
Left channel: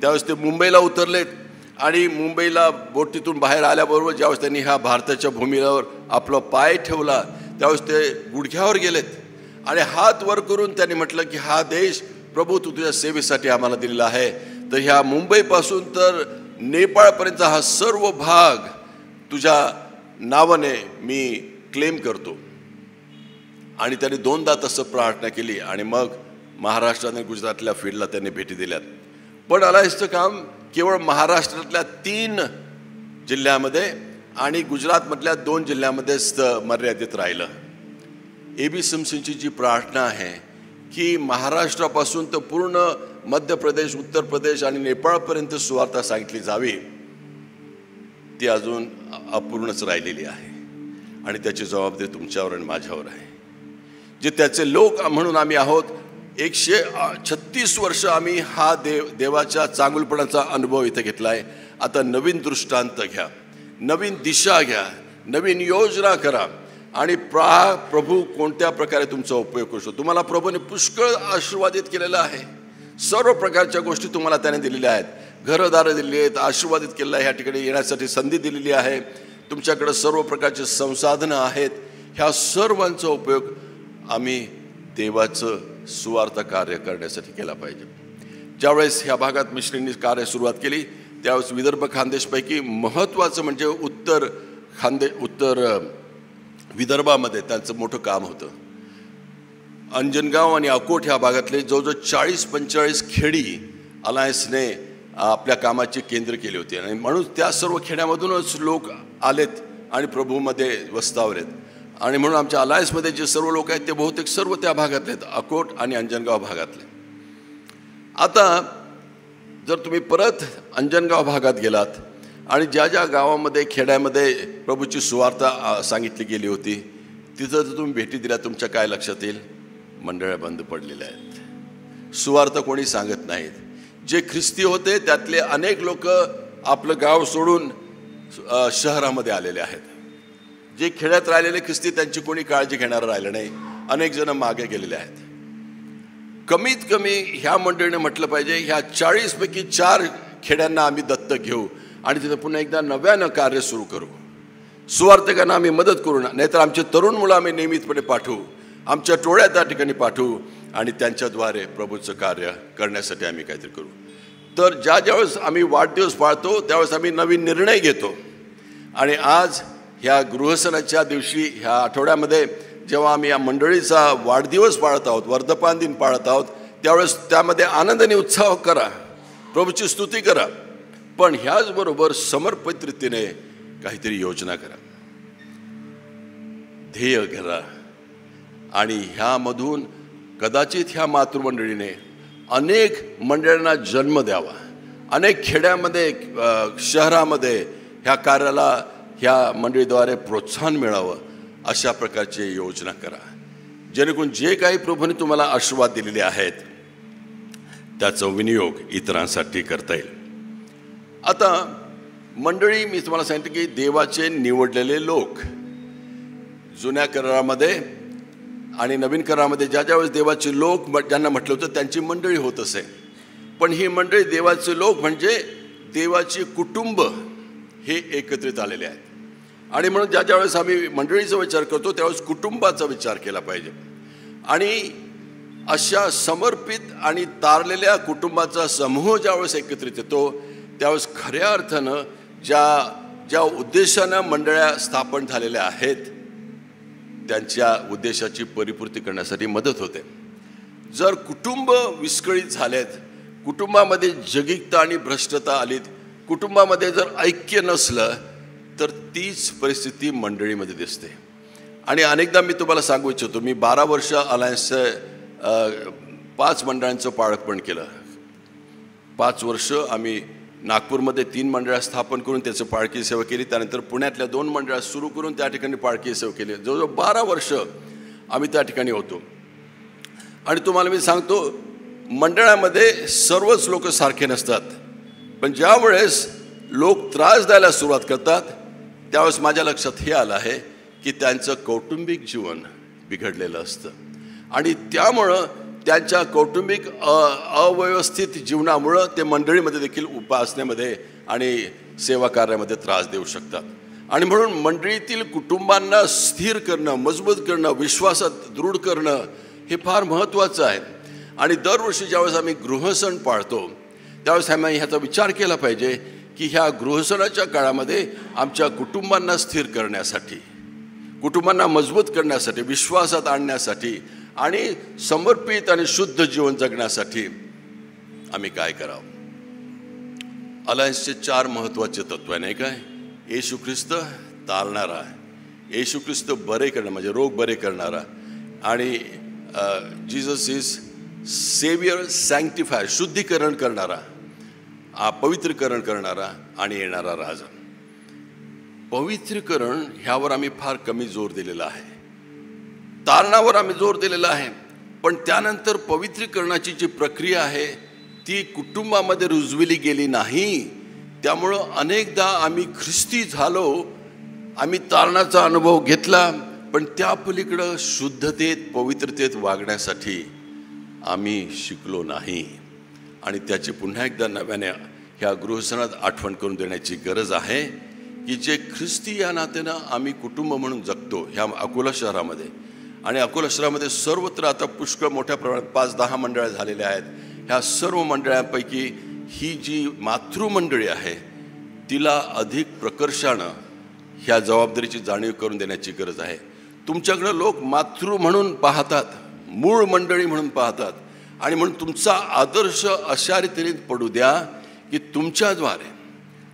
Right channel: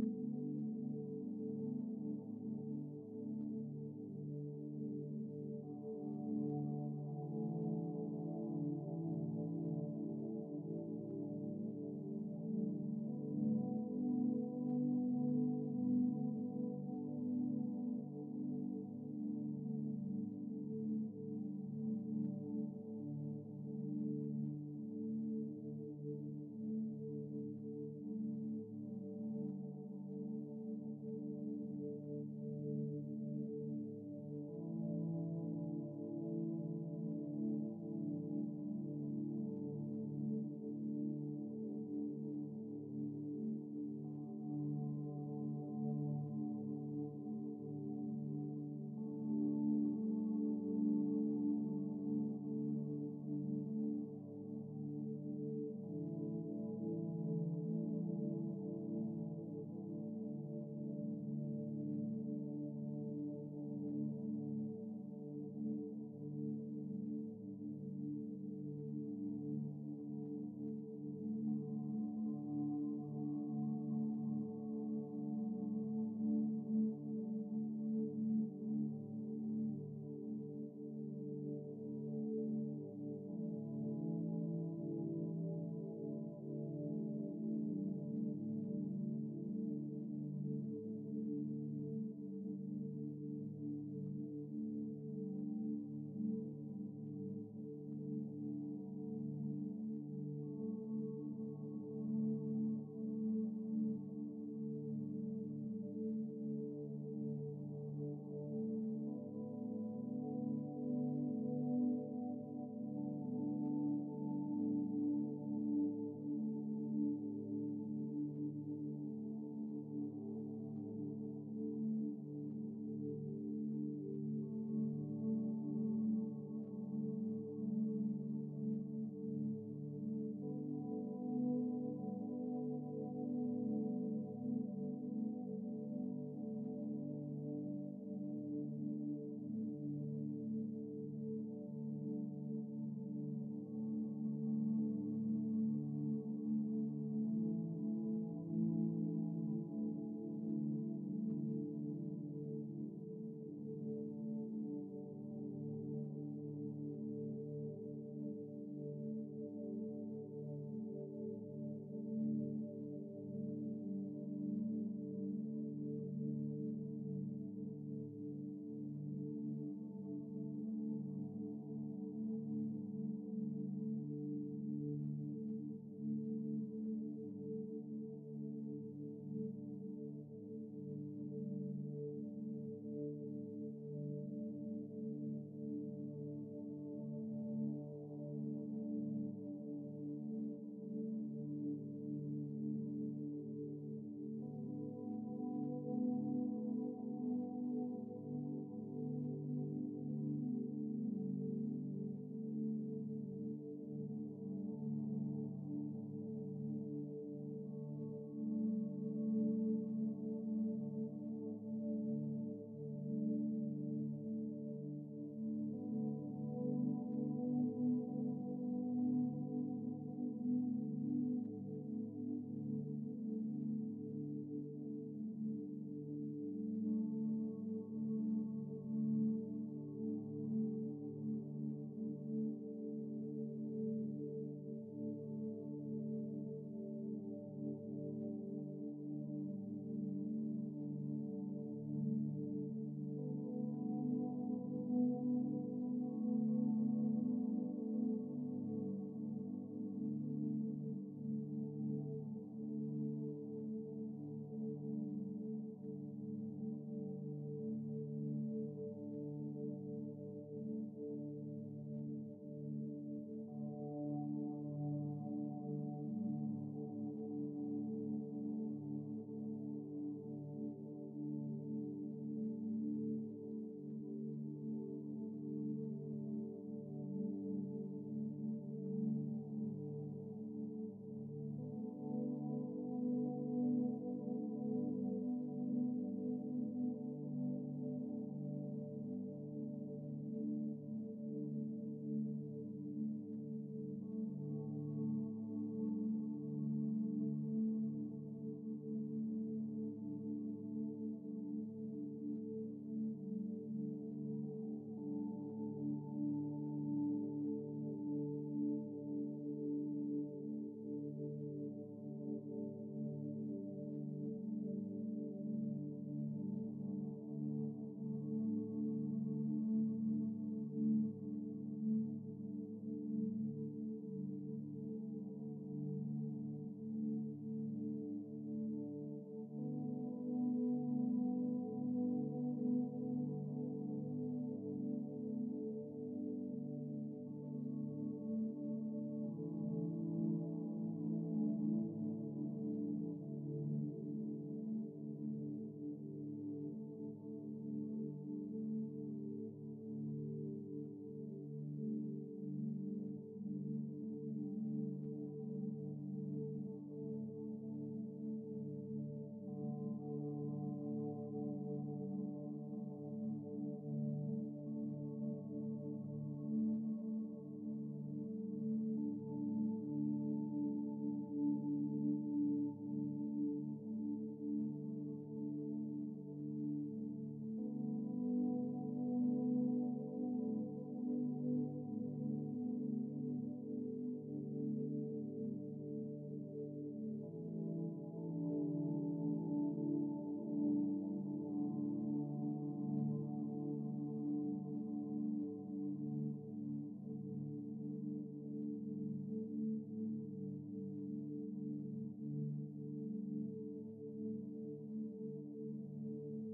त्यावेळेस ते मुंबईला उतरलेत आणि मुंबईला बोटीतून बाहेर आल्याबरोबर ज्यावेळेस त्यांनी ह्या भारताच्या भूमीवर आपला पाय ठेवला त्यावेळेस ते गुडघ्यावर गेलेत आणि हात वर करून त्यांनी म्हटलं की हा देश प्रभू तू तुझ्या सेवेसाठी आम्हाला दिलेला आहे, तर ह्या मुंबईपासून तर नेपाळपर्यंत हा सर्व भाग तुझ्या नावाने मी क्लेम करतो. आणि त्यांनी 2दा तसं प्रार्थना केली आणि मग महाराष्ट्र आणि गुजरातल्या फील्डला त्यांनी भेटी दिल्यात. पण अलायन्सचं काम केवळ महाराष्ट्रातल्या 3 जिल्ह्यामध्ये आणि गुजरातमधल्या 2 जिल्ह्यामध्येच मर्यादित राहिलं. A.B. सिम्पसनची जी प्रार्थना आहे की महाराष्ट्रापासून तर पूर्ण मध्य प्रदेश, उत्तर प्रदेश आणि नेपाळपर्यंत सुवार्ता सांगितली जावी, ती अजून अपूर्णच राहिलेली आहे. आणि त्याची जबाबदारी तुमच्यावर आणि माझ्यावर आहे. जे त्याचे लोक म्हणून आम्ही आहोत, 136 वर्ष आम्ही हा देवाच्या चांगुलपणाचा अनुभव इथे घेतला आहे. आता नवीन दृष्टांत घ्या, नवीन दिशा घ्या, नवीन योजना करा आणि प्रभू कोणत्या प्रकारे तुमचा उपयोग करू शकतो. तुम्हाला प्रभूने पुष्कळ आशीर्वादित केलेलं आहे. सर्व प्रकारच्या गोष्टी तुम्हाला त्याने दिलेल्या आहेत. घरदारं दिलेली आहेत, आशीर्वादित केलेलं आहे, ह्या ठिकाणी येण्यासाठी संधी दिलेली आहे, तुमच्याकडे सर्व प्रकारचे संसाधनं आहेत. ह्या सर्वांचा उपयोग आम्ही देवाचं सुवार्ता कार्य करण्यासाठी केला पाहिजे. ज्यावेळेस ह्या भागात मिशनरींनी कार्य सुरुवात केली त्यावेळेस विदर्भ खानदेशपैकी महत्त्वाचं म्हणजे उत्तर विदर्भामध्ये त्यांचं मोठं काम होतं. अंजनगाव आणि अकोट ह्या भागातले जवळजवळ 40-45 खेडी अलायन्सने आपल्या कामाची केंद्र केली होती आणि म्हणून त्या सर्व खेड्यामधूनच लोक आलेत आणि प्रभूमध्ये वस्तावलेत. आणि म्हणून आमच्या अलायन्समध्ये जे सर्व लोक आहेत ते बहुतेक सर्व त्या भागातले आहेत, अकोट आणि अंजनगाव भागातले. आता जर तुम्ही परत अंजनगाव भागात गेलात आणि ज्या ज्या गावामध्ये खेड्यामध्ये प्रभूची सुवार्ता सांगितली गेली होती तिथं जर तुम्ही भेटी दिल्या तुमच्या काय लक्षात येईल? मंडळ्या बंद पडलेल्या आहेत, सुवार्ता कोणी सांगत नाहीत. जे ख्रिस्ती होते त्यातले अनेक लोक आपलं गाव सोडून शहरामध्ये आलेले आहेत. जे खेड्यात राहिलेले ख्रिस्ती त्यांची कोणी काळजी घेणारं राहिलं नाही, अनेक जण मागे गेलेले आहेत. कमीत कमी ह्या मंडळीने म्हटलं पाहिजे ह्या 40 पैकी 4 खेड्यांना आम्ही दत्तक घेऊ आणि तिथं पुन्हा एकदा नव्यानं कार्य सुरू करू. सुवार्तिकांना आम्ही मदत करू, नाहीतर आमचे तरुण मुलं आम्ही नियमितपणे पाठवू, आमच्या टोळ्या त्या ठिकाणी पाठवू आणि त्यांच्याद्वारे प्रभूचं कार्य करण्यासाठी आम्ही काहीतरी करू. तर ज्यावेळेस आम्ही वाढदिवस पाळतो त्यावेळेस आम्ही नवीन निर्णय घेतो. आणि आज ह्या गृहसणाच्या दिवशी, ह्या आठवड्यामध्ये जेव्हा आम्ही या मंडळीचा वाढदिवस पाळत आहोत, वर्धमान दिन पाळत आहोत, त्यावेळेस त्यामध्ये आनंद आणि उत्साह करा, प्रभूची स्तुती करा, पण ह्याचबरोबर समर्पित रीतीने काहीतरी योजना करा, ध्येय करा. आणि ह्यामधून कदाचित ह्या मातृमंडळीने अनेक मंडळांना जन्म द्यावा, अनेक खेड्यामध्ये, शहरामध्ये ह्या कार्याला ह्या मंडळीद्वारे प्रोत्साहन मिळावं, अशा प्रकारची योजना करा, जेणेकरून जे काही प्रभूने तुम्हाला आशीर्वाद दिलेले आहेत त्याचा विनियोग इतरांसाठी करता येईल. आता मंडळी, मी तुम्हाला सांगितलं की देवाचे निवडलेले लोक, जुन्या करारामध्ये आणि नवीन करारामध्ये ज्यावेळेस देवाचे लोक ज्यांना म्हटलं होतं त्यांची मंडळी होत असे. पण ही मंडळी, देवाचे लोक म्हणजे देवाचे कुटुंब हे एकत्रित आलेले आहेत. आणि म्हणून ज्यावेळेस आम्ही मंडळीचा विचार करतो त्यावेळेस कुटुंबाचा विचार केला पाहिजे. आणि अशा समर्पित आणि तारलेल्या कुटुंबाचा समूह ज्यावेळेस एकत्रित येतो त्यावेळेस खऱ्या अर्थानं ज्या उद्देशानं मंडळ्या स्थापन झालेल्या आहेत त्यांच्या उद्देशाची परिपूर्ती करण्यासाठी मदत होते. जर कुटुंब विस्कळीत झालेत, कुटुंबामध्ये जगिकता आणि भ्रष्टता आलीत, कुटुंबामध्ये जर ऐक्य नसलं तर तीच परिस्थिती मंडळीमध्ये दिसते. आणि अनेकदा मी तुम्हाला सांगू इच्छितो, मी 12 वर्ष अलायन्सचं 5 मंडळांचं पाळकपण केलं. 5 वर्ष आम्ही नागपूरमध्ये 3 मंडळं स्थापन करून त्याचं पाळकी सेवा केली. त्यानंतर पुण्यातल्या 2 मंडळं सुरू करून त्या ठिकाणी पाळकी सेवा केली. जवळजवळ 12 वर्ष आम्ही त्या ठिकाणी होतो. आणि तुम्हाला मी सांगतो, मंडळामध्ये सर्वच लोक सारखे नसतात, पण ज्यावेळेस लोक त्रास द्यायला सुरुवात करतात त्यावेळेस माझ्या लक्षात हे आलं आहे की त्यांचं कौटुंबिक जीवन बिघडलेलं असतं. आणि त्यामुळं त्यांच्या कौटुंबिक अव्यवस्थित जीवनामुळं ते मंडळीमध्ये देखील उपासनेमध्ये आणि सेवा कार्यामध्ये त्रास देऊ शकतात. आणि म्हणून मंडळीतील कुटुंबांना स्थिर करणं, मजबूत करणं, विश्वासात दृढ करणं हे फार महत्त्वाचं आहे. आणि दरवर्षी ज्यावेळेस आम्ही गृहसण पाळतो त्यावेळेस आम्ही ह्याचा विचार केला पाहिजे की ह्या गृहसणाच्या काळामध्ये आमच्या कुटुंबांना स्थिर करण्यासाठी, कुटुंबांना मजबूत करण्यासाठी, विश्वासात आणण्यासाठी आणि समर्पित आणि शुद्ध जीवन जगण्यासाठी आम्ही काय करावं. अलायन्सचे 4 महत्त्वाचे तत्व आहे, नाही काय? येशू ख्रिस्त तारणारा, येशू ख्रिस्त बरे करणारा म्हणजे रोग बरे करणारा, आणि जीसस इज सेवियर सॅन्क्टिफायर, शुद्धीकरण करणारा, पवित्रीकरण करणारा आणि येणारा राजा. पवित्रीकरण ह्यावर आम्ही फार कमी जोर दिलेला आहे, तारणावर आम्ही जोर दिलेला आहे. पण त्यानंतर पवित्रीकरणाची जी प्रक्रिया आहे ती कुटुंबामध्ये रुजविली गेली नाही. त्यामुळं अनेकदा आम्ही ख्रिस्ती झालो, आम्ही तारणाचा अनुभव घेतला, पण त्या पलीकडं शुद्धतेत, पवित्रतेत वागण्यासाठी आम्ही शिकलो नाही. आणि त्याची पुन्हा एकदा नव्याने ह्या गृहसणात आठवण करून देण्याची गरज आहे की जे ख्रिस्ती या नात्यानं आम्ही कुटुंब म्हणून जगतो ह्या अकोला शहरामध्ये. आणि अकोला शहरामध्ये सर्वत्र आता पुष्कळ मोठ्या प्रमाणात 5-10 मंडळं झालेल्या आहेत. ह्या सर्व मंडळांपैकी ही जी मातृमंडळी आहे तिला अधिक प्रकर्षानं ह्या जबाबदारीची जाणीव करून देण्याची गरज आहे. तुमच्याकडं लोक मातृ म्हणून पाहतात, मूळ मंडळी म्हणून पाहतात, आणि म्हणून तुमचा आदर्श अशा रीतीने पडू द्या की तुमच्याद्वारे,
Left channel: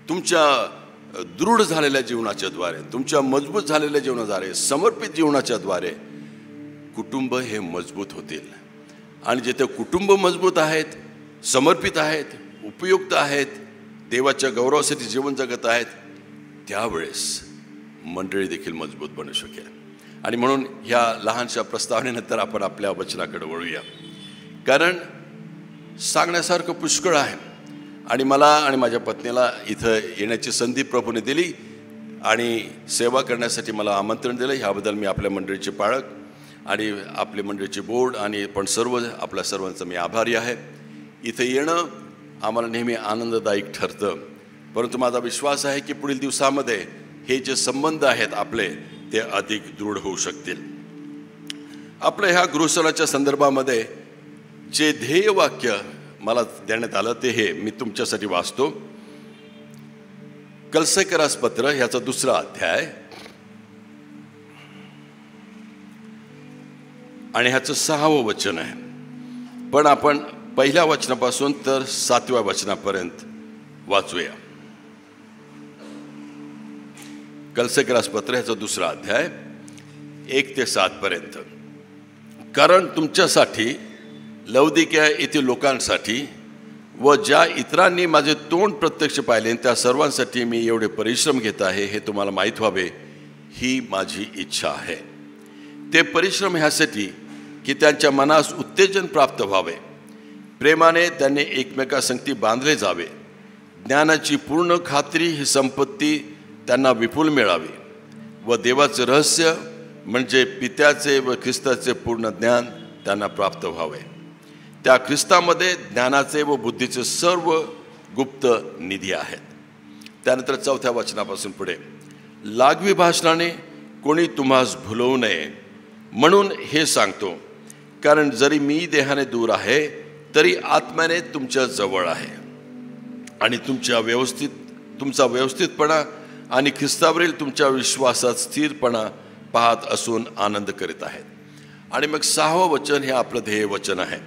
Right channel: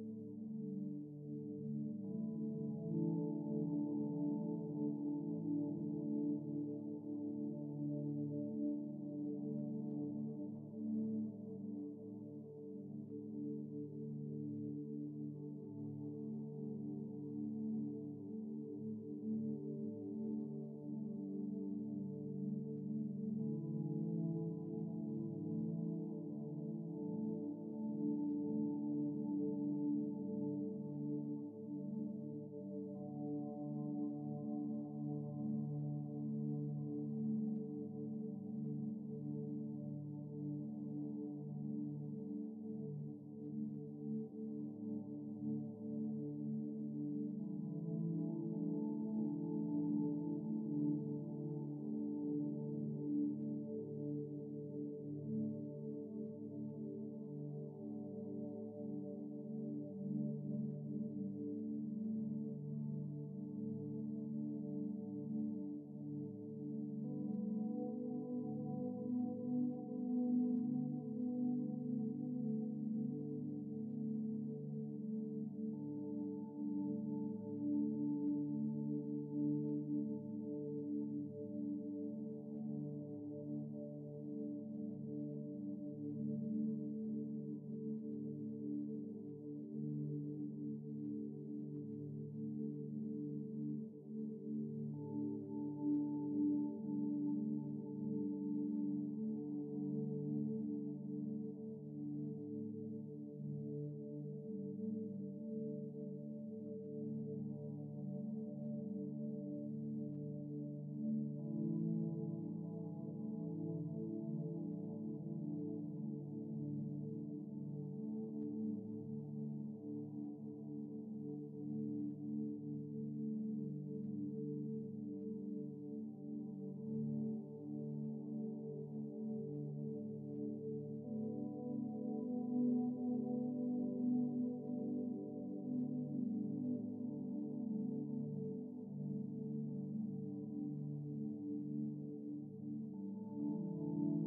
तुमच्या दृढ झालेल्या जीवनाच्या द्वारे, तुमच्या मजबूत झालेल्या जीवनाद्वारे, समर्पित जीवनाच्या द्वारे कुटुंब हे मजबूत होतील. आणि जिथे कुटुंब मजबूत आहेत, समर्पित आहेत, उपयुक्त आहेत, देवाच्या गौरवासाठी जीवन जगत आहेत, त्यावेळेस मंडळी देखील मजबूत बनू शकेल. आणि म्हणून ह्या लहानशा प्रस्तावनेनंतर आपण आपल्या वचनाकडे वळूया, कारण सांगण्यासारखं पुष्कळ आहे. आणि मला आणि माझ्या पत्नीला इथं येण्याची संधी प्रभूने दिली आणि सेवा करण्यासाठी मला आमंत्रण दिलं. ह्याबद्दल मी आपल्या मंडळीचे पाळक आणि आपले मंडळीचे बोर्ड आणि पण सर्व आपल्या सर्वांचा मी आभारी आहे. इथं येणं आम्हाला नेहमी आनंददायक ठरतं. परंतु माझा विश्वास आहे की पुढील दिवसामध्ये हे जे संबंध आहेत आपले ते अधिक दृढ होऊ शकतील. आपल्या ह्या गृहसनाच्या संदर्भामध्ये जे ध्येय वाक्य मला देण्यात आलं ते हे मी तुमच्यासाठी वाचतो. कलसेकरास पत्र ह्याचा 2रा अध्याय आणि ह्याचं 6वं वचन आहे. पण आपण पहिल्या वचनापासून तर 7व्या वचनापर्यंत वाचूया. कलसेकरास पत्र ह्याचा 2रा अध्याय 1 ते 7 पर्यंत. कारण तुमच्यासाठी लौदिकिया येथील लोकांसाठी व ज्या इतरांनी माझे तोंड प्रत्यक्ष पाहिले त्या सर्वांसाठी मी एवढे परिश्रम घेत आहे हे तुम्हाला माहीत व्हावे ही माझी इच्छा आहे. ते परिश्रम ह्यासाठी की त्यांच्या मनास उत्तेजन प्राप्त व्हावे, प्रेमाने त्यांनी एकमेकांसंगती बांधले जावे, ज्ञानाची पूर्ण खात्री ही संपत्ती त्यांना विपुल मिळावी व देवाचे रहस्य म्हणजे पित्याचे व ख्रिस्ताचे पूर्ण ज्ञान त्यांना प्राप्त व्हावे. त्या ख्रिस्तामध्ये ज्ञानाचे व बुद्धीचे सर्व गुप्त निधी आहेत. त्यानंतर 4थ्या वचनापासून पुढे, लागवी भाषणाने कोणी तुम्हास भुलवू नये म्हणून हे सांगतो. कारण जरी मी देहाने दूर आहे तरी आत्म्याने तुमच्या जवळ आहे आणि तुमचा व्यवस्थितपणा आणि ख्रिस्तावरील तुमच्या विश्वासात स्थिरपणा पाहत असून आनंद करीत आहेत. आणि मग 6वं वचन हे आपलं ध्येय वचन आहे.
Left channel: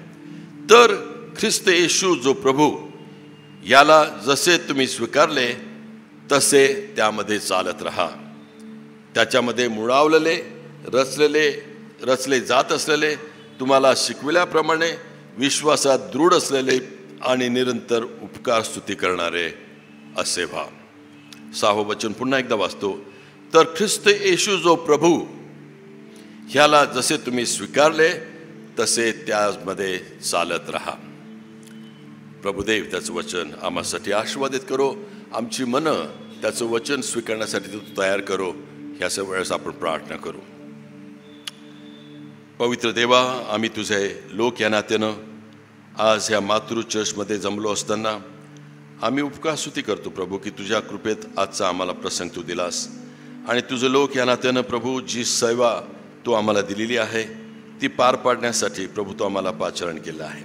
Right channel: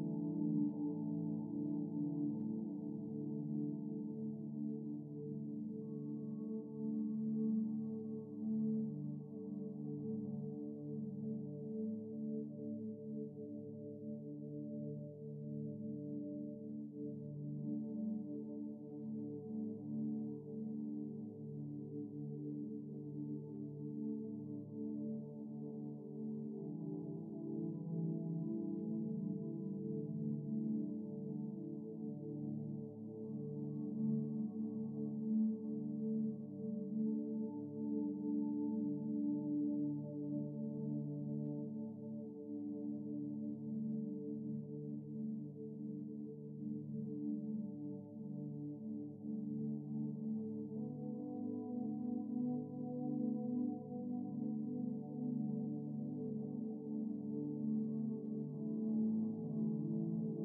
तर ख्रिस्त येशू जो प्रभू याला जसे तुम्ही स्वीकारले तसे त्यामध्ये चालत राहा. त्याच्यामध्ये मुळावलेले रचले जात असलेले, तुम्हाला शिकविल्याप्रमाणे विश्वासात दृढ असलेले आणि निरंतर उपकार स्तुती करणारे असे व्हा. 6वं वचन पुन्हा एकदा वाचतो. तर ख्रिस्त येशू जो प्रभू ह्याला जसे तुम्ही स्वीकारले तसे त्यामध्ये चालत राहा. प्रभुदेव त्याचं वचन आम्हासाठी आशीर्वादित करो. आमची मनं त्याचं वचन स्वीकारण्यासाठी तू तयार करो. ह्या वेळेस आपण प्रार्थना करू. पवित्र देवा, आम्ही तुझे लोक या नात्यानं आज ह्या मातृ चर्चमध्ये जमलो असताना आम्ही उपकारस्तुती करतो प्रभू की तुझ्या कृपेत आजचा आम्हाला प्रसंग तू दिलास आणि तुझे लोक या नात्यानं प्रभू जी सेवा तू आम्हाला दिलेली आहे ती पार पाडण्यासाठी प्रभू तू आम्हाला पाचारण केलं आहे.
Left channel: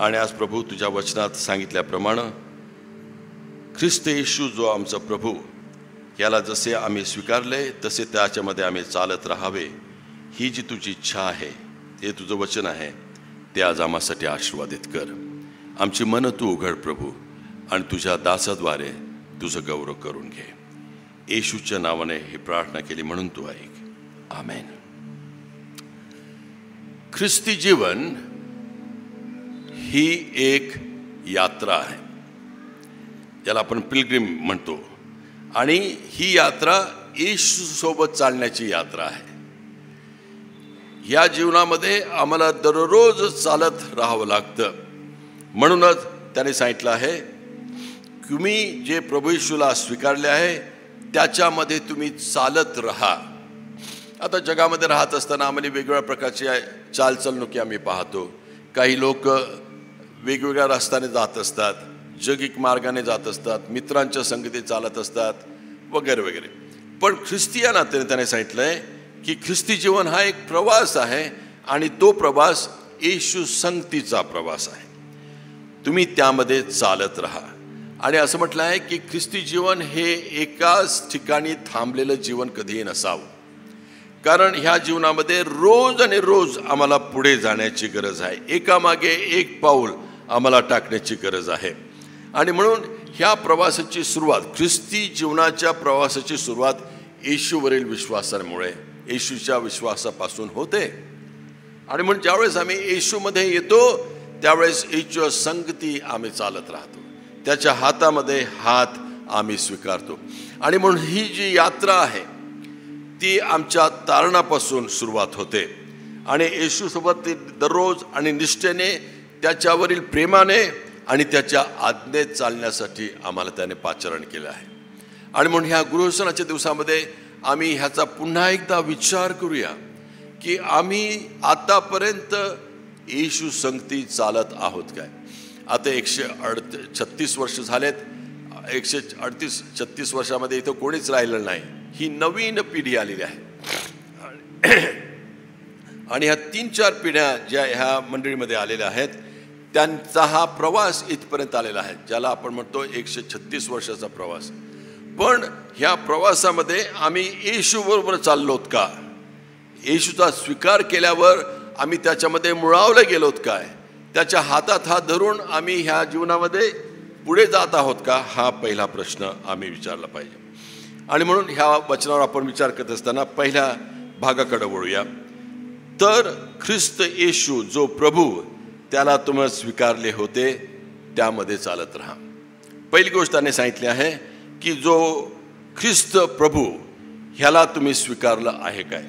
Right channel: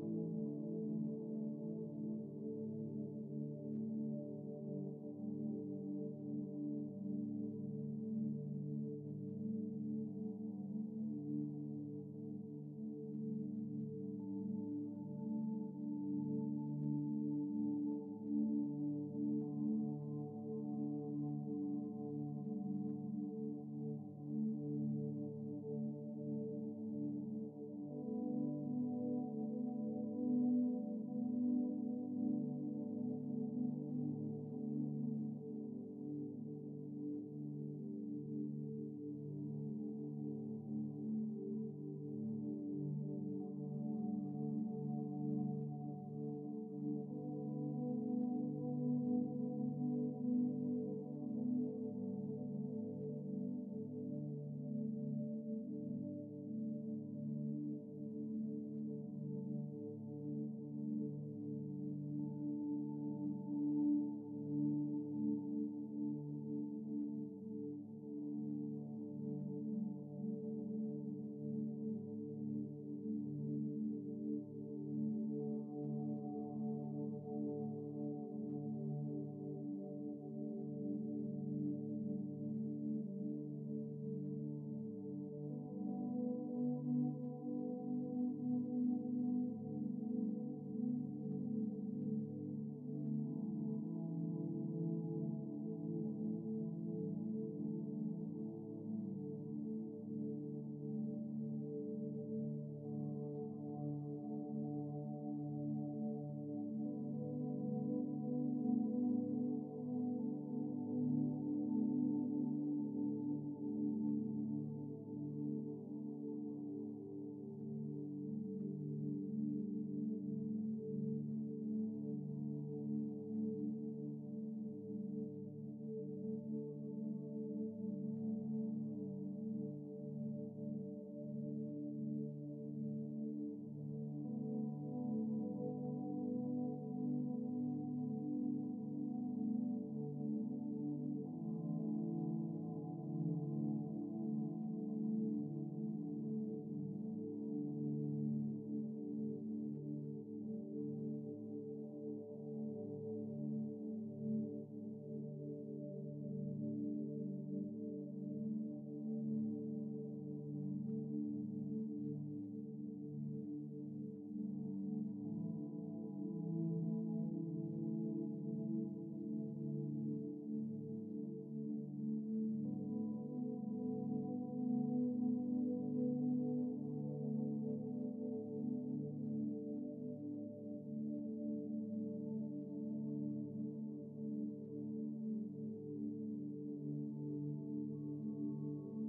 आणि आज प्रभू तुझ्या वचनात सांगितल्याप्रमाणे ख्रिस्त येशू जो आमचा प्रभू याला जसे आम्ही स्वीकारले तसे त्याच्यामध्ये आम्ही चालत राहावे ही जी तुझी इच्छा आहे, हे तुझं वचन आहे, ते आज आम्हासाठी आशीर्वादित कर. आमची मनं तू उघड प्रभू आणि तुझ्या दासाद्वारे तुझं गौरव करून घे. येशूच्या नावाने ही प्रार्थना केली म्हणून तू ऐक. आमेन. ख्रिस्ती जीवन ही एक यात्रा आहे ज्याला आपण पिलग्रिम म्हणतो आणि ही यात्रा येशू सोबत चालण्याची यात्रा आहे. या जीवनामध्ये आम्हाला दररोज चालत राहावं लागतं. म्हणूनच त्याने सांगितलं आहे तुम्ही जे प्रभू येशूला स्वीकारले आहे त्याच्यामध्ये तुम्ही चालत राहा. आता जगामध्ये राहत असताना आम्हाला वेगवेगळ्या प्रकारची चालचलणुकी आम्ही पाहतो. काही लोक वेगवेगळ्या रस्त्याने जात असतात, जगिक मार्गाने जात असतात, मित्रांच्या संगतीत चालत असतात वगैरे वगैरे. पण ख्रिस्ती या नात्याने त्याने सांगितलंय की ख्रिस्ती जीवन हा एक प्रवास आहे आणि तो प्रवास येशू संगतीचा प्रवास आहे. तुम्ही त्यामध्ये चालत राहा. आणि असं म्हटलं आहे की ख्रिस्ती जीवन हे एकाच ठिकाणी थांबलेलं जीवन कधीही नसावं. कारण ह्या जीवनामध्ये रोज आणि रोज आम्हाला पुढे जाण्याची गरज आहे. एकामागे एक पाऊल आम्हाला टाकण्याची गरज आहे. आणि म्हणून ह्या प्रवासाची सुरुवात, ख्रिस्ती जीवनाच्या प्रवासाची सुरुवात येशूवरील विश्वासामुळे, येशूच्या विश्वासापासून होते. आणि म्हणून ज्यावेळेस आम्ही येशूमध्ये येतो त्यावेळेस येशूच्या संगती आम्ही चालत राहतो, त्याच्या हातामध्ये हात आम्ही स्वीकारतो. आणि म्हणून ही जी यात्रा आहे ती आमच्या तारणापासून सुरुवात होते आणि येशूसोबत ती दररोज आणि निष्ठेने, त्याच्यावरील प्रेमाने आणि त्याच्या आज्ञेत चालण्यासाठी आम्हाला त्याने पाचारण केलं आहे. आणि म्हणून ह्या गृहसनाच्या दिवसामध्ये आम्ही ह्याचा पुन्हा एकदा विचार करूया की आम्ही आतापर्यंत येशू संगती चालत आहोत काय. आता 136 वर्ष झालेत 138-36 वर्षामध्ये इथं कोणीच राहिलं नाही. ही नवीन पिढी आलेली आहे. आणि ह्या 3-4 पिढ्या ज्या ह्या मंडळीमध्ये आलेल्या आहेत त्यांचा हा प्रवास इथपर्यंत आलेला आहे, ज्याला आपण म्हणतो 136 वर्षाचा प्रवास. पण ह्या प्रवासामध्ये आम्ही येशूबरोबर चाललोत का? येशूचा स्वीकार केल्यावर आम्ही त्याच्यामध्ये मुळावले गेलोत काय? त्याच्या हातात हात धरून आम्ही ह्या जीवनामध्ये पुढे जात आहोत का? हा पहिला प्रश्न आम्ही विचारला पाहिजे. आणि म्हणून ह्या वचनावर आपण विचार करत असताना पहिल्या भागाकडे वळूया. तर ख्रिस्त येशू जो प्रभू, त्याला तुम्ही स्वीकारले होते त्यामध्ये चालत राहा. पहिली गोष्ट त्याने सांगितली आहे की जो ख्रिस्त प्रभू ह्याला तुम्ही स्वीकारलं आहे काय?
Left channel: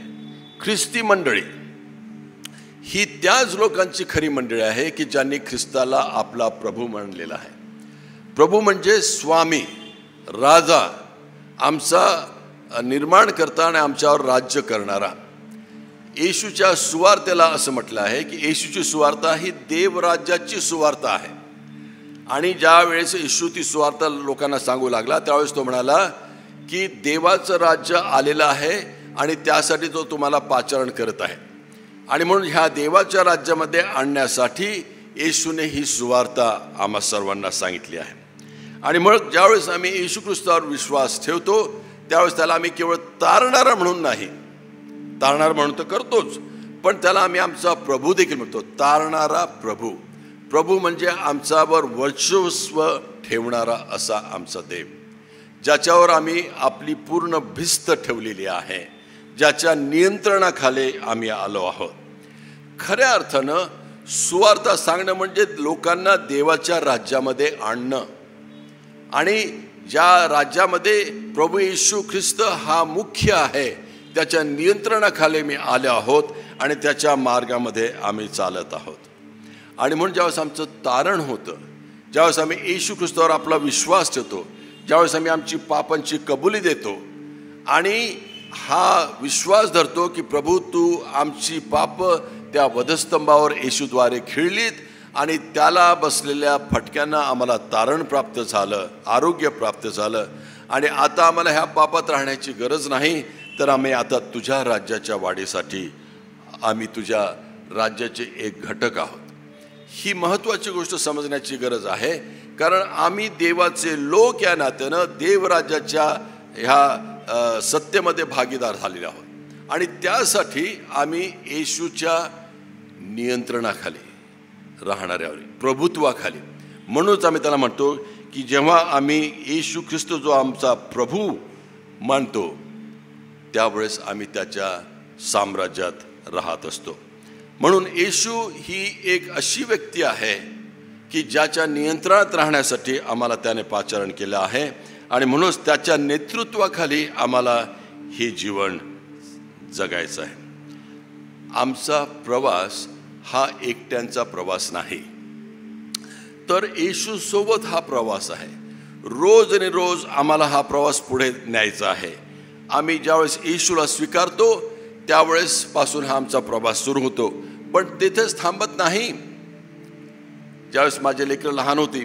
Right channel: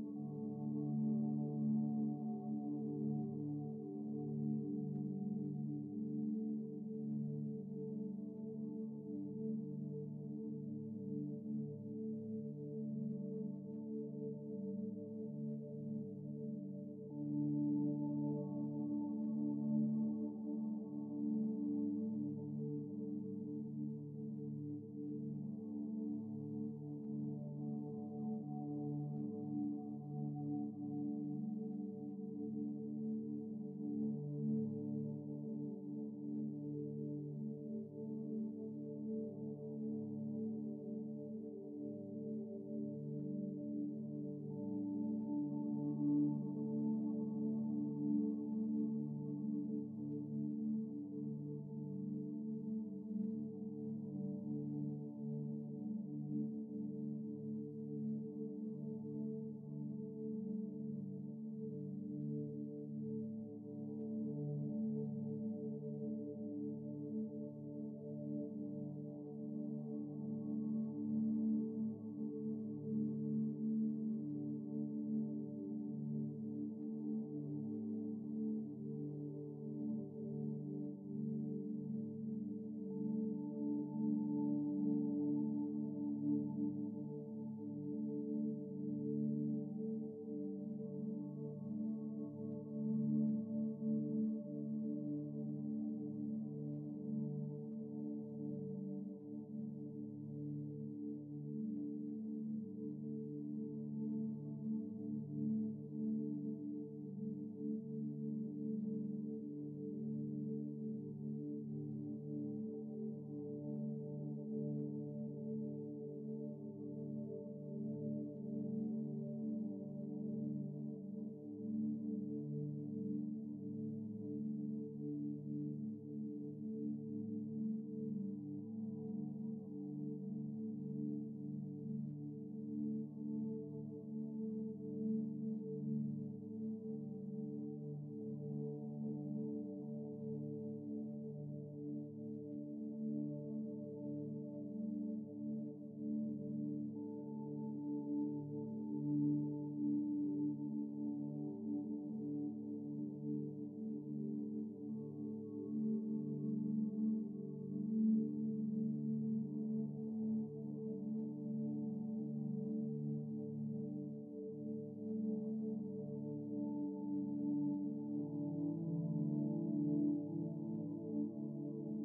ख्रिस्ती मंडळी ही त्याच लोकांची खरी मंडळी आहे की ज्यांनी ख्रिस्ताला आपला प्रभू मानलेला आहे. प्रभू म्हणजे स्वामी, राजा, आमचा निर्माण करता आणि आमच्यावर राज्य करणारा. येशूच्या सुवार्तेला असं म्हटलं आहे की येशूची सुवार्ता ही देवराज्याची सुवार्ता आहे. आणि ज्या वेळेस येशू ती सुवार्ता लोकांना सांगू लागला त्यावेळेस तो म्हणाला की देवाचं राज्य आलेलं आहे आणि त्यासाठी तो तुम्हाला पाचारण करत आहे. आणि म्हणून ह्या देवाच्या राज्यामध्ये आणण्यासाठी येशूने ही सुवार्ता आम्हा सर्वांना सांगितली आहे. आणि मग ज्यावेळेस आम्ही येशू ख्रिस्तावर विश्वास ठेवतो त्यावेळेस त्याला आम्ही केवळ तारणारा म्हणून नाही, तारणार म्हणून तर करतोच, पण त्याला आम्ही आमचा प्रभू देखील म्हणतो. तारणारा प्रभू. प्रभू म्हणजे आमच्यावर वर्चस्व ठेवणारा असा आमचा देव, ज्याच्यावर आम्ही आपली पूर्ण भिस्त ठेवलेली आहे, ज्याच्या नियंत्रणाखाली आम्ही आलो आहोत. खऱ्या अर्थानं सुवार्ता सांगणं म्हणजे लोकांना देवाच्या राज्यामध्ये आणणं. आणि ज्या राज्यामध्ये प्रभू येशू ख्रिस्त हा मुख्य आहे त्याच्या नियंत्रणाखाली मी आले आहोत आणि त्याच्या मार्गामध्ये आम्ही चालत आहोत. आणि म्हणून ज्यावेळेस आमचं तारण होतं, ज्यावेळेस आम्ही येशू ख्रिस्तावर आपला विश्वास ठेवतो, ज्यावेळेस आम्ही आमची पापांची कबुली देतो आणि हा विश्वास धरतो की प्रभू तू आमची पाप त्या वधस्तंभावर येशूद्वारे खिळलीत आणि त्याला बसलेल्या फटक्यांना आम्हाला तारण प्राप्त झालं, आरोग्य प्राप्त झालं आणि आता आम्हाला ह्या पापात राहण्याची गरज नाही, तर आम्ही आता तुझ्या राज्याच्या वाढीसाठी आम्ही तुझ्या राज्याचे एक घटक आहोत. ही महत्त्वाची गोष्ट समजण्याची गरज आहे, कारण आम्ही देवाचे लोक या नात्यानं देवराज्याच्या ह्या सत्तेमध्ये भागीदार झालेले आहोत आणि त्यासाठी आम्ही येशूच्या नियंत्रणाखाली राहणारे आहोत, प्रभुत्वाखाली. म्हणूनच आम्ही त्याला म्हणतो की जेव्हा आम्ही येशू ख्रिस्त जो आमचा प्रभू मानतो त्यावेळेस आम्ही त्याच्या साम्राज्यात राहत असतो. म्हणून येशू ही एक अशी व्यक्ती आहे की ज्याच्या नियंत्रणात राहण्यासाठी आम्हाला त्याने पाचारण केलं आहे आणि म्हणूनच त्याच्या नेतृत्वाखाली आम्हाला हे जीवन जगायचं आहे. आमचा प्रवास हा एकट्यांचा प्रवास नाही, तर येशू सोबत हा प्रवास आहे. रोज आणि रोज आम्हाला हा प्रवास पुढे न्यायचा आहे. आम्ही ज्यावेळेस येशूला स्वीकारतो त्यावेळेस पासून हा आमचा प्रवास सुरू होतो. पण तिथेच थांबत नाही. ज्यावेळेस माझे लेकरं लहान होती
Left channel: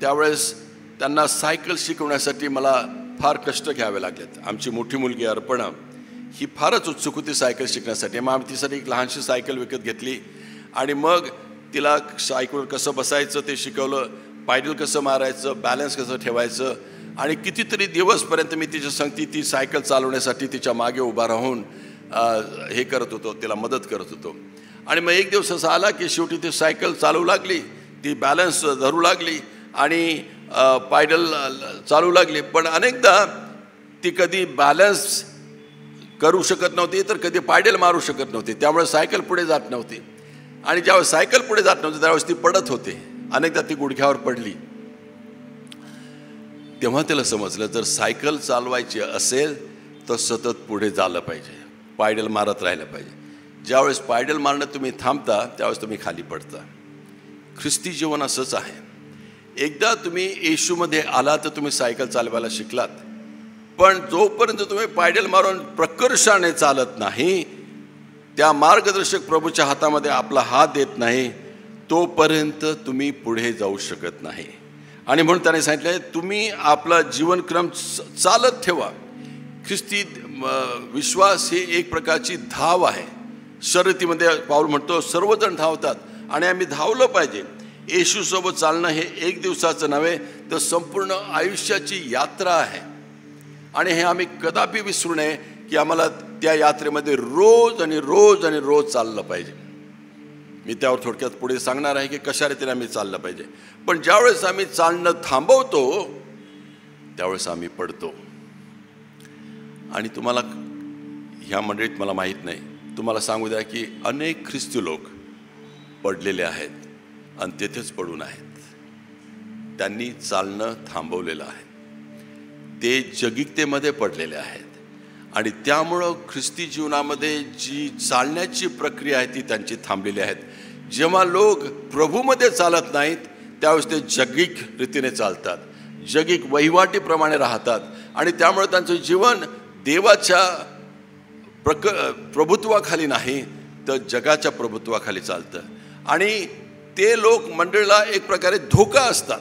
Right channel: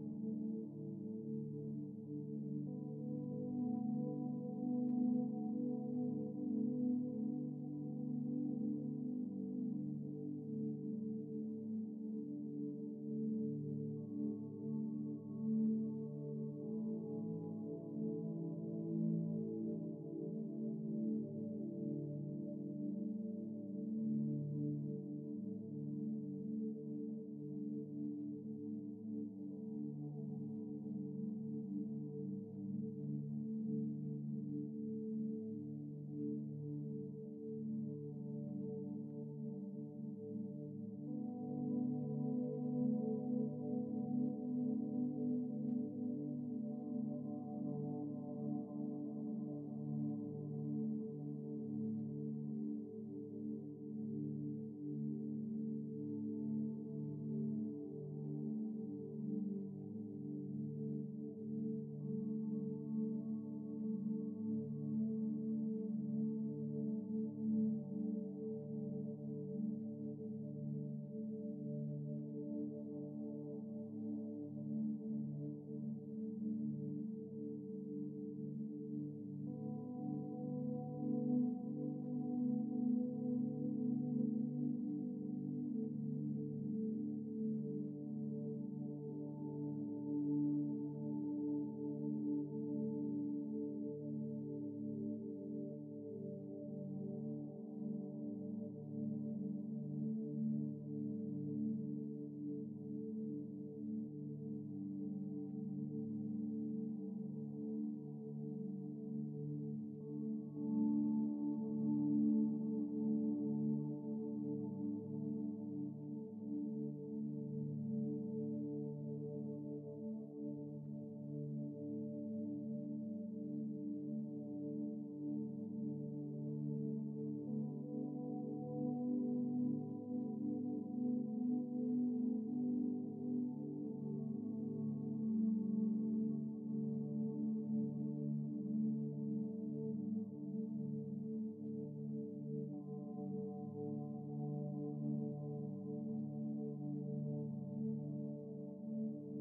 त्यावेळेस त्यांना सायकल शिकवण्यासाठी मला फार कष्ट घ्यावे लागलेत. आमची मोठी मुलगी अर्पणा ही फारच उत्सुक होती सायकल शिकण्यासाठी. मग आम्ही तिसाठी एक लहानशी सायकल विकत घेतली आणि मग तिला सायकलवर कसं बसायचं ते शिकवलं, पायडल कसं मारायचं, बॅलन्स कसं ठेवायचं आणि कितीतरी दिवसपर्यंत मी तिच्या संगती ती सायकल चालवण्यासाठी तिच्या मागे उभा राहून हे करत होतो, तिला मदत करत होतो. आणि मग एक दिवस असा आला की शेवटी ती सायकल चालवू लागली, ती बॅलन्स धरू लागली आणि पायडल चालू लागली. पण अनेकदा ती कधी बॅलन्स करू शकत नव्हती तर कधी पायडल मारू शकत नव्हती, त्यामुळे सायकल पुढे जात नव्हती. आणि ज्यावेळेस सायकल पुढे जात नव्हती त्यावेळेस ती पडत होते. अनेकदा ती गुडघ्यावर पडली. तेव्हा त्याला समजलं जर सायकल चालवायची असेल तर सतत पुढे झालं पाहिजे, पायडल मारत राहिलं पाहिजे. ज्यावेळेस पायडल मारणं तुम्ही थांबता त्यावेळेस तुम्ही खाली पडता. ख्रिस्ती जीवन असंच आहे. एकदा तुम्ही येशूमध्ये आला तर तुम्ही सायकल चालवायला शिकलात, पण जोपर्यंत तुम्ही पायडल मारून प्रकर्षाने चालत नाही, त्या मार्गदर्शक प्रभूच्या हातामध्ये आपला हात देत नाही, तोपर्यंत तुम्ही पुढे जाऊ शकत नाही. आणि म्हणून त्याने सांगितलं तुम्ही आपला जीवनक्रम चालत ठेवा. ख्रिस्ती विश्वास ही एक प्रकारची धाव आहे. शर्यतीमध्ये पाऊल म्हणतो सर्वजण धावतात आणि आम्ही धावलं पाहिजे. येशूसोबत चालणं हे एक दिवसाचं नव्हे तर संपूर्ण आयुष्याची यात्रा आहे. आणि हे आम्ही कदापि विसरू नये की आम्हाला त्या यात्रेमध्ये रोज आणि रोज आणि रोज चाललं पाहिजे. मी त्यावर थोडक्यात पुढे सांगणार आहे की कशा रीतीने आम्ही चाललं पाहिजे. पण ज्यावेळेस आम्ही चालणं थांबवतो त्यावेळेस आम्ही पडतो. आणि तुम्हाला ह्या मंडळीत मला माहीत नाही, तुम्हाला सांगू द्या की अनेक ख्रिस्ती लोक पडलेले आहेत आणि तेथेच पडून आहेत. त्यांनी चालणं थांबवलेलं आहे. ते जगिकतेमध्ये पडलेले आहेत आणि त्यामुळं ख्रिस्ती जीवनामध्ये जी चालण्याची प्रक्रिया आहे ती त्यांची थांबलेली आहेत. जेव्हा लोक प्रभूमध्ये चालत नाहीत त्यावेळेस ते जगिक रीतीने चालतात, जगिक वहिवाटीप्रमाणे राहतात आणि त्यामुळे त्यांचं जीवन देवाच्या प्रभुत्वाखाली नाही तर जगाच्या प्रभुत्वाखाली चालतं. आणि ते लोक मंडळीला एक प्रकारे धोका असतात.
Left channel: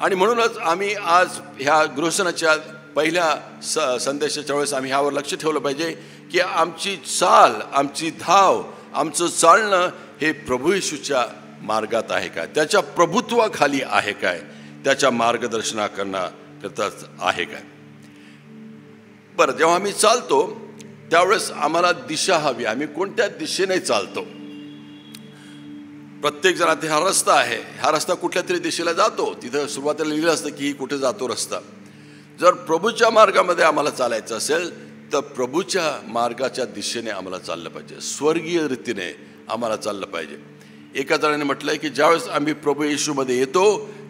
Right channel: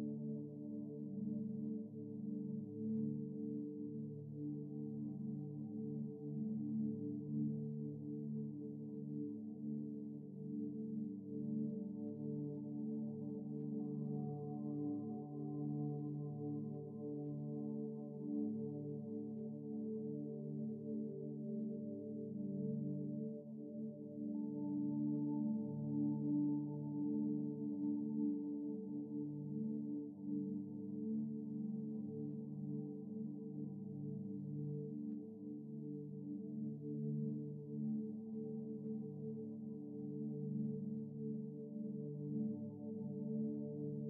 आणि म्हणूनच आम्ही आज ह्या गृहसनाच्या पहिल्या संदेशाच्या वेळेस आम्ही ह्यावर लक्ष ठेवलं पाहिजे की आमची चाल, आमची धाव, आमचं चालणं हे प्रभू येशूच्या मार्गात आहे काय, त्याच्या प्रभुत्वाखाली आहे काय, त्याच्या मार्गदर्शनाकरणाकरताच आहे काय. बरं, जेव्हा आम्ही चालतो त्यावेळेस आम्हाला दिशा हवी. आम्ही कोणत्या दिशेने चालतो? प्रत्येक जण आता हा रस्ता आहे, हा रस्ता कुठल्या तरी दिशेला जातो. तिथं सुरुवातीला लिहिलं असतं की कुठे जातो रस्ता. जर प्रभूच्या मार्गामध्ये आम्हाला चालायचं असेल तर प्रभूच्या मार्गाच्या दिशेने आम्हाला चाललं पाहिजे, स्वर्गीय रीतीने आम्हाला चाललं पाहिजे. एका जणाने म्हटलंय की ज्यावेळेस आम्ही प्रभू येशूमध्ये येतो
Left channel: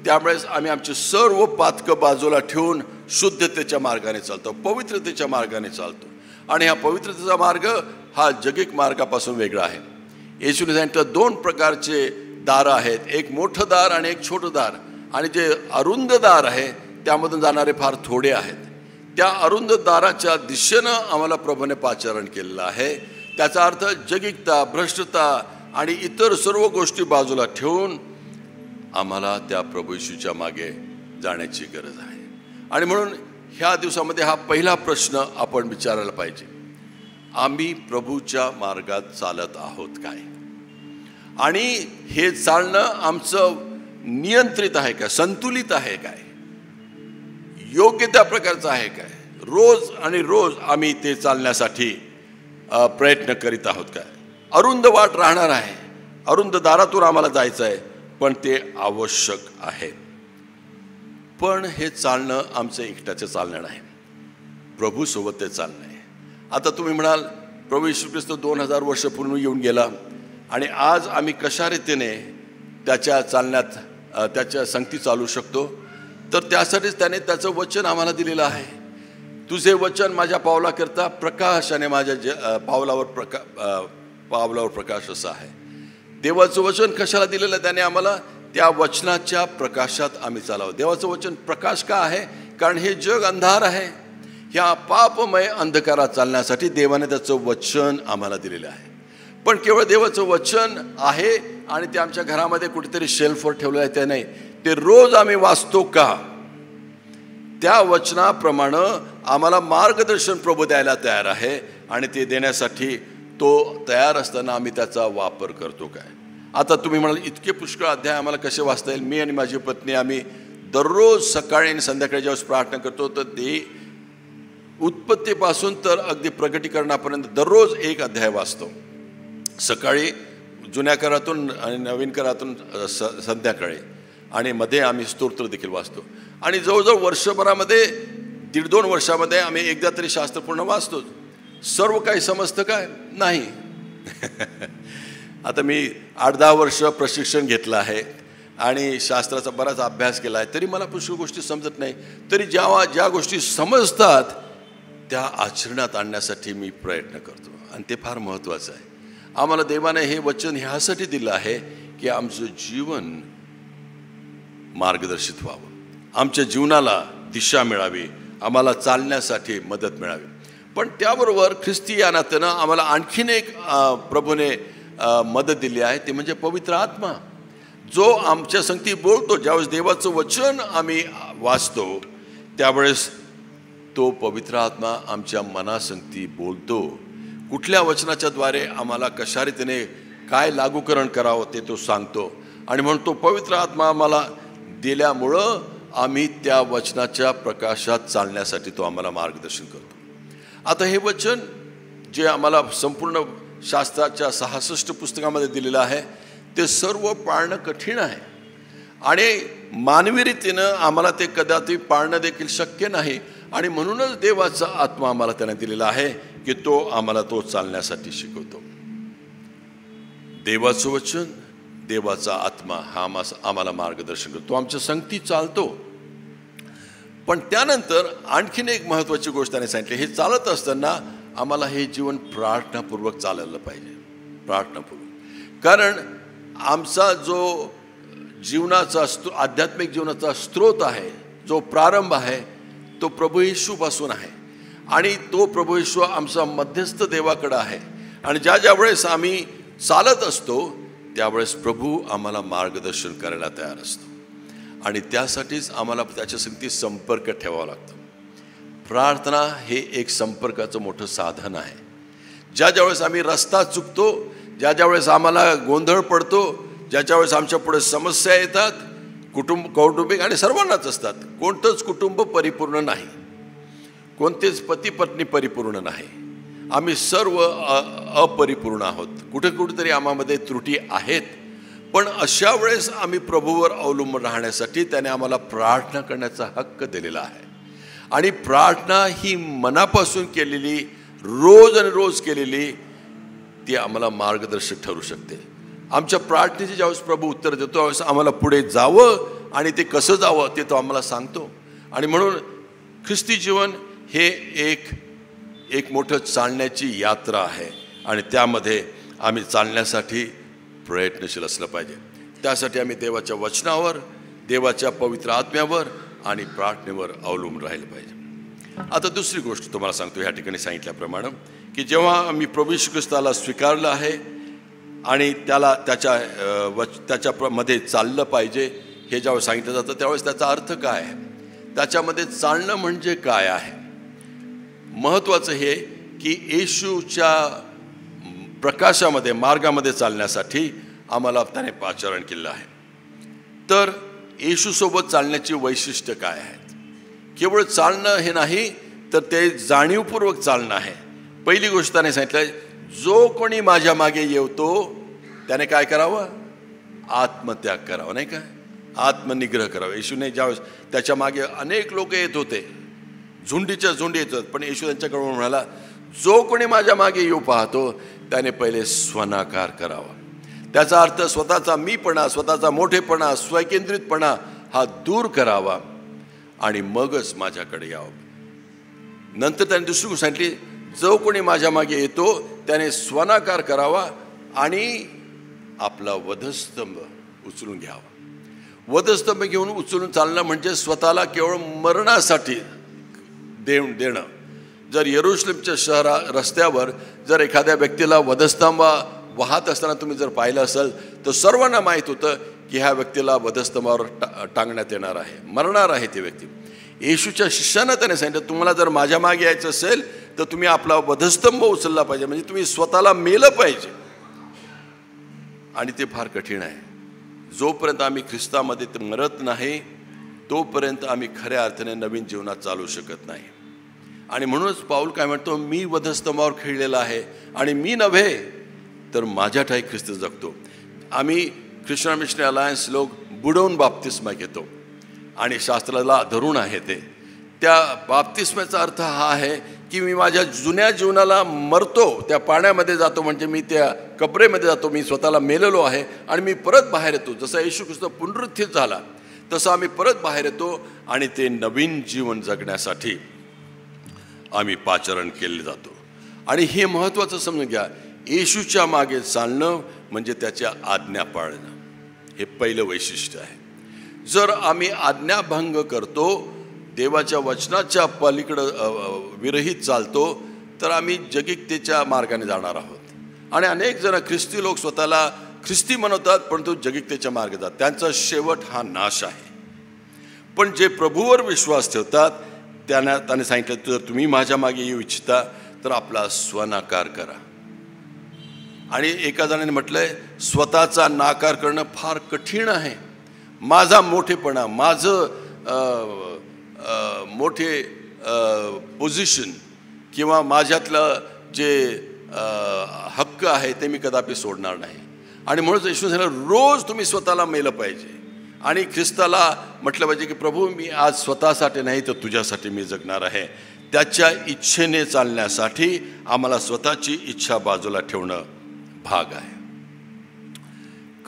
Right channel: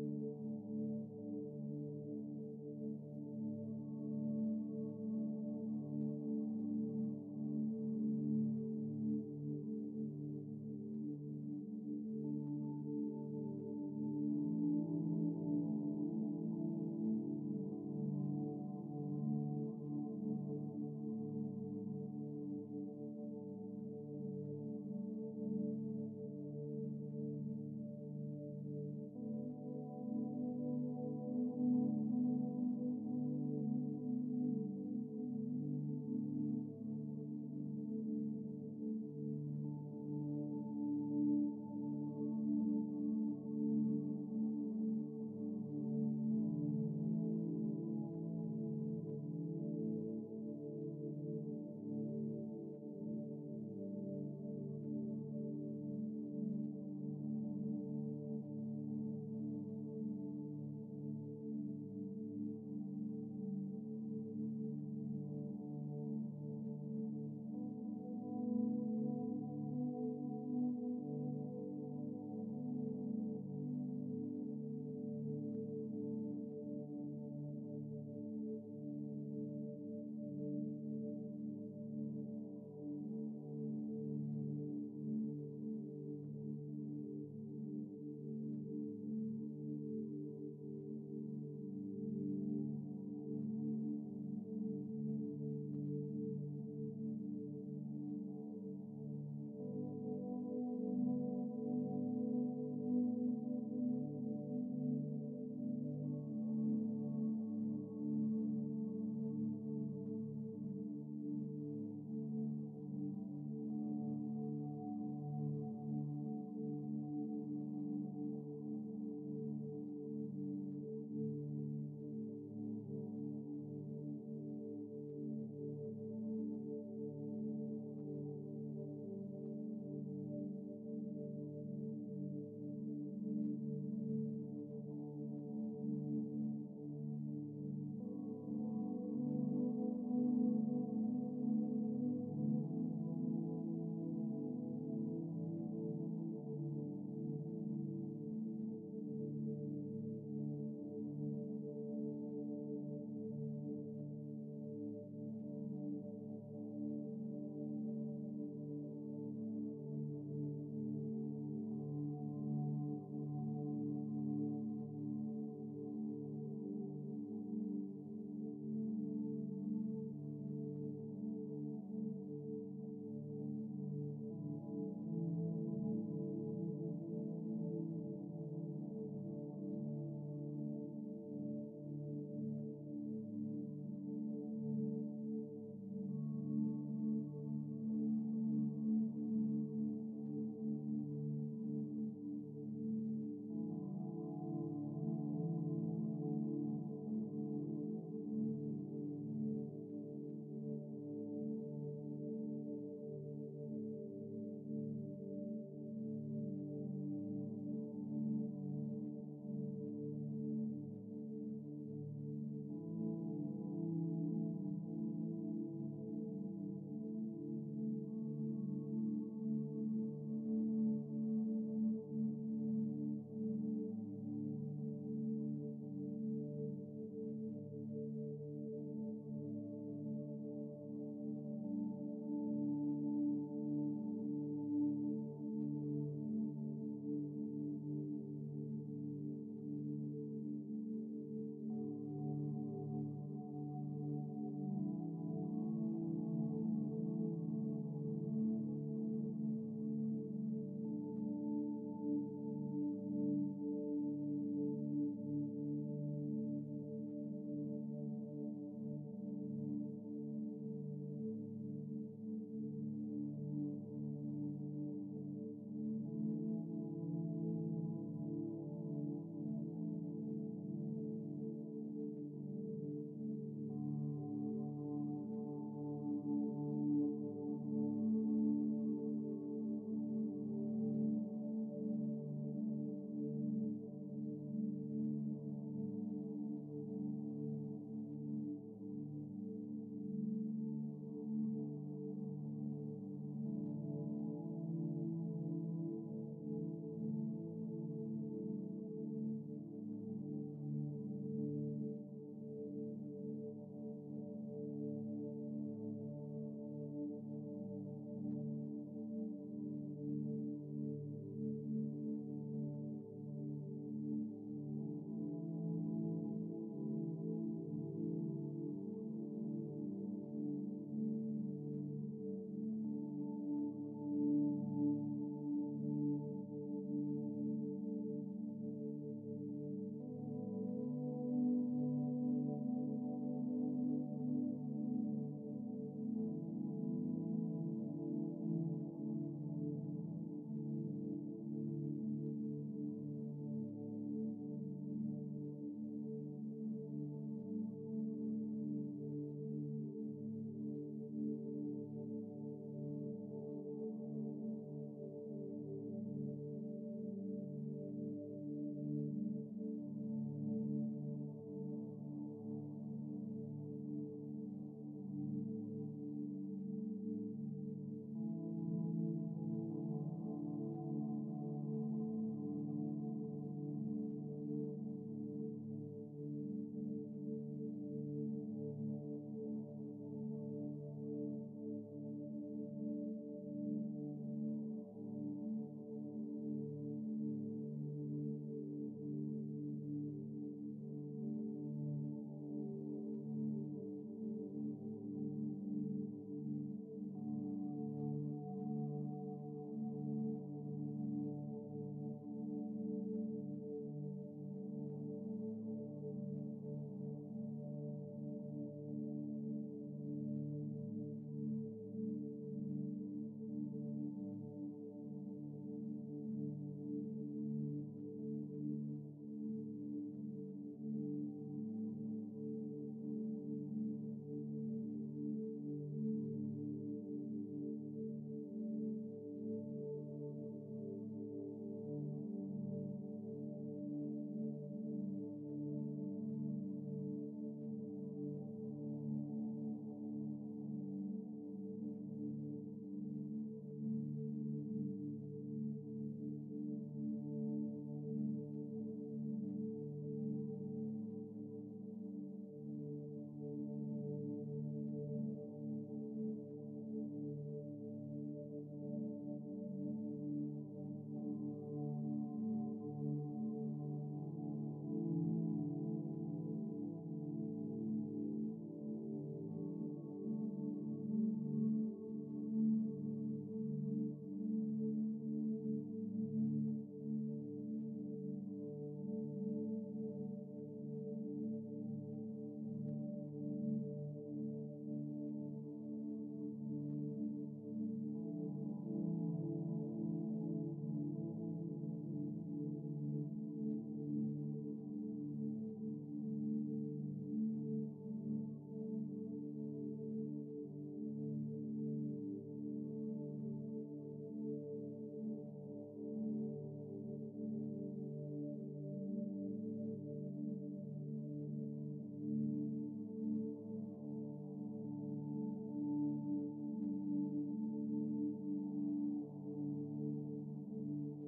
त्यावेळेस आम्ही आमचे सर्व पातकं बाजूला ठेवून शुद्धतेच्या मार्गाने चालतो, पवित्रतेच्या मार्गाने चालतो. आणि हा पवित्रतेचा मार्ग हा जगिक मार्गापासून वेगळा आहे. येशूने सांगितलं 2 प्रकारचे दारं आहेत, एक मोठं दार आणि एक छोटं दार. आणि जे अरुंद दार आहे त्यामधून जाणारे फार थोडे आहेत. त्या अरुंद दाराच्या दिशेनं आम्हाला प्रभूने पाचारण केलेलं आहे. त्याचा अर्थ जगिकता, भ्रष्टता आणि इतर सर्व गोष्टी बाजूला ठेवून आम्हाला त्या प्रभू येशूच्या मागे जाण्याची गरज आहे. आणि म्हणून ह्या दिवसामध्ये हा पहिला प्रश्न आपण विचारायला पाहिजे, आम्ही प्रभूच्या मार्गात चालत आहोत काय? आणि हे चालणं आमचं नियंत्रित आहे का, संतुलित आहे काय, योग्य त्या प्रकारचं आहे काय? रोज आणि रोज आम्ही ते चालण्यासाठी प्रयत्न करीत आहोत काय? अरुंद वाट राहणार आहे, अरुंद दारातून आम्हाला जायचं आहे, पण ते आवश्यक आहे. पण हे चालणं आमचं एकट्याचं चालणं नाही, प्रभूसोबत ते चालणं आहे. आता तुम्ही म्हणाल प्रभू येशू ख्रिस्त 2000 वर्ष पूर्ण येऊन गेला आणि आज आम्ही कशा रीतीने त्याच्या चालण्यात त्याच्या संगती चालू शकतो? तर त्यासाठीच त्याने त्याचं वचन आम्हाला दिलेलं आहे. तुझे वचन माझ्या पावलाकरता प्रकाश आणि माझ्या पावलावर प्रकाश असं आहे. देवाचं वचन कशाला दिलेलं आहे? त्याने आम्हाला त्या वचनाच्या प्रकाशात आम्ही चालावं. देवाचं वचन प्रकाश का आहे? कारण हे जग अंधार आहे. ह्या पापमय अंधकारात चालण्यासाठी देवाने त्याचं वचन आम्हाला दिलेलं आहे. पण केवळ देवाचं वचन आहे आणि ते आमच्या घरामध्ये कुठेतरी शेल्फवर ठेवलं आहे ते नाही, ते रोज आम्ही वाचतो का? त्या वचनाप्रमाणे आम्हाला मार्गदर्शन प्रभू द्यायला तयार आहे आणि ते देण्यासाठी तो तयार असताना आम्ही त्याचा वापर करतो काय? आता तुम्ही म्हणाल इतके पुष्कळ अध्याय आम्हाला कसे वाचता येईल? मी आणि माझी पत्नी आम्ही दररोज सकाळी आणि संध्याकाळी ज्यावेळेस प्रार्थना करतो तर ते उत्पत्तीपासून तर अगदी प्रगटीकरणापर्यंत दररोज एक अध्याय वाचतो. सकाळी जुन्या करातून आणि नवीन करातून संध्याकाळी, आणि मध्ये आम्ही स्तोत्र देखील वाचतो. आणि जवळजवळ वर्षभरामध्ये 1.5-2 वर्षामध्ये आम्ही एकदा तरी शास्त्र पूर्ण वाचतो. सर्व काही समजतं काय? नाही. आता मी 8-10 वर्ष प्रशिक्षण घेतलं आहे आणि शास्त्राचा बराच अभ्यास केला आहे, तरी मला पुष्कळ गोष्टी समजत नाही. तरी ज्या गोष्टी समजतात त्या आचरणात आणण्यासाठी मी प्रयत्न करतो आणि ते फार महत्त्वाचं आहे. आम्हाला देवाने हे वचन ह्यासाठी दिलं आहे की आमचं जीवन मार्गदर्शित व्हावं, आमच्या जीवनाला दिशा मिळावी, आम्हाला चालण्यासाठी मदत मिळावी. पण त्याबरोबर ख्रिस्ती या नात्यानं आम्हाला आणखीन एक प्रभूने मदत दिली आहे, ती म्हणजे पवित्र आत्मा. जो आमच्या संगती बोलतो, ज्यावेळेस देवाचं वचन आम्ही वाचतो त्यावेळेस तो पवित्र आत्मा आमच्या मनासंगती बोलतो. कुठल्या वचनाच्या द्वारे आम्हाला कशा रीतीने काय लागूकरण करावं ते तो सांगतो. आणि म्हणून तो पवित्र आत्मा आम्हाला दिल्यामुळं आम्ही त्या वचनाच्या प्रकाशात चालण्यासाठी तो आम्हाला मार्गदर्शन करतो. आता हे वचन जे आम्हाला संपूर्ण शास्त्राच्या 66 पुस्तकामध्ये दिलेलं आहे ते सर्व पाळणं कठीण आहे आणि मानवी रीतीनं आम्हाला ते कदाचित पाळणं देखील शक्य नाही. आणि म्हणूनच देवाचा आत्मा आम्हाला त्याने दिलेला आहे की तो आम्हाला तो चालण्यासाठी शिकवतो. देवाचं वचन, देवाचा आत्मा हा आम्हाला मार्गदर्शन करतो, आमच्या संगती चालतो. पण त्यानंतर आणखीन एक महत्त्वाची गोष्ट त्याने सांगितली, हे चालत असताना आम्हाला हे जीवन प्रार्थनापूर्वक चालायला पाहिजे. प्रार्थनापूर्वक, कारण आमचा जो जीवनाचा आध्यात्मिक जीवनाचा स्रोत आहे, जो प्रारंभ आहे तो प्रभू येशूपासून आहे आणि तो प्रभू येशू आमचा मध्यस्थ देवाकडे आहे. आणि ज्या वेळेस आम्ही चालत असतो त्यावेळेस प्रभू आम्हाला मार्गदर्शन करायला तयार असतो आणि त्यासाठीच आम्हाला त्याच्या संगती संपर्क ठेवावा लागतो. प्रार्थना हे एक संपर्काचं मोठं साधन आहे. ज्यावेळेस आम्ही रस्ता चुकतो, ज्यावेळेस आम्हाला गोंधळ पडतो, ज्यावेळेस आमच्या पुढे समस्या येतात, कौटुंबिक आणि सर्वांनाच असतात. कोणतंच कुटुंब परिपूर्ण नाही, कोणतेच पती पत्नी परिपूर्ण नाही, आम्ही सर्व अपरिपूर्ण आहोत. कुठेतरी आम्हामध्ये त्रुटी आहेत. पण अशा वेळेस आम्ही प्रभूवर अवलंबून राहण्यासाठी त्याने आम्हाला प्रार्थना करण्याचा हक्क दिलेला आहे. आणि प्रार्थना ही मनापासून केलेली, रोज आणि रोज केलेली, ती आम्हाला मार्गदर्शक ठरू शकते. आमच्या प्रार्थनेचे ज्यावेळेस प्रभू उत्तर देतो त्यावेळेस आम्हाला पुढे जावं आणि ते कसं जावं ते तो आम्हाला सांगतो. आणि म्हणून ख्रिस्ती जीवन हे एक मोठं चालण्याची यात्रा आहे आणि त्यामध्ये आम्ही चालण्यासाठी प्रयत्नशील असलं पाहिजे. त्यासाठी आम्ही देवाच्या वचनावर, देवाच्या पवित्र आत्म्यावर आणि प्रार्थनेवर अवलंबून राहिलं पाहिजे. आता दुसरी गोष्ट तुम्हाला सांगतो, ह्या ठिकाणी सांगितल्याप्रमाणे की जेव्हा आम्ही प्रभू येशू ख्रिस्ताला स्वीकारलं आहे आणि त्याला त्याच्या मध्ये चाललं पाहिजे हे ज्यावेळेस सांगितलं जातं त्यावेळेस त्याचा अर्थ काय आहे, त्याच्यामध्ये चालणं म्हणजे काय आहे. महत्त्वाचं हे की येशूच्या प्रकाशामध्ये, मार्गामध्ये चालण्यासाठी आम्हाला त्याने आचरण केलं आहे. तर येशूसोबत चालण्याची वैशिष्ट्य काय आहेत? केवळ चालणं हे नाही तर ते जाणीवपूर्वक चालणं आहे. पहिली गोष्ट त्याने सांगितलं, जो कोणी माझ्या मागे येतो त्याने काय करावं? आत्मत्याग करावा, नाही काय, आत्मनिग्रह करावा. येशूने ज्यावेळेस त्याच्या मागे अनेक लोक येत होते, झुंडीच्या झुंडी येत होत, पण येशू त्यांच्याकडून म्हणाला, जो कोणी माझ्या मागे येऊ पाहतो त्याने पहिले स्वनाकार करावा. त्याचा अर्थ स्वतःचा मीपणा, स्वतःचा मोठेपणा, स्वकेंद्रितपणा हा दूर करावा आणि मगच माझ्याकडे यावं. नंतर त्याने दुसरी गोष्ट सांगितली, जो कोणी माझ्या मागे येतो त्याने स्वनाकार करावा आणि आपला वधस्तंभ उचलून घ्यावा. वधस्तंभ घेऊन उचलून चालणं म्हणजे स्वतःला केवळ मरणासाठी देणं. जर यरूशलेमच्या रस्त्यावर जर एखाद्या व्यक्तीला वधस्तंभ वाहत असताना तुम्ही जर पाहिलं असेल तर सर्वांना माहीत होतं की ह्या व्यक्तीला वधस्तंभावर टांगण्यात येणार आहे, मरणार आहे ती व्यक्ती. येशूच्या शिष्यांना त्याने सांगितलं, तुम्हाला जर माझ्या मागे यायचं असेल तर तुम्ही आपला वधस्तंभ उचलला पाहिजे, म्हणजे तुम्ही स्वतःला मेलं पाहिजे. आणि ते फार कठीण आहे. जोपर्यंत आम्ही ख्रिस्तामध्ये मरत नाही तोपर्यंत आम्ही खऱ्या अर्थाने नवीन जीवनात चालू शकत नाही. आणि म्हणूनच पाऊल काय म्हणतो, मी वधस्तंभावर खिळलेला आहे आणि मी नव्हे तर माझ्या ठाई ख्रिस्त जगतो. आम्ही ख्रिश्चन मिशनरी अलायन्स लोक बुडवून बाप्तिस्मा घेतो आणि शास्त्राला धरून आहे ते. त्या बाप्तिस्म्याचा अर्थ हा आहे की मी माझ्या जुन्या जीवनाला मरतो, त्या पाण्यामध्ये जातो, म्हणजे मी त्या कबरेमध्ये जातो, मी स्वतःला मेलेलो आहे आणि मी परत बाहेर येतो. जसं येशू ख्रिस्त पुनरुत्थित झाला तसं आम्ही परत बाहेर येतो आणि ते नवीन जीवन जगण्यासाठी आम्ही पाचारण केले जातो. आणि हे महत्त्वाचं समजून घ्या, येशूच्या मागे चालणं म्हणजे त्याच्या आज्ञा पाळणं, हे पहिलं वैशिष्ट्य आहे. जर आम्ही आज्ञाभंग करतो, देवाच्या वचनाच्या पलीकडं विरहित चालतो तर आम्ही जगिकतेच्या मार्गाने जाणार आहोत. आणि अनेक जण ख्रिस्ती लोक स्वतःला ख्रिस्ती म्हणवतात परंतु जगिकतेच्या मार्गे जातात, त्यांचा शेवट हा नाश आहे. पण जे प्रभूवर विश्वास ठेवतात त्याने सांगितलं, जर तुम्ही माझ्या मागे येऊ इच्छिता तर आपला स्वनाकार करा. आणि एका जणाने म्हटलंय, स्वतःचा नाकार करणं फार कठीण आहे. माझा मोठेपणा, माझं मोठे पोझिशन किंवा माझ्यातलं जे हक्क आहे ते मी कदापि सोडणार नाही. आणि म्हणून येशू सांगितलं, रोज तुम्ही स्वतःला मेलं पाहिजे आणि ख्रिस्ताला म्हटलं पाहिजे की प्रभू मी आज स्वतःसाठी नाही तर तुझ्यासाठी मी जगणार आहे. त्याच्या इच्छेने चालण्यासाठी आम्हाला स्वतःची इच्छा बाजूला ठेवणं भाग आहे.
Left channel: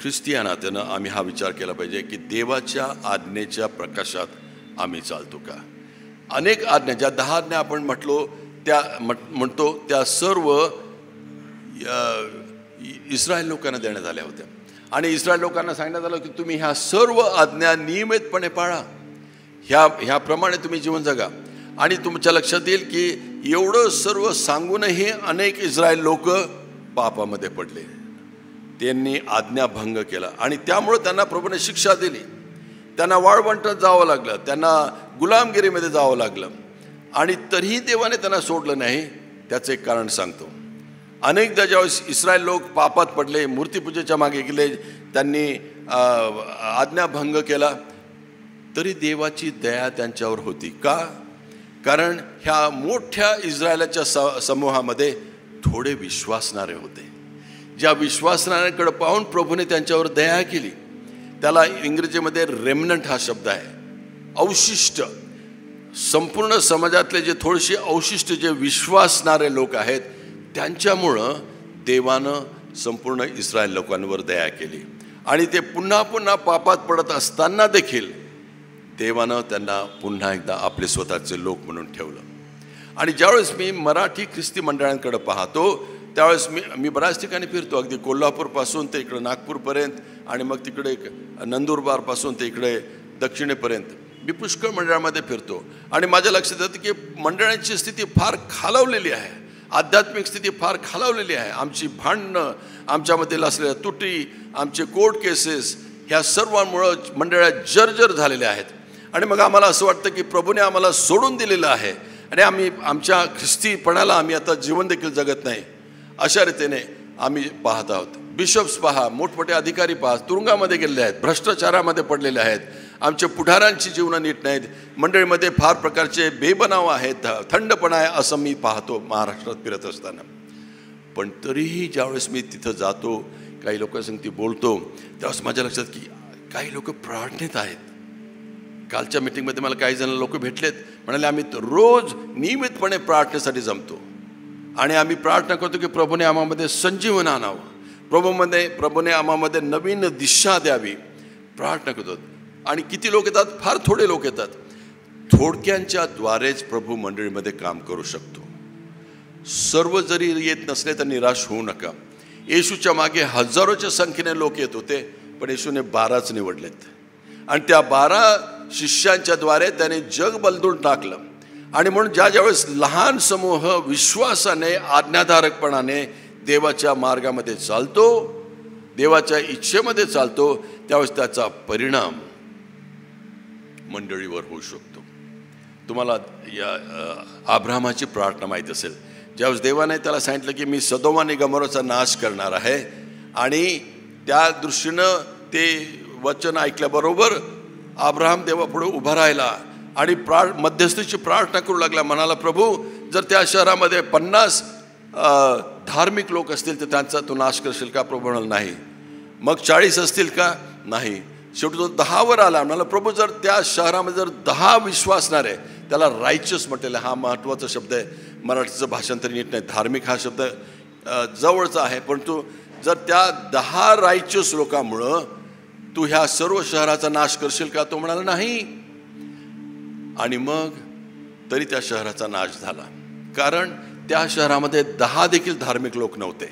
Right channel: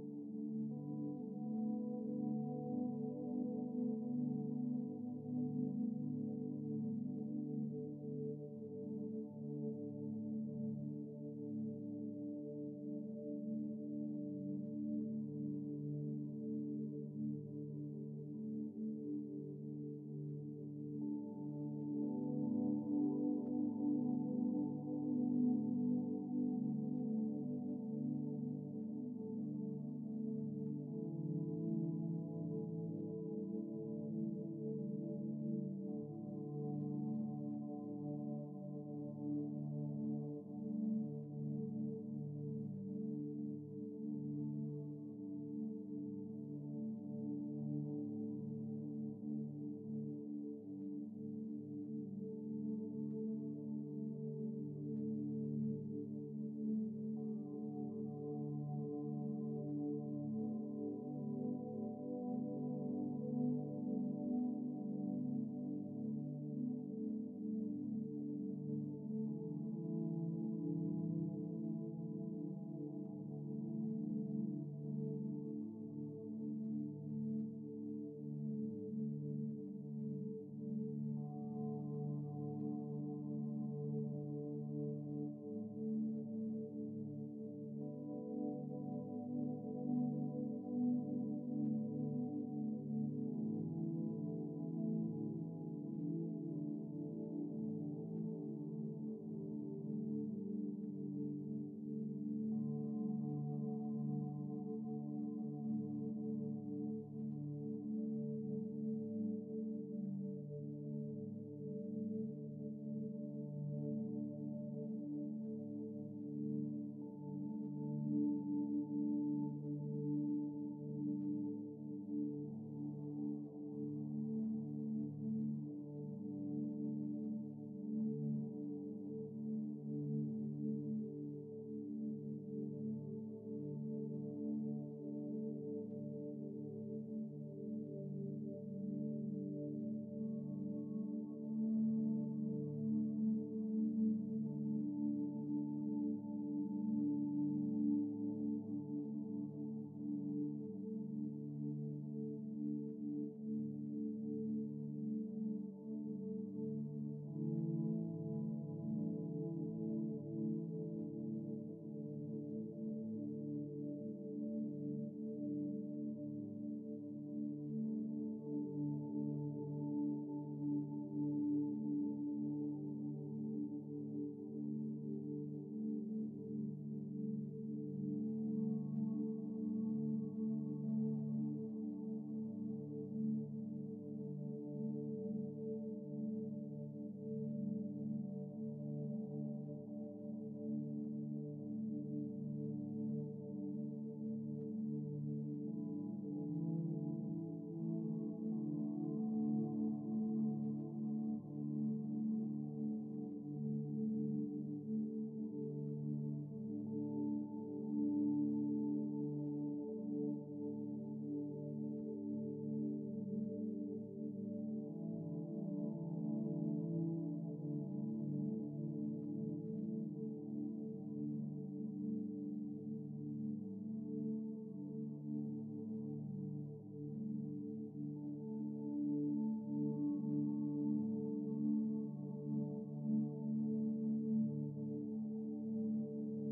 ख्रिस्ती या नात्यानं आम्ही हा विचार केला पाहिजे की देवाच्या आज्ञेच्या प्रकाशात आम्ही चालतो का. अनेक आज्ञा, ज्या 10 आज्ञा आपण म्हणतो त्या सर्व इस्रायल लोकांना देण्यात आल्या होत्या. आणि इस्रायल लोकांना सांगण्यात आलं की तुम्ही ह्या सर्व आज्ञा नियमितपणे पाळा, ह्याप्रमाणे तुम्ही जीवन जगा. आणि तुमच्या लक्षात येईल की एवढं सर्व सांगूनही अनेक इस्रायल लोक पापामध्ये पडले. त्यांनी आज्ञाभंग केला आणि त्यामुळे त्यांना प्रभूने शिक्षा दिली. त्यांना वाळवंटात जावं लागलं, त्यांना गुलामगिरीमध्ये जावं लागलं. आणि तरीही देवाने त्यांना सोडलं नाही. त्याचं एक कारण सांगतो. अनेकदा ज्यावेळेस इस्रायल लोक पापात पडले, मूर्तीपूजेच्या मागे गेले, त्यांनी आज्ञाभंग केला, तरी देवाची दया त्यांच्यावर होती. का? कारण ह्या मोठ्या इस्रायलाच्या समूहामध्ये थोडे विश्वासणारे होते. ज्या विश्वासणाऱ्यांकडे पाहून प्रभूने त्यांच्यावर दया केली. त्याला इंग्रजीमध्ये रेमनंट हा शब्द आहे, अवशिष्ट. संपूर्ण समाजातले जे थोडेसे अवशिष्ट जे विश्वासणारे लोक आहेत त्यांच्यामुळं देवानं संपूर्ण इस्रायल लोकांवर दया केली. आणि ते पुन्हा पुन्हा पापात पडत असताना देखील देवानं त्यांना पुन्हा एकदा आपले स्वतःचे लोक म्हणून ठेवलं. आणि ज्यावेळेस मी मराठी ख्रिस्ती मंडळांकडे पाहतो त्यावेळेस मी बऱ्याच ठिकाणी फिरतो, अगदी कोल्हापूरपासून ते इकडे नागपूरपर्यंत आणि मग तिकडे नंदुरबारपासून ते इकडे दक्षिणेपर्यंत मी पुष्कळ मंडळामध्ये फिरतो. आणि माझ्या लक्षात येतं की मंडळांची स्थिती फार खालावलेली आहे, आध्यात्मिक स्थिती फार खालावलेली आहे. आमची भांडणं, आमच्यामध्ये असलेल्या तुटी, आमचे कोर्ट केसेस, ह्या सर्वांमुळं मंडळात जर्जर झालेल्या आहेत. आणि मग आम्हाला असं वाटतं की प्रभूने आम्हाला सोडून दिलेलं आहे आणि आम्ही आमच्या ख्रिस्तीपणाला आम्ही आता जीवन देखील जगत नाही, अशा रीतीने आम्ही पाहत आहोत. बिशप्स पहा, मोठमोठे अधिकारी पहा, तुरुंगामध्ये गेलेले आहेत, भ्रष्टाचारामध्ये पडलेले आहेत. आमच्या पुढाऱ्यांची जीवनं नीट नाहीत. मंडळीमध्ये फार प्रकारचे बेबनाव आहेत, थंडपणा आहे, असं मी पाहतो महाराष्ट्रात फिरत असताना. पण तरीही ज्यावेळेस मी तिथं जातो, काही लोकांसंगती बोलतो, त्यावेळेस माझ्या लक्षात की काही लोक प्रार्थनेत आहेत. कालच्या मीटिंगमध्ये मला काही जण लोक भेटलेत, म्हणाले आम्ही रोज नियमितपणे प्रार्थनेसाठी जमतो आणि आम्ही प्रार्थना करतो की प्रभूने आम्हामध्ये संजीवन आणावं, प्रभूने आम्हामध्ये नवीन दिशा द्यावी, प्रार्थना करतो. आणि किती लोक येतात? फार थोडे लोक येतात. थोडक्यांच्या द्वारेच प्रभू मंडळीमध्ये काम करू शकतो. सर्व जरी येत नसले तर निराश होऊ नका. येशूच्या मागे हजारोच्या संख्येने लोक येत होते, पण येशूने 12च निवडलेत आणि त्या 12 शिष्यांच्या द्वारे त्याने जग बदलून टाकलं. आणि म्हणून ज्यावेळेस लहान समूह विश्वासाने, आज्ञाधारकपणाने देवाच्या मार्गामध्ये चालतो, देवाच्या इच्छेमध्ये चालतो, त्यावेळेस त्याचा परिणाम मंडळीवर होऊ शकतो. तुम्हाला या अब्राहमाची प्रार्थना माहीत असेल. ज्यावेळेस देवाने त्याला सांगितलं की मी सदोम आणि गमोराचा नाश करणार आहे आणि त्या दृष्टीनं ते वचन ऐकल्याबरोबर अब्राहम देवापुढे उभा राहिला आणि मध्यस्थीची प्रार्थना करू लागला. म्हणाला, प्रभू जर त्या शहरामध्ये 50 धार्मिक लोक असतील तर त्यांचा तू नाश करशील का? प्रभू म्हणाला नाही. मग 40 असतील का? नाही. शेवटी तो 10वर आला. म्हणाला, प्रभू जर त्या शहरामध्ये जर 10 विश्वासणारे, त्याला रायचस म्हटलेलं, हा महत्त्वाचा शब्द आहे, मराठीचं भाषांतर नीट नाही, धार्मिक हा शब्द जवळचा आहे, परंतु जर त्या 10 रायचस लोकांमुळं तू ह्या सर्व शहराचा नाश करशील का? तो म्हणाला नाही. आणि मग तरी त्या शहराचा नाश झाला, कारण त्या शहरामध्ये 10 देखील धार्मिक लोक नव्हते.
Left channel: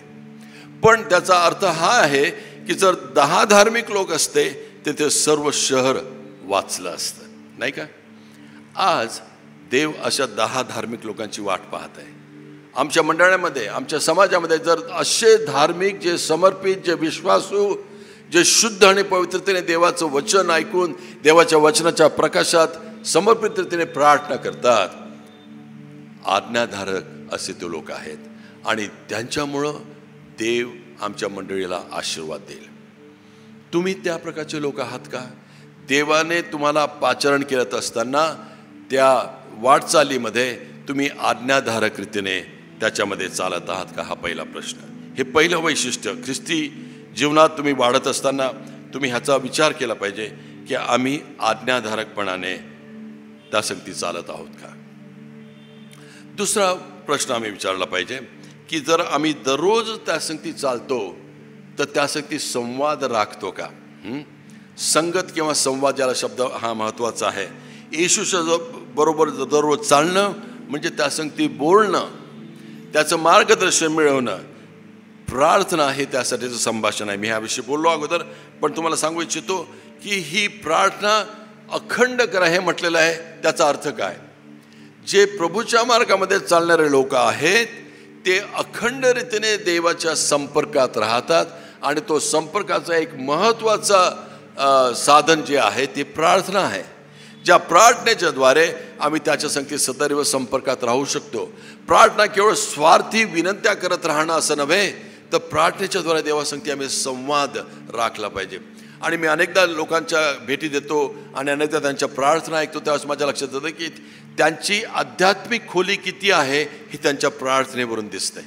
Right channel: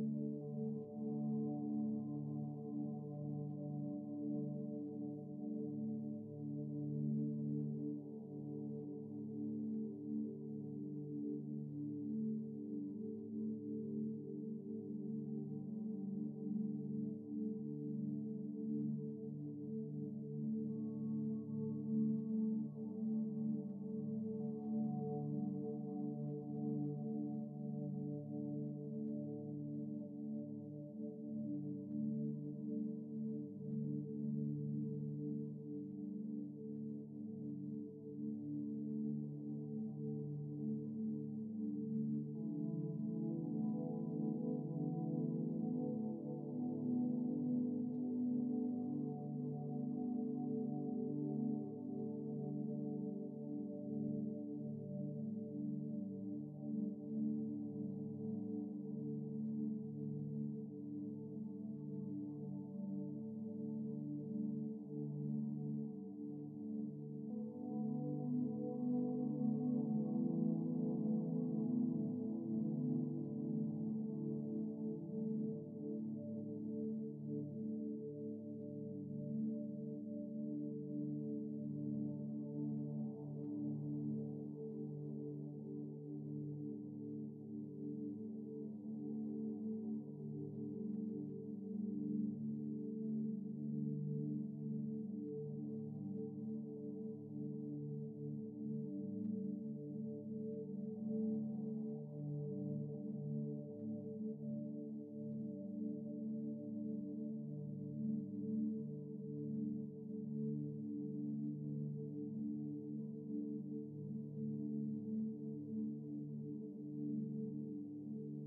पण त्याचा अर्थ हा आहे की जर 10 धार्मिक लोक असते तर ते सर्व शहर वाचलं असतं, नाही का? आज देव अशा 10 धार्मिक लोकांची वाट पाहत आहे आमच्या मंडळामध्ये, आमच्या समाजामध्ये जर असे धार्मिक, जे समर्पित, जे विश्वासू, जे शुद्ध आणि पवित्रतेने देवाचं वचन ऐकून देवाच्या वचनाच्या प्रकाशात समर्पित रीतीने प्रार्थना करतात, आज्ञाधारक असे ते लोक आहेत आणि त्यांच्यामुळं देव आमच्या मंडळीला आशीर्वाद देईल. तुम्ही त्या प्रकारचे लोक आहात का? देवाने तुम्हाला पाचारण केलं असताना त्या वाटचालीमध्ये तुम्ही आज्ञाधारक रीतीने त्याच्यामध्ये चालत आहात का? हा पहिला प्रश्न. हे पहिलं वैशिष्ट्य. ख्रिस्ती जीवनात तुम्ही वाढत असताना तुम्ही ह्याचा विचार केला पाहिजे की आम्ही आज्ञाधारकपणाने त्या संगती चालत आहोत का. दुसरा प्रश्न आम्ही विचारला पाहिजे की जर आम्ही दररोज त्या संगती चालतो तर त्या संगती संवाद राखतो का. संगत किंवा संवाद याला शब्द हा महत्त्वाचा आहे. येशूच्या बरोबर दररोज चालणं म्हणजे त्या संगती बोलणं, त्याचं मार्गदर्शन मिळवणं. प्रार्थना हे त्यासाठीचं संभाषण आहे. मी ह्याविषयी बोललो अगोदर, पण तुम्हाला सांगू इच्छितो की ही प्रार्थना अखंड करा हे म्हटलेलं आहे. त्याचा अर्थ काय? जे प्रभूच्या मार्गामध्ये चालणारे लोक आहेत ते अखंड रीतीने देवाच्या संपर्कात राहतात आणि तो संपर्काचा एक महत्त्वाचा साधन जे आहे ते प्रार्थना आहे. ज्या प्रार्थनेच्या द्वारे आम्ही त्याच्या संगतीत सदैव संपर्कात राहू शकतो. प्रार्थना केवळ स्वार्थी विनंत्या करत राहणं असं नव्हे, तर प्रार्थनेच्या द्वारे देवासंगती आम्ही संवाद राखला पाहिजे. आणि मी अनेकदा लोकांच्या भेटी देतो आणि अनेकदा त्यांच्या प्रार्थना ऐकतो, त्यावेळेस माझ्या लक्षात येतं की त्यांची आध्यात्मिक खोली किती आहे हे त्यांच्या प्रार्थनेवरून दिसतंय.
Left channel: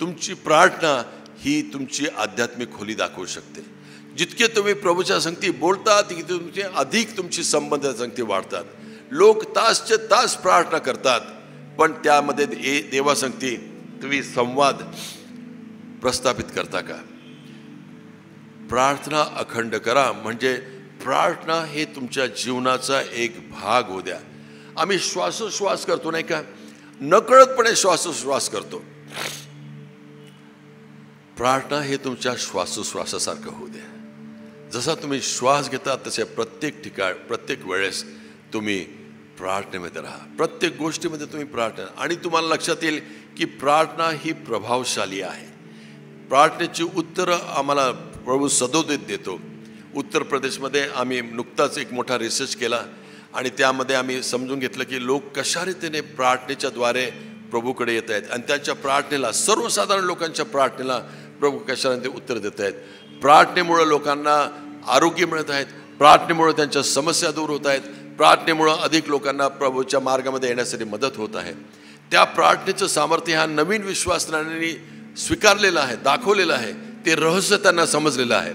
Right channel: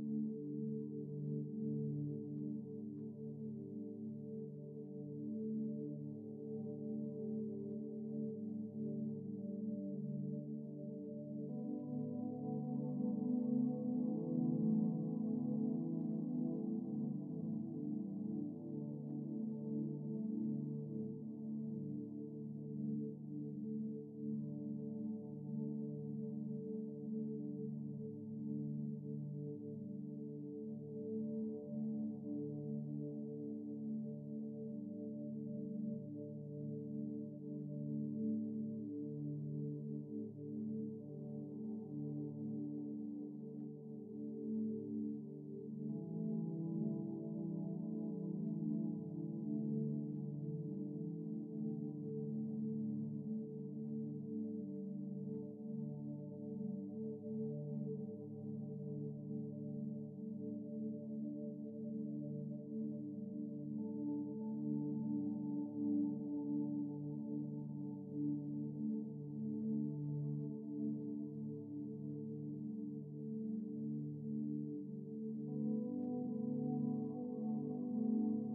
तुमची प्रार्थना ही तुमची आध्यात्मिक खोली दाखवू शकते. जितके तुम्ही प्रभूच्या संगती बोलता तितके तुमचे अधिक तुमची संबंध संगती वाढतात. लोक तासचे तास प्रार्थना करतात, पण त्यामध्ये देवासंगती तुम्ही संवाद प्रस्थापित करता का? प्रार्थना अखंड करा, म्हणजे प्रार्थना हे तुमच्या जीवनाचा एक भाग होऊ द्या. आम्ही श्वासोश्वास करतो नाही का, नकळतपणे श्वासोश्वास करतो. प्रार्थना हे तुमच्या श्वासोश्वासासारखं होऊ द्या. जसा तुम्ही श्वास घेता तसे प्रत्येक ठिकाण, प्रत्येक वेळेस तुम्ही प्रार्थनेमध्ये राहा. प्रत्येक गोष्टीमध्ये तुम्ही प्रार्थना, आणि तुम्हाला लक्षात येईल की प्रार्थना ही प्रभावशाली आहे. प्रार्थनेची उत्तरं आम्हाला प्रभू सदोदित देतो. उत्तर प्रदेशमध्ये आम्ही नुकताच एक मोठा रिसर्च केला आणि त्यामध्ये आम्ही समजून घेतलं की लोक कशा रीतीने प्रार्थनेच्या द्वारे प्रभूकडे येत आहेत आणि त्यांच्या प्रार्थनेला, सर्वसाधारण लोकांच्या प्रार्थनेला प्रभू कशा रीतीने उत्तर देत आहेत. प्रार्थनेमुळं लोकांना आरोग्य मिळत आहेत, प्रार्थनेमुळं त्यांच्या समस्या दूर होत आहेत, प्रार्थनेमुळं अधिक लोकांना प्रभूच्या मार्गामध्ये येण्यासाठी मदत होत आहे. त्या प्रार्थनेचं सामर्थ्य ह्या नवीन विश्वासनांनी स्वीकारलेलं आहे, दाखवलेलं आहे. ते रहस्य त्यांना समजलेलं आहे.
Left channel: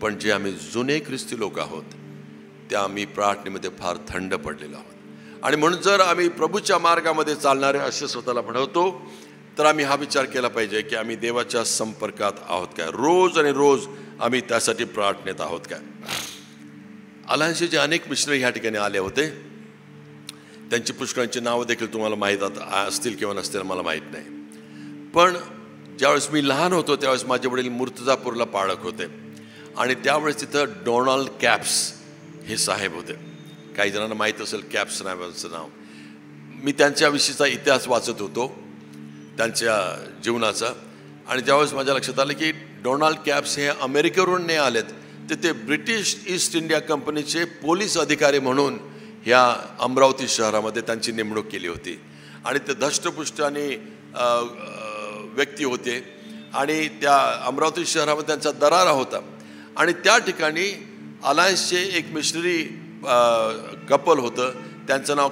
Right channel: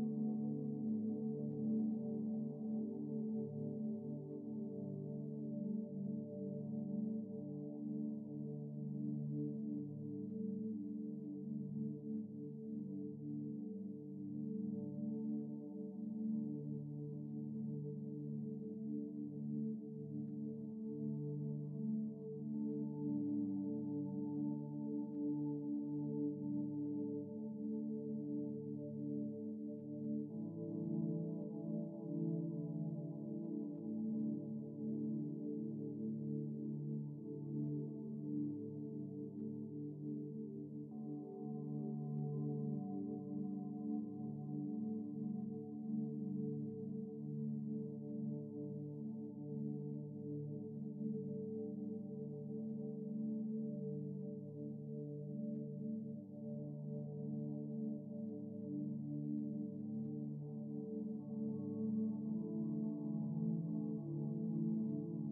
पण जे आम्ही जुने ख्रिस्ती लोक आहोत त्या आम्ही प्रार्थनेमध्ये फार थंड पडलेलो आहोत. आणि म्हणून जर आम्ही प्रभूच्या मार्गामध्ये चालणारे असे स्वतःला म्हणवतो तर आम्ही हा विचार केला पाहिजे की आम्ही देवाच्या संपर्कात आहोत काय. रोज आणि रोज आम्ही त्यासाठी प्रार्थनेत आहोत काय. अलायन्सचे अनेक मिशनरी ह्या ठिकाणी आले होते. त्यांची पुष्कळांची नावं देखील तुम्हाला माहीत असतील किंवा नसतील मला माहीत नाही. पण ज्यावेळेस मी लहान होतो त्यावेळेस माझे वडील मुर्तजापूरला पाळक होते आणि त्यावेळेस तिथं डोनाल्ड कॅप्स हे साहेब होते. काही जणांना माहीत असेल कॅप्स नावाचं नाव. मी त्यांच्याविषयीचा इतिहास वाचत होतो त्यांच्या जीवनाचा, आणि त्यावेळेस माझ्या लक्षात आलं की डोनाल्ड कॅप्स हे अमेरिकेवरून नाही आलेत, तर ते ब्रिटिश ईस्ट इंडिया कंपनीचे पोलीस अधिकारी म्हणून ह्या अमरावती शहरामध्ये त्यांची नेमणूक केली होती. आणि ते धष्टपुष्ट आणि व्यक्ती होते आणि त्या अमरावती शहरामध्ये त्यांचा दरारा होता. आणि त्या ठिकाणी अलायन्सचे एक मिशनरी कपल होतं, त्यांचं नाव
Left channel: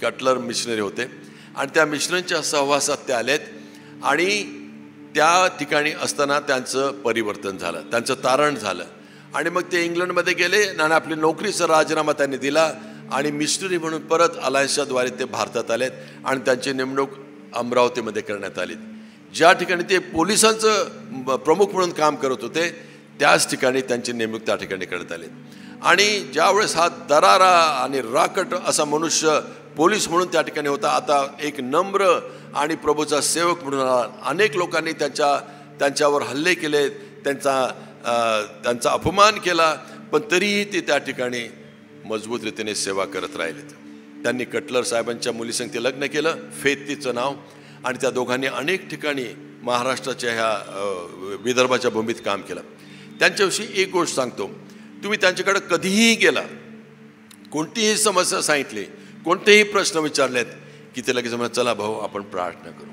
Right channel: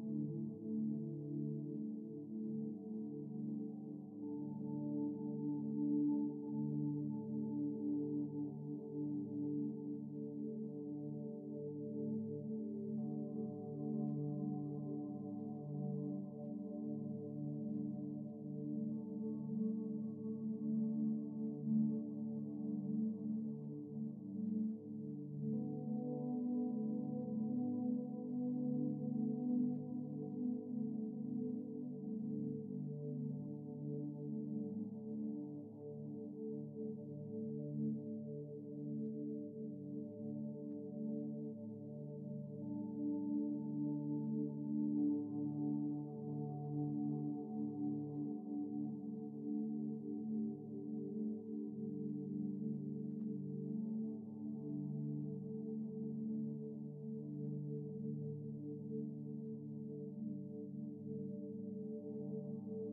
कटलर मिशनरी होते. आणि त्या मिशनरीच्या सहवासात ते आलेत आणि त्या ठिकाणी असताना त्यांचं परिवर्तन झालं, त्यांचं तारण झालं. आणि मग ते इंग्लंडमध्ये गेले आणि आपली नोकरीचा राजीनामा त्यांनी दिला आणि मिशनरी म्हणून परत अलायन्सच्याद्वारे ते भारतात आलेत आणि त्यांची नेमणूक अमरावतीमध्ये करण्यात आली. ज्या ठिकाणी ते पोलिसांचं प्रमुख म्हणून काम करत होते त्याच ठिकाणी त्यांची नेमणूक त्या ठिकाणी करण्यात आली. आणि ज्यावेळेस हा दरारा आणि राकट असा मनुष्य पोलीस म्हणून त्या ठिकाणी होता, आता एक नम्र आणि प्रभूचा सेवक म्हणून अनेक लोकांनी त्यांच्यावर हल्ले केले, त्यांचा अपमान केला, पण तरीही ते त्या ठिकाणी मजबूत रीतीने सेवा करत राहिलेत. त्यांनी कटलर साहेबांच्या मुलीसंग ते लग्न केलं, फेत तिचं नाव. आणि त्या दोघांनी अनेक ठिकाणी महाराष्ट्राच्या ह्या विदर्भाच्या भूमीत काम केलं. त्यांच्याविषयी एक गोष्ट सांगतो, तुम्ही त्यांच्याकडे कधीही गेला, कोणतीही समस्या सांगितली, कोणतेही प्रश्न विचारलेत की ते लगेच म्हणतात, चला भाऊ आपण प्रार्थना करू,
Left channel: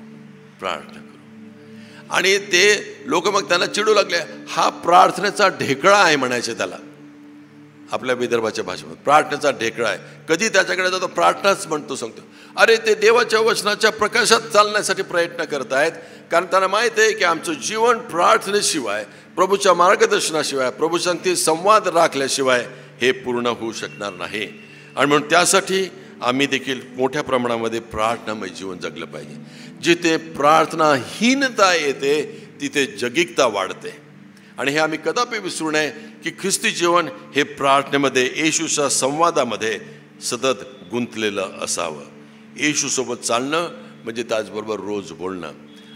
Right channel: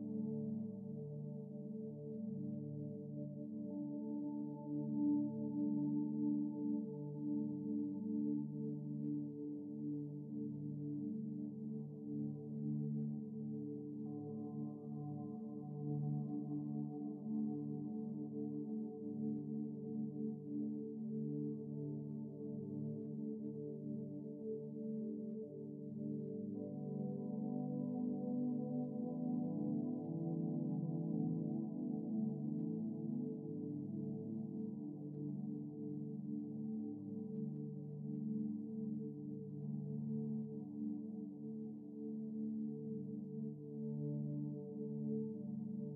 प्रार्थना करू. आणि ते लोक मग त्यांना चिडू लागले, हा प्रार्थनेचा ढेकळा आहे म्हणायचे त्याला, आपल्या विदर्भाच्या भाषेमध्ये प्रार्थनेचा ढेकळा आहे. कधी त्याच्याकडे जातो प्रार्थनाच म्हणतो, सांगतो अरे ते देवाच्या वचनाच्या प्रकाशात चालण्यासाठी प्रयत्न करत आहेत, कारण त्यांना माहीत आहे की आमचं जीवन प्रार्थनेशिवाय, प्रभूच्या मार्गदर्शनाशिवाय, प्रभू संगती संवाद राखल्याशिवाय हे पूर्ण होऊ शकणार नाही. आणि म्हणून त्यासाठी आम्ही देखील मोठ्या प्रमाणामध्ये प्रार्थनामय जीवन जगलं पाहिजे. जिथे प्रार्थनाहीनता येते तिथे जगिकता वाढते. आणि हे आम्ही कदापि विसरू नये की ख्रिस्ती जीवन हे प्रार्थनेमध्ये, येशूच्या संवादामध्ये सतत गुंतलेलं असावं. येशूसोबत चालणं म्हणजे त्याचबरोबर रोज बोलणं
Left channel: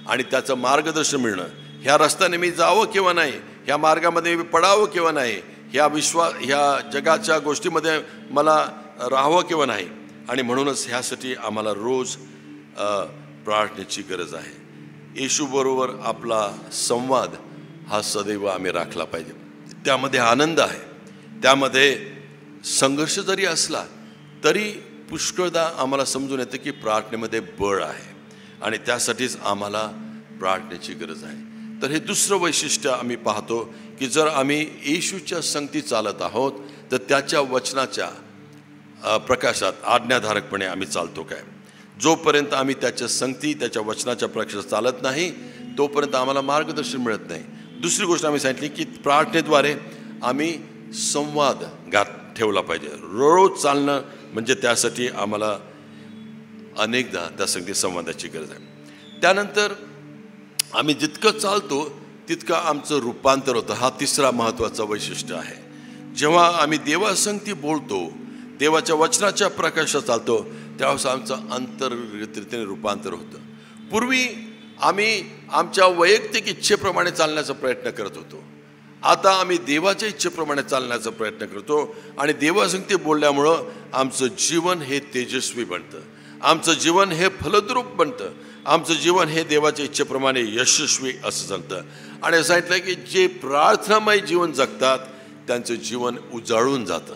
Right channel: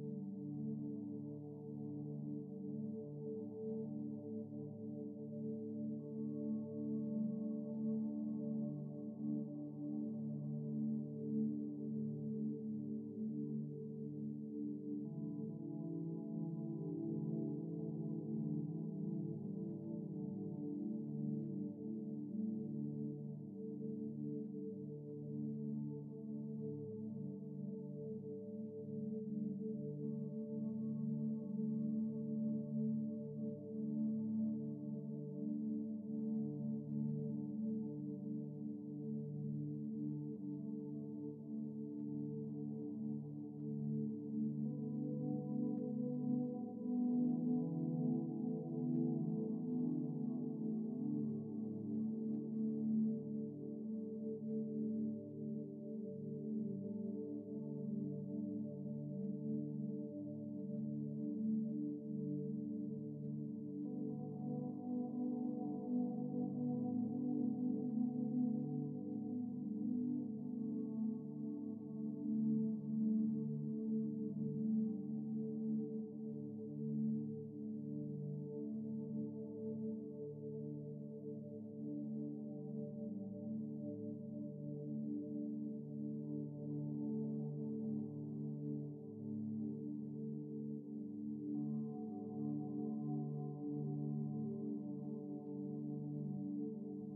आणि त्याचं मार्गदर्शन मिळणं. ह्या रस्त्याने मी जावं किंवा नाही, ह्या मार्गामध्ये मी पडावं किंवा नाही, ह्या जगाच्या गोष्टीमध्ये मला राहावं किंवा नाही. आणि म्हणूनच ह्यासाठी आम्हाला रोज प्रार्थनेची गरज आहे. येशूबरोबर आपला संवाद हा सदैव आम्ही राखला पाहिजे. त्यामध्ये आनंद आहे, त्यामध्ये संघर्ष जरी असला तरी पुष्कळदा आम्हाला समजून येतं की प्रार्थनेमध्ये बळ आहे आणि त्यासाठीच आम्हाला प्रार्थनेची गरज आहे. तर हे दुसरं वैशिष्ट्य आम्ही पाहतो की जर आम्ही येशूच्या संगती चालत आहोत तर त्याच्या वचनाच्या प्रकाशात आज्ञाधारकपणे आम्ही चालतो काय. जोपर्यंत आम्ही त्याच्या संगती, त्याच्या वचनाच्या प्रकाशात चालत नाही तोपर्यंत आम्हाला मार्गदर्शन मिळत नाही. दुसरी गोष्ट आम्ही सांगितली की प्रार्थनेद्वारे आम्ही संवाद ठेवला पाहिजे. रोज चालणं म्हणजे त्यासाठी आम्हाला अनेकदा त्या संगती संवादाची गरज आहे. त्यानंतर आम्ही जितकं चालतो तितकं आमचं रूपांतर होतं. हा तिसरा महत्त्वाचा वैशिष्ट्य आहे. जेव्हा आम्ही देवासंगती बोलतो, देवाच्या वचनाच्या प्रकाशात चालतो, त्यावेळेस आमचं अंतर्गतरीतीने रूपांतर होतं. पूर्वी आम्ही आमच्या वैयक्तिक इच्छेप्रमाणे चालण्याचा प्रयत्न करत होतो, आता आम्ही देवाच्या इच्छेप्रमाणे चालण्याचा प्रयत्न करतो. आणि देवासंगती बोलल्यामुळं आमचं जीवन हे तेजस्वी बनतं, आमचं जीवन हे फलद्रूप बनतं, आमचं जीवन हे देवाच्या इच्छेप्रमाणे यशस्वी असं चालतं. आणि सांगितलं की जे प्रार्थनामय जीवन जगतात त्यांचं जीवन उजाळून जातं.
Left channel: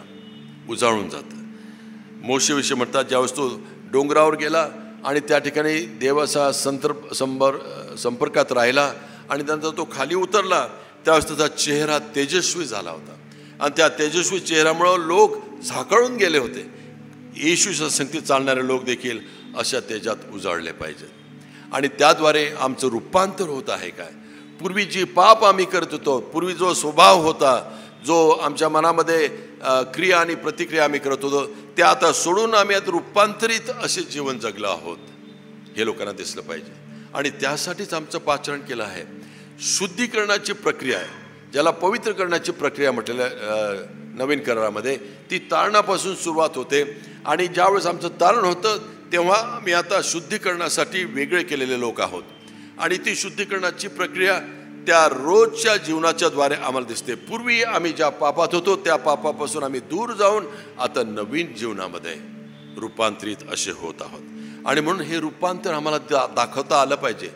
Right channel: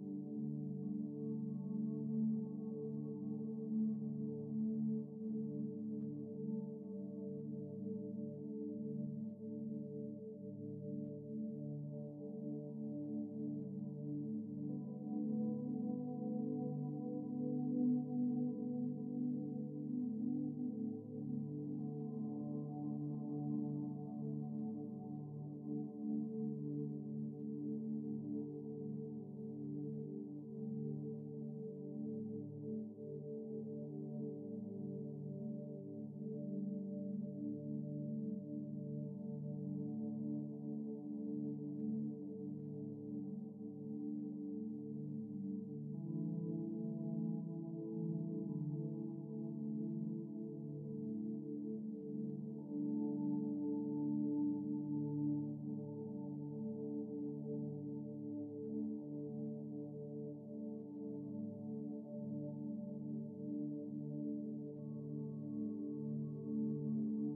मोशेविषयी म्हणतात, ज्यावेळेस तो डोंगरावर गेला आणि त्या ठिकाणी देवाचा संपर्कात राहिला आणि नंतर तो खाली उतरला, त्यावेळेस त्याचा चेहरा तेजस्वी झाला होता. आणि त्या तेजस्वी चेहऱ्यामुळं लोक झाकळून गेले होते. येशूच्या संगतीत चालणारे लोक देखील अशा तेजात उजाळले पाहिजेत. आणि त्याद्वारे आमचं रूपांतर होत आहे काय. पूर्वी जी पाप आम्ही करत होतो, पूर्वी जो स्वभाव होता, जो आमच्या मनामध्ये क्रिया आणि प्रतिक्रिया आम्ही करत होतो, ते आता सोडून आम्ही आता रूपांतरित असे जीवन जगलो आहोत, हे लोकांना दिसलं पाहिजे. आणि त्यासाठीच आमचं पाचरण केलं आहे. शुद्धीकरणाची प्रक्रिया आहे, ज्याला पवित्र करण्याची प्रक्रिया म्हटलेलं नवीन करारामध्ये, ती तारणापासून सुरुवात होते. आणि ज्यावेळेस आमचं तारण होतं तेव्हा आम्ही आता शुद्धीकरणासाठी वेगळे केलेले लोक आहोत. आणि ती शुद्धीकरणाची प्रक्रिया त्या रोजच्या जीवनाच्या द्वारे आम्हाला दिसते. पूर्वी आम्ही ज्या पापात होतो त्या पापापासून आम्ही दूर जाऊन आता नवीन जीवनामध्ये रूपांतरित असे होत आहोत. आणि म्हणून हे रूपांतर आम्हाला दाखवता आलं पाहिजे.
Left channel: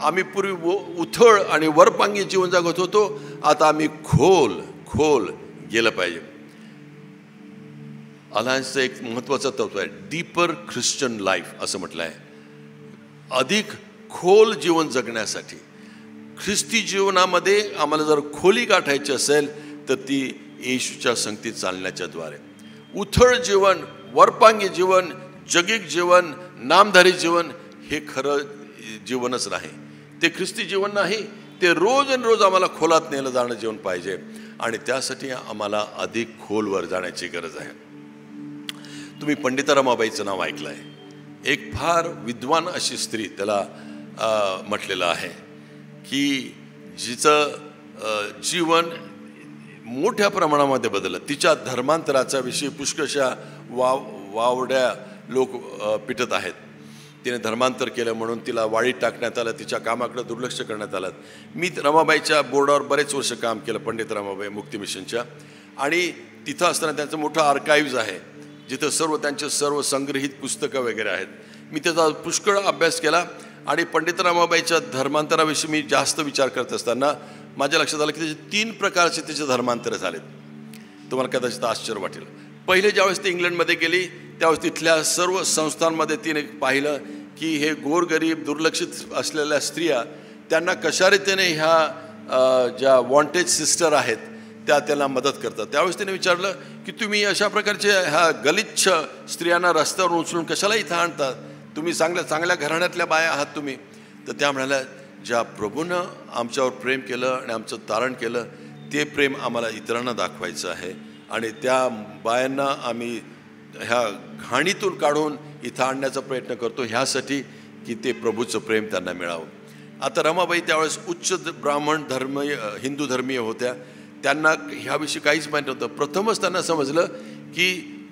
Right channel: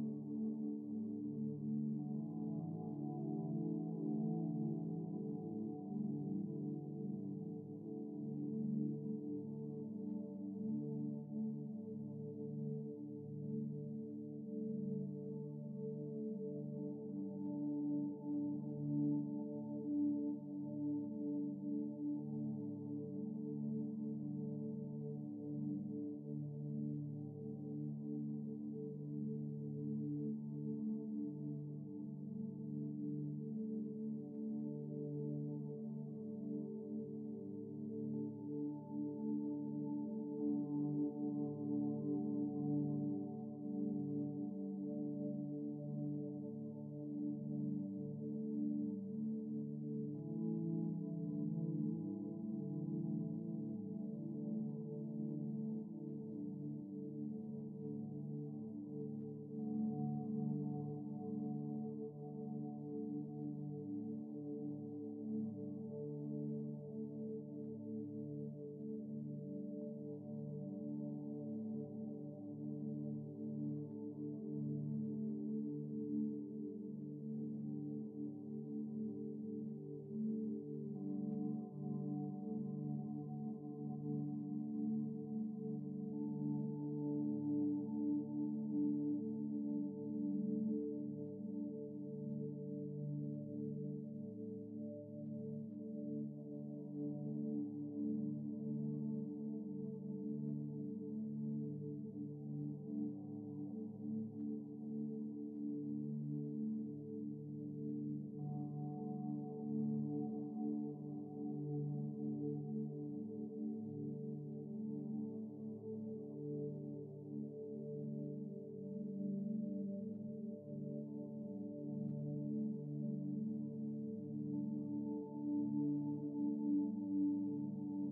आम्ही पूर्वी उथळ आणि वरपांगी जीवन जगत होतो, आता आम्ही खोल गेलं पाहिजे. अलायन्सचं एक महत्त्वाचं तत्व आहे, डीपर ख्रिश्चन लाईफ असं म्हटलं आहे. अधिक खोल जीवन जगण्यासाठी ख्रिस्ती जीवनामध्ये आम्हाला जर खोली गाठायची असेल तर ती येशूच्या संगतीत चालण्याच्या द्वारे. उथळ जीवन, वरपांगी जीवन, जगिक जीवन, नामधारी जीवन हे खरं जीवनच नाही, ते ख्रिस्ती जीवन नाही. ते रोज आम्हाला खोलात नेलं जाणं जीवन पाहिजे. आणि त्यासाठी आम्हाला अधिक खोलवर जाण्याची गरज आहे. तुम्ही पंडित रमाबाईचं नाव ऐकलं आहे. एक फार विद्वान अशी स्त्री, त्याला म्हटलेलं आहे की जिचं जीवन मोठ्या प्रमाणामध्ये बदललं. तिच्या धर्मांतराच्या विषयी पुष्कळशा वावड्या लोक पिटत आहेत. तिने धर्मांतर केलं म्हणून तिला वाळीत टाकण्यात आलं, तिच्या कामाकडे दुर्लक्ष करण्यात आलं. मी रमाबाईच्या बोर्डावर बरेच वर्ष काम केलं, पंडित रमाबाई मुक्ती मिशनच्या. आणि तिथं असताना त्यांचं मोठं आर्काईव्ज आहे जिथं सर्व त्यांचे सर्व संग्रहित पुस्तकं वगैरे आहेत. मी त्याचा पुष्कळ अभ्यास केला आणि पंडित रमाबाईच्या धर्मांतराविषयी मी जास्त विचार करत असताना माझ्या लक्षात आलं की त्याचे 3 प्रकारचे त्याचे धर्मांतर झालेत. तुम्हाला कदाचित आश्चर्य वाटेल. पहिले ज्यावेळेस ते इंग्लंडमध्ये गेली त्यावेळेस तिथल्या सर्व संस्थांमध्ये तिने पाहिलं की हे गोरगरीब दुर्लक्षित असलेल्या स्त्रिया त्यांना कशा रीतीने ह्या ज्या वॉन्टेज सिस्टर आहेत त्या त्यांना मदत करतात. त्यावेळेस त्याने विचारलं की तुम्ही अशा प्रकारचे ह्या गलिच्छ स्त्रियांना रस्त्यावर उचलून कशाला इथं आणतात, तुम्ही चांगल्या घराण्यातल्या बाया आहात तुम्ही. तर त्या म्हणाल्या ज्या प्रभूनं आमच्यावर प्रेम केलं आणि आमचं तारण केलं ते प्रेम आम्हाला इतरांना दाखवायचं आहे आणि त्या बायांना आम्ही ह्या घाणीतून काढून इथं आणण्याचा प्रयत्न करतो ह्यासाठी की ते प्रभूचं प्रेम त्यांना मिळावं. आता रमाबाई त्यावेळेस उच्च ब्राह्मण हिंदू धर्मीय होत्या. त्यांना ह्याविषयी काहीच माहीत नव्हतं. प्रथमच त्यांना समजलं की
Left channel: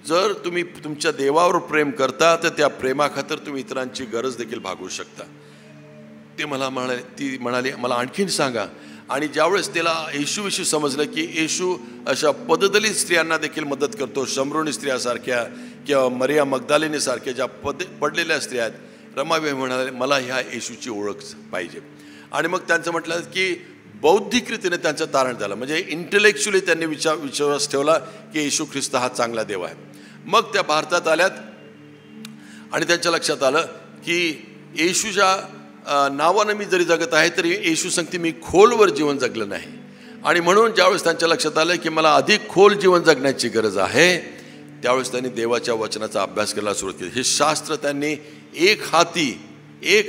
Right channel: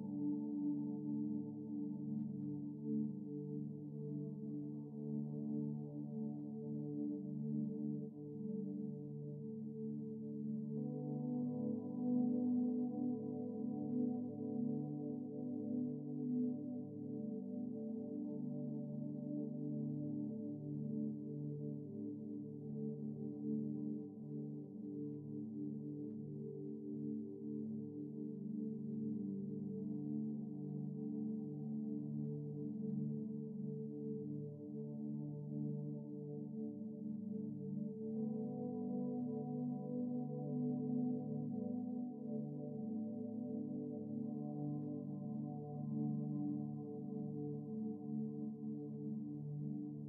जर तुम्ही तुमच्या देवावर प्रेम करता तर त्या प्रेमाखातर तुम्ही इतरांची गरज देखील भागवू शकता. ती म्हणाली मला आणखीन सांगा. आणि ज्यावेळेस त्याला येशूविषयी समजलं की येशू अशा पददलित स्त्रियांना देखील मदत करतो, शमरोनी स्त्रियासारख्या किंवा मरिया मगदालिनीसारख्या ज्या पडलेल्या स्त्रिया आहेत, रमाबाई म्हणाले मला ह्या येशूची ओळख पाहिजे. आणि मग त्यांचं म्हटलं की बौद्धिक रीतीने त्यांचं तारण झालं, म्हणजे इंटेलेक्च्युअली त्यांनी विश्वास ठेवला की येशू ख्रिस्त हा चांगला देव आहे. मग त्या भारतात आल्यात आणि त्यांच्या लक्षात आलं की येशूच्या नावानं मी जरी जगत आहे तरी येशू सांगते मी खोलवर जीवन जगलं नाही. आणि म्हणून ज्यावेळेस त्यांच्या लक्षात आलं की मला अधिक खोल जीवन जगण्याची गरज आहे त्यावेळेस त्यांनी देवाच्या वचनाचा अभ्यास करायला सुरुवात केली. हे शास्त्र त्यांनी एक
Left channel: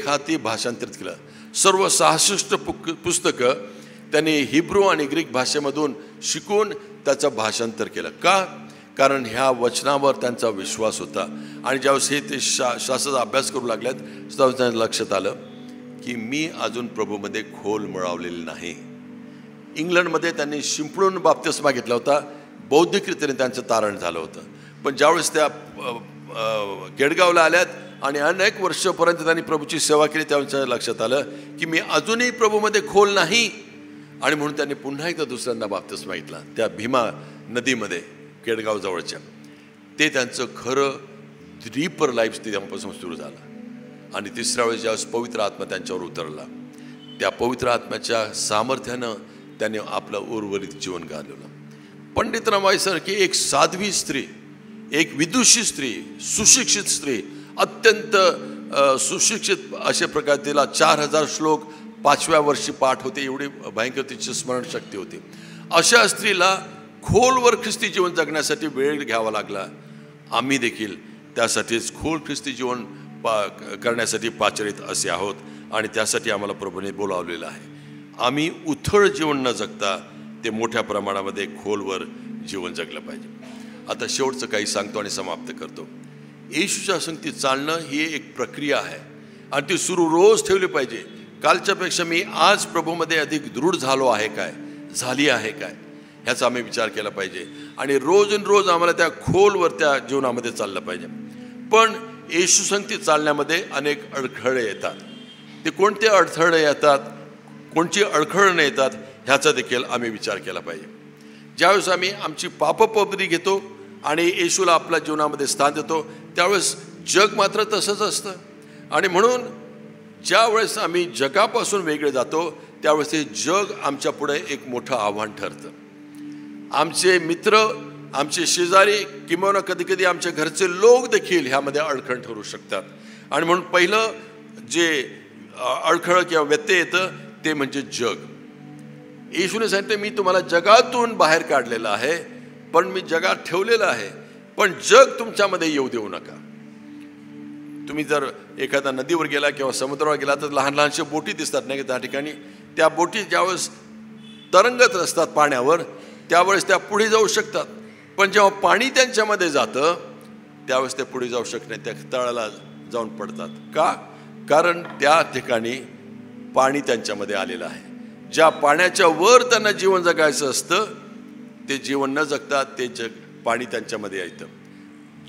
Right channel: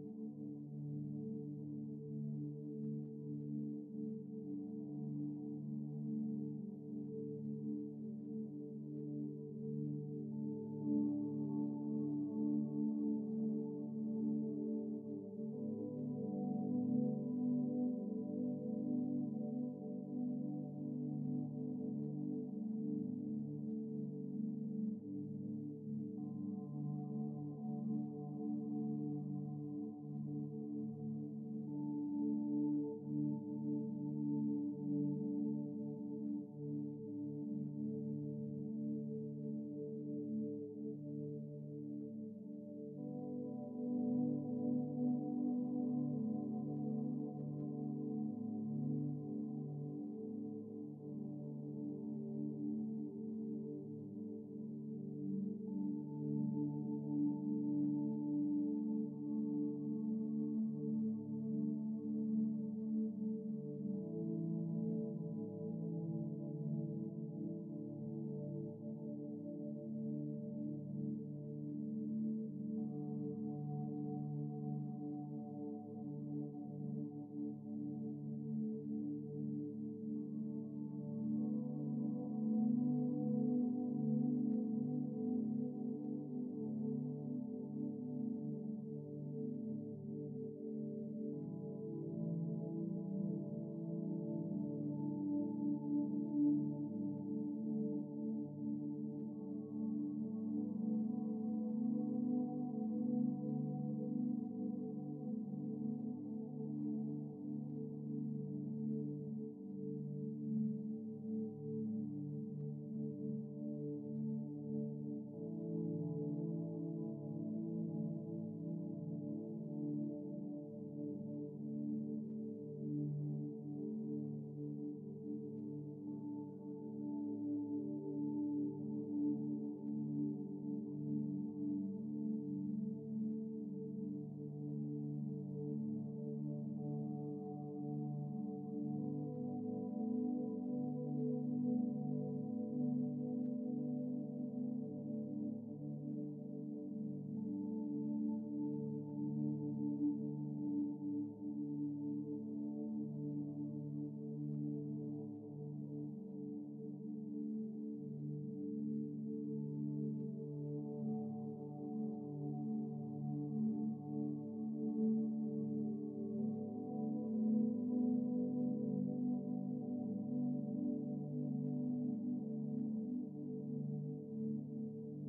हाती भाषांतरित केलं. सर्व 66 पुस्तकं त्यांनी हिब्रू आणि ग्रीक भाषेमधून शिकून त्याचं भाषांतर केलं. का? कारण ह्या वचनावर त्यांचा विश्वास होता. आणि ज्यावेळेस हे ते शास्त्राचा अभ्यास करू लागल्यात त्यावेळेस त्यांच्या लक्षात आलं की मी अजून प्रभूमध्ये खोल मिळवलेली नाही. इंग्लंडमध्ये त्यांनी शिंपडून बाप्तिस्मा घेतला होता, बौद्धिकरीतीने त्यांचं तारण झालं होतं. पण ज्यावेळेस त्या केडगावला आल्यात आणि अनेक वर्षापर्यंत त्यांनी प्रभूची सेवा केली त्यावेळेस लक्षात आलं की मी अजूनही प्रभूमध्ये खोल नाही. आणि म्हणून त्यांनी पुन्हा एकदा दुसऱ्यांदा बाप्तिस्मा घेतला त्या भीमा नदीमध्ये केडगाव जवळच्या. ते त्यांचं खरं डीपर लाईफ तेव्हापासून सुरू झालं. आणि तिसऱ्या वेळेस ज्यावेळेस पवित्र आत्मा त्यांच्यावर उतरला त्या पवित्र आत्म्याच्या सामर्थ्यानं त्यांनी आपलं उर्वरित जीवन घालवलं. पंडित रमाबाईसारखी एक साध्वी स्त्री, एक विदुषी स्त्री, सुशिक्षित स्त्री, अत्यंत सुशिक्षित अशा प्रकारे तिला 4000 श्लोक 5व्या वर्षी पाठ होते, एवढी भयंकर तिची स्मरणशक्ती होती. अशा स्त्रीला खोलवर ख्रिस्ती जीवन जगण्यासाठी वेळ घ्यावा लागला. आम्ही देखील त्यासाठीच खोल ख्रिस्ती जीवन करण्यासाठी पाचारित असे आहोत आणि त्यासाठी आम्हाला प्रभूने बोलावलेलं आहे. आम्ही उथळ जीवन न जगता ते मोठ्या प्रमाणामध्ये खोलवर जीवन जगलं पाहिजे. आता शेवटचं काही सांगतो आणि समाप्त करतो. येशूच्या संगतीत चालणं ही एक प्रक्रिया आहे आणि ती सुरू रोज ठेवली पाहिजे. कालच्यापेक्षा मी आज प्रभूमध्ये अधिक दृढ झाली आहे काय ह्याचा आम्ही विचार केला पाहिजे. आणि रोज आम्हाला त्या खोलवर त्या जीवनामध्ये चाललं पाहिजे. पण येशू संगतीत चालण्यामध्ये अनेक अडथळे येतात. ते कोणते अडथळे येतात, कोणची अडखळणं येतात ह्याचा देखील आम्ही विचार केला पाहिजे. ज्यावेळेस आम्ही आमची पापपबरी घेतो आणि येशूला आपल्या जीवनामध्ये स्थान देतो त्यावेळेस जग मात्र तसंच असतं. आणि म्हणून ज्या वेळेस आम्ही जगापासून वेगळे जातो त्यावेळेस हे जग आमच्या पुढे एक मोठं आव्हान ठरतं. आमचे मित्र, आमचे शेजारी, किंवा कधी कधी आमच्या घरचे लोक देखील ह्यामध्ये अडखळ ठरू शकतात. आणि म्हणून पहिलं जे अडखळ किंवा व्यत्यय येतं ते म्हणजे जग. येशूने सांगितले मी तुम्हाला जगातून बाहेर काढलेलं आहे पण मी जगात ठेवलेलं आहे, पण जग तुमच्यामध्ये येऊ देऊ नका. तुम्ही जर एखाद्या नदीवर गेला किंवा समुद्रावर गेला तर लहान लहानशा बोटी दिसतात नाही त्या ठिकाणी. त्या बोटी ज्यावेळेस तरंगत असतात पाण्यावर त्यावेळेस त्या पुढे जाऊ शकतात, पण जेव्हा पाणी त्यांच्यामध्ये जातं त्यावेळेस ते पुढे जाऊ शकत नाही, त्या तळाला जाऊन पडतात. का? कारण त्या ठिकाणी पाणी त्यांच्यामध्ये आलेलं आहे. ज्या पाण्याच्या वर त्यांना जीवन जगायचं असतं ते जीवन न जगता ते पाणी त्यांच्यामध्ये येतं.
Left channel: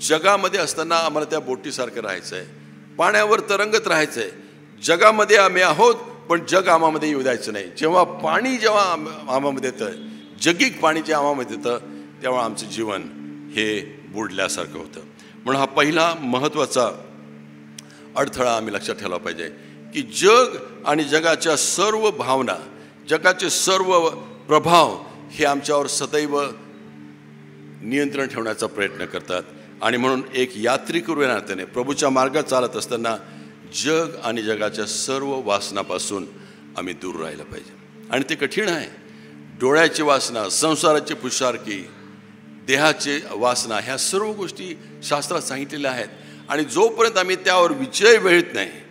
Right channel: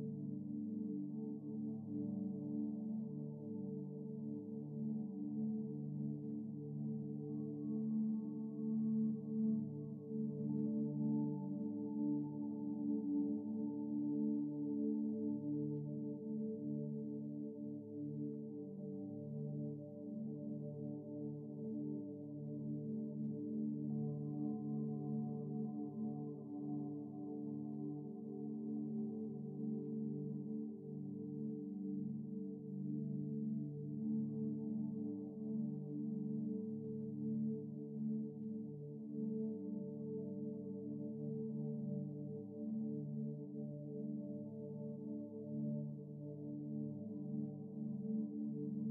जगामध्ये असताना आम्हाला त्या बोटीसारखं राहायचं आहे, पाण्यावर तरंगत राहायचं आहे. जगामध्ये आम्ही आहोत पण जग आम्हामध्ये येऊ द्यायचं नाही. जेव्हा आम्हामध्ये येतं, जगिक पाणी जे आम्हामध्ये येतं तेव्हा आमचं जीवन हे बुडल्यासारखं होतं. म्हणून हा पहिला महत्त्वाचा अडथळा आम्ही लक्षात ठेवला पाहिजे की जग आणि जगाच्या सर्व भावना, जगाचे सर्व प्रभाव हे आमच्यावर सदैव नियंत्रण ठेवण्याचा प्रयत्न करतात. आणि म्हणून एक यात्रिकरू या नात्याने प्रभूच्या मार्गात चालत असताना जग आणि जगाच्या सर्व वासनापासून आम्ही दूर राहिलं पाहिजे. आणि ते कठीण आहे. डोळ्याची वासना, संसाराची पुरुषार्थी, देहाची वासना, ह्या सर्व गोष्टी शास्त्रात सांगितलेल्या आहेत. आणि जोपर्यंत आम्ही त्यावर विजय मिळत नाही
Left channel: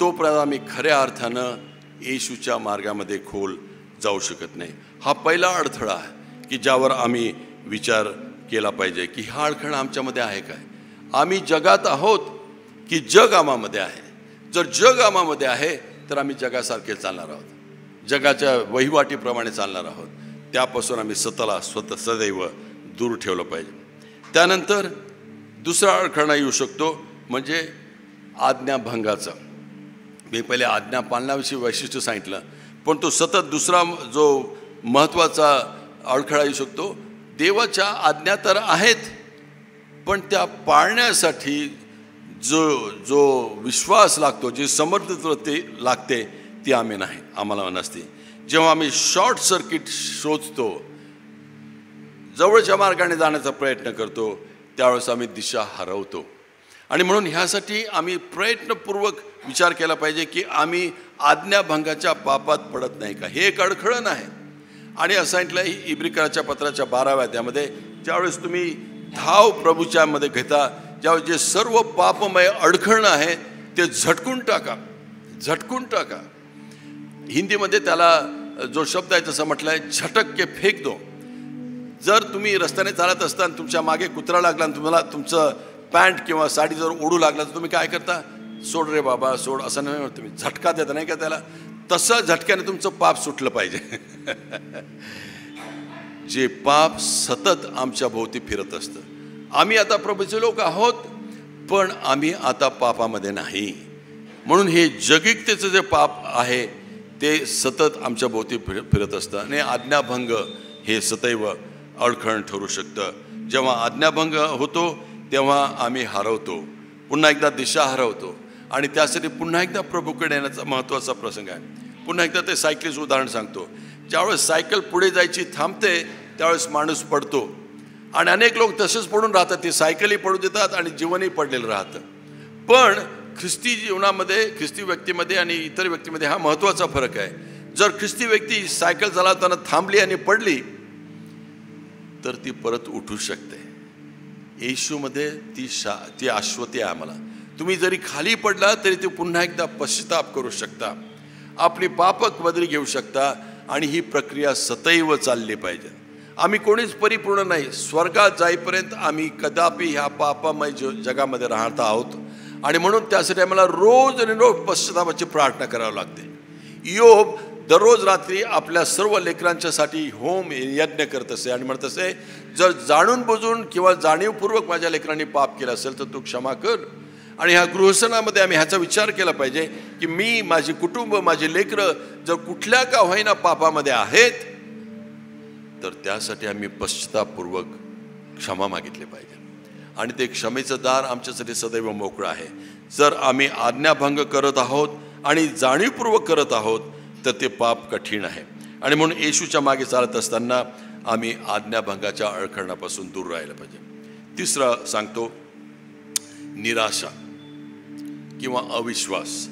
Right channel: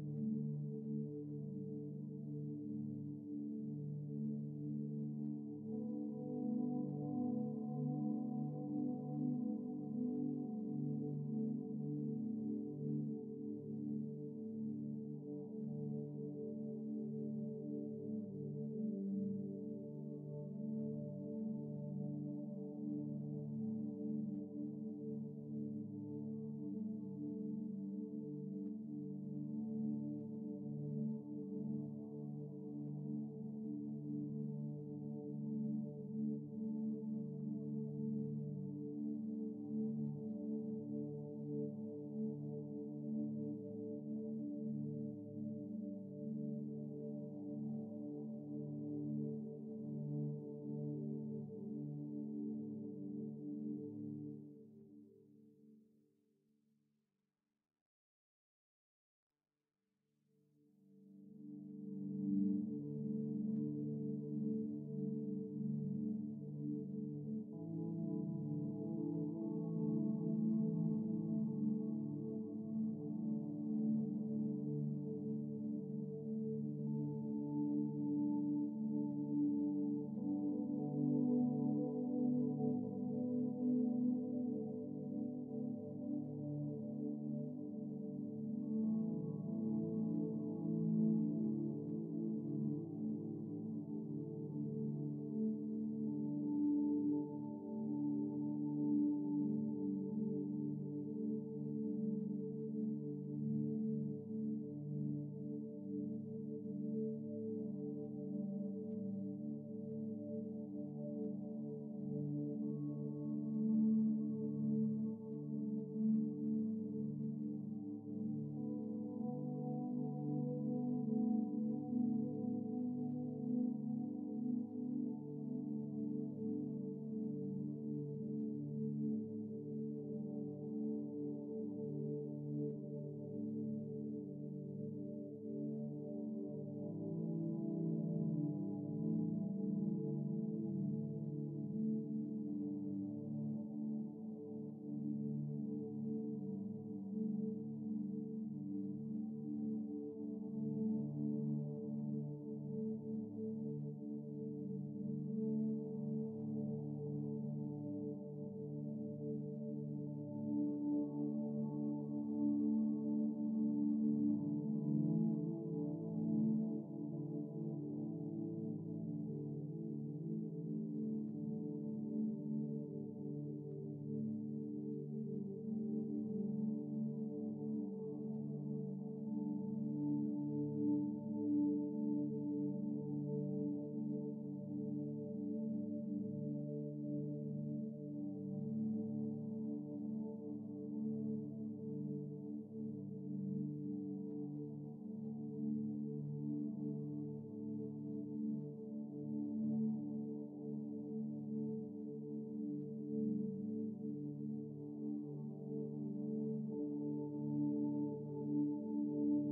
तोपर्यंत आम्ही खऱ्या अर्थानं येशूच्या मार्गामध्ये खोल जाऊ शकत नाही. हा पहिला अडथळा आहे की ज्यावर आम्ही विचार केला पाहिजे की हा अडथळा आमच्यामध्ये आहे काय. आम्ही जगात आहोत की जग आम्हामध्ये आहे. जर जग आम्हामध्ये आहे तर आम्ही जगासारखे चालणार आहोत, जगाच्या वहिवाटीप्रमाणे चालणार आहोत. त्यापासून आम्ही स्वतः सदैव दूर ठेवलं पाहिजे. त्यानंतर दुसरा अडथळा येऊ शकतो म्हणजे आज्ञाभंगाचा. मी पहिले आज्ञा पालनाविषयी वैशिष्ट्य सांगितलं, पण तो सतत दुसरा जो महत्त्वाचा अडथळा येऊ शकतो, देवाच्या आज्ञा तर आहेत पण त्या पाळण्यासाठी जो विश्वास लागतो, जी समर्थता ते लागते ती आम्हाला नसते. जेव्हा आम्ही शॉर्ट सर्किट शोधतो, जवळच्या मार्गाने जाण्याचा प्रयत्न करतो, त्यावेळेस आम्ही दिशा हरवतो. आणि म्हणून ह्यासाठी आम्ही प्रयत्नपूर्वक विचार केला पाहिजे की आम्ही आज्ञाभंगाच्या पापात पडत नाही का. हे एक अडखळण आहे. आणि असं सांगितलं इब्रिकराच्या पत्राच्या 12व्या अध्यायामध्ये, ज्यावेळेस तुम्ही धाव प्रभूच्या मध्ये घेता, ज्यावेळेस जे सर्व पापमय अडखळणं आहे ते झटकून टाका. हिंदीमध्ये त्याला जो शब्द आहे तसं म्हटलं आहे, झटक के फेक दो. जर तुम्ही रस्त्याने चालत असताना तुमच्या मागे कुत्रा लागला आणि तुम्हाला तुमचं पॅन्ट किंवा साडी जर ओढू लागला तर तुम्ही काय करता? सोड रे बाबा सोड, असं नाही म्हणत तुम्ही, झटका देता नाही का त्याला. तसं झटक्याने तुमचं पाप सुटलं पाहिजे. जे पाप सतत आमच्या भोवती फिरत असतं. आम्ही आता प्रभूचे लोक आहोत पण आम्ही आता पापामध्ये नाही. म्हणून हे जगिकतेचं जे पाप आहे ते सतत आमच्या भोवती फिरत असतं. आणि आज्ञाभंग हे सदैव अडखळण ठरू शकतं. जेव्हा आज्ञाभंग होतो तेव्हा आम्ही हरवतो, पुन्हा एकदा दिशा हरवतो. आणि त्यासाठी पुन्हा एकदा प्रभूकडे येण्याचा महत्त्वाचा प्रसंग आहे. पुन्हा एकदा ते सायकलीचं उदाहरण सांगतो. ज्यावेळेस सायकल पुढे जायची थांबते त्यावेळेस माणूस पडतो. आणि अनेक लोक तसेच पडून राहतात, ते सायकलही पडू देतात आणि जीवनही पडलेलं राहतं. पण ख्रिस्ती जीवनामध्ये, ख्रिस्ती व्यक्तीमध्ये आणि इतर व्यक्तीमध्ये हा महत्त्वाचा फरक आहे. जर ख्रिस्ती व्यक्ती सायकल चालवताना थांबली आणि पडली तर ती परत उठू शकते. येशूमध्ये ती आश्वती आहे आम्हाला. तुम्ही जरी खाली पडला तरी ते पुन्हा एकदा पश्चाताप करू शकता, आपली पापक बदली घेऊ शकता. आणि ही प्रक्रिया सदैव चालली पाहिजे. आम्ही कोणीच परिपूर्ण नाही. स्वर्गात जाईपर्यंत आम्ही कदापि ह्या पापामय जगामध्ये राहत आहोत. आणि म्हणून त्यासाठी आम्हाला रोज आणि रोज पश्चातापाची प्रार्थना करावी लागते. योब दररोज रात्री आपल्या सर्व लेकरांच्यासाठी होम यज्ञ करत असे आणि म्हणत असे, जर जाणून बुजून किंवा जाणीवपूर्वक माझ्या लेकरांनी पाप केलं असेल तर तू क्षमा कर. आणि ह्या गृहस्थानामध्ये आम्ही ह्याचा विचार केला पाहिजे की मी, माझी कुटुंब, माझी लेकरं जर कुठल्या का होईना पापामध्ये आहेत तर त्यासाठी आम्ही पश्चातापपूर्वक क्षमा मागितली पाहिजे. आणि ते क्षमेचं दार आमच्यासाठी सदैव मोकळं आहे. जर आम्ही आज्ञाभंग करत आहोत आणि जाणीवपूर्वक करत आहोत तर ते पाप कठीण आहे. आणि म्हणून येशूच्या मागे चालत असताना आम्ही आज्ञाभंगाच्या अडखळणापासून दूर राहायला पाहिजे. तिसरा सांगतो, निराशा किंवा अविश्वास.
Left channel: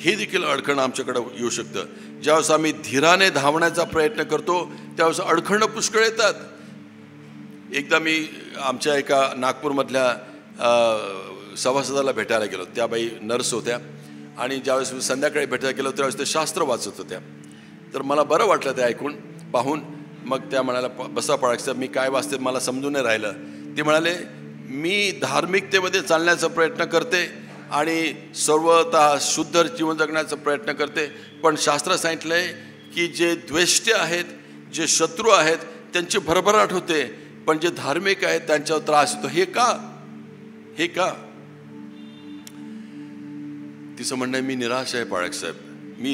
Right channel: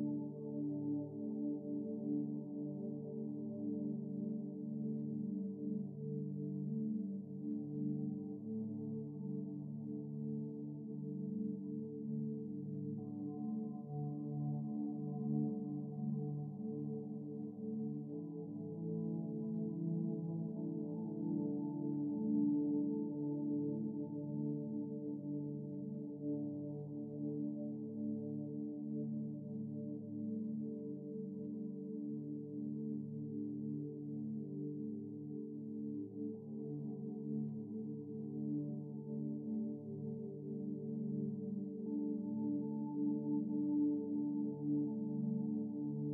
हे देखील अडखळणं आमच्याकडे येऊ शकतं. ज्यावेळेस आम्ही धीराने धावण्याचा प्रयत्न करतो त्यावेळेस अडखळणं पुष्कळ येतात. एकदा मी आमच्या एका नागपूरमधल्या सभासदाला भेटायला गेलो. त्या बाई नर्स होत्या आणि ज्यावेळेस मी संध्याकाळी भेटायला गेलो त्यावेळेस ते शास्त्र वाचत होत्या. तर मला बरं वाटलं ते ऐकून पाहून. मग त्या म्हणाल्या, बसा पाळक, मी काय वाचते मला समजून नाही राहिलं. ते म्हणाले, मी धार्मिकतेमध्ये चालण्याचा प्रयत्न करते आणि सर्वतः शुद्ध जीवन जगण्याचा प्रयत्न करते, पण शास्त्रात सांगितलं आहे की जे द्वेष्टे आहेत, जे शत्रू आहेत त्यांची भरभराट होते, पण जे धार्मिक आहेत त्यांच्यावर त्रास होतो. हे का? तिचं म्हणणं आहे, मी निराश आहे पाळक साहेब. मी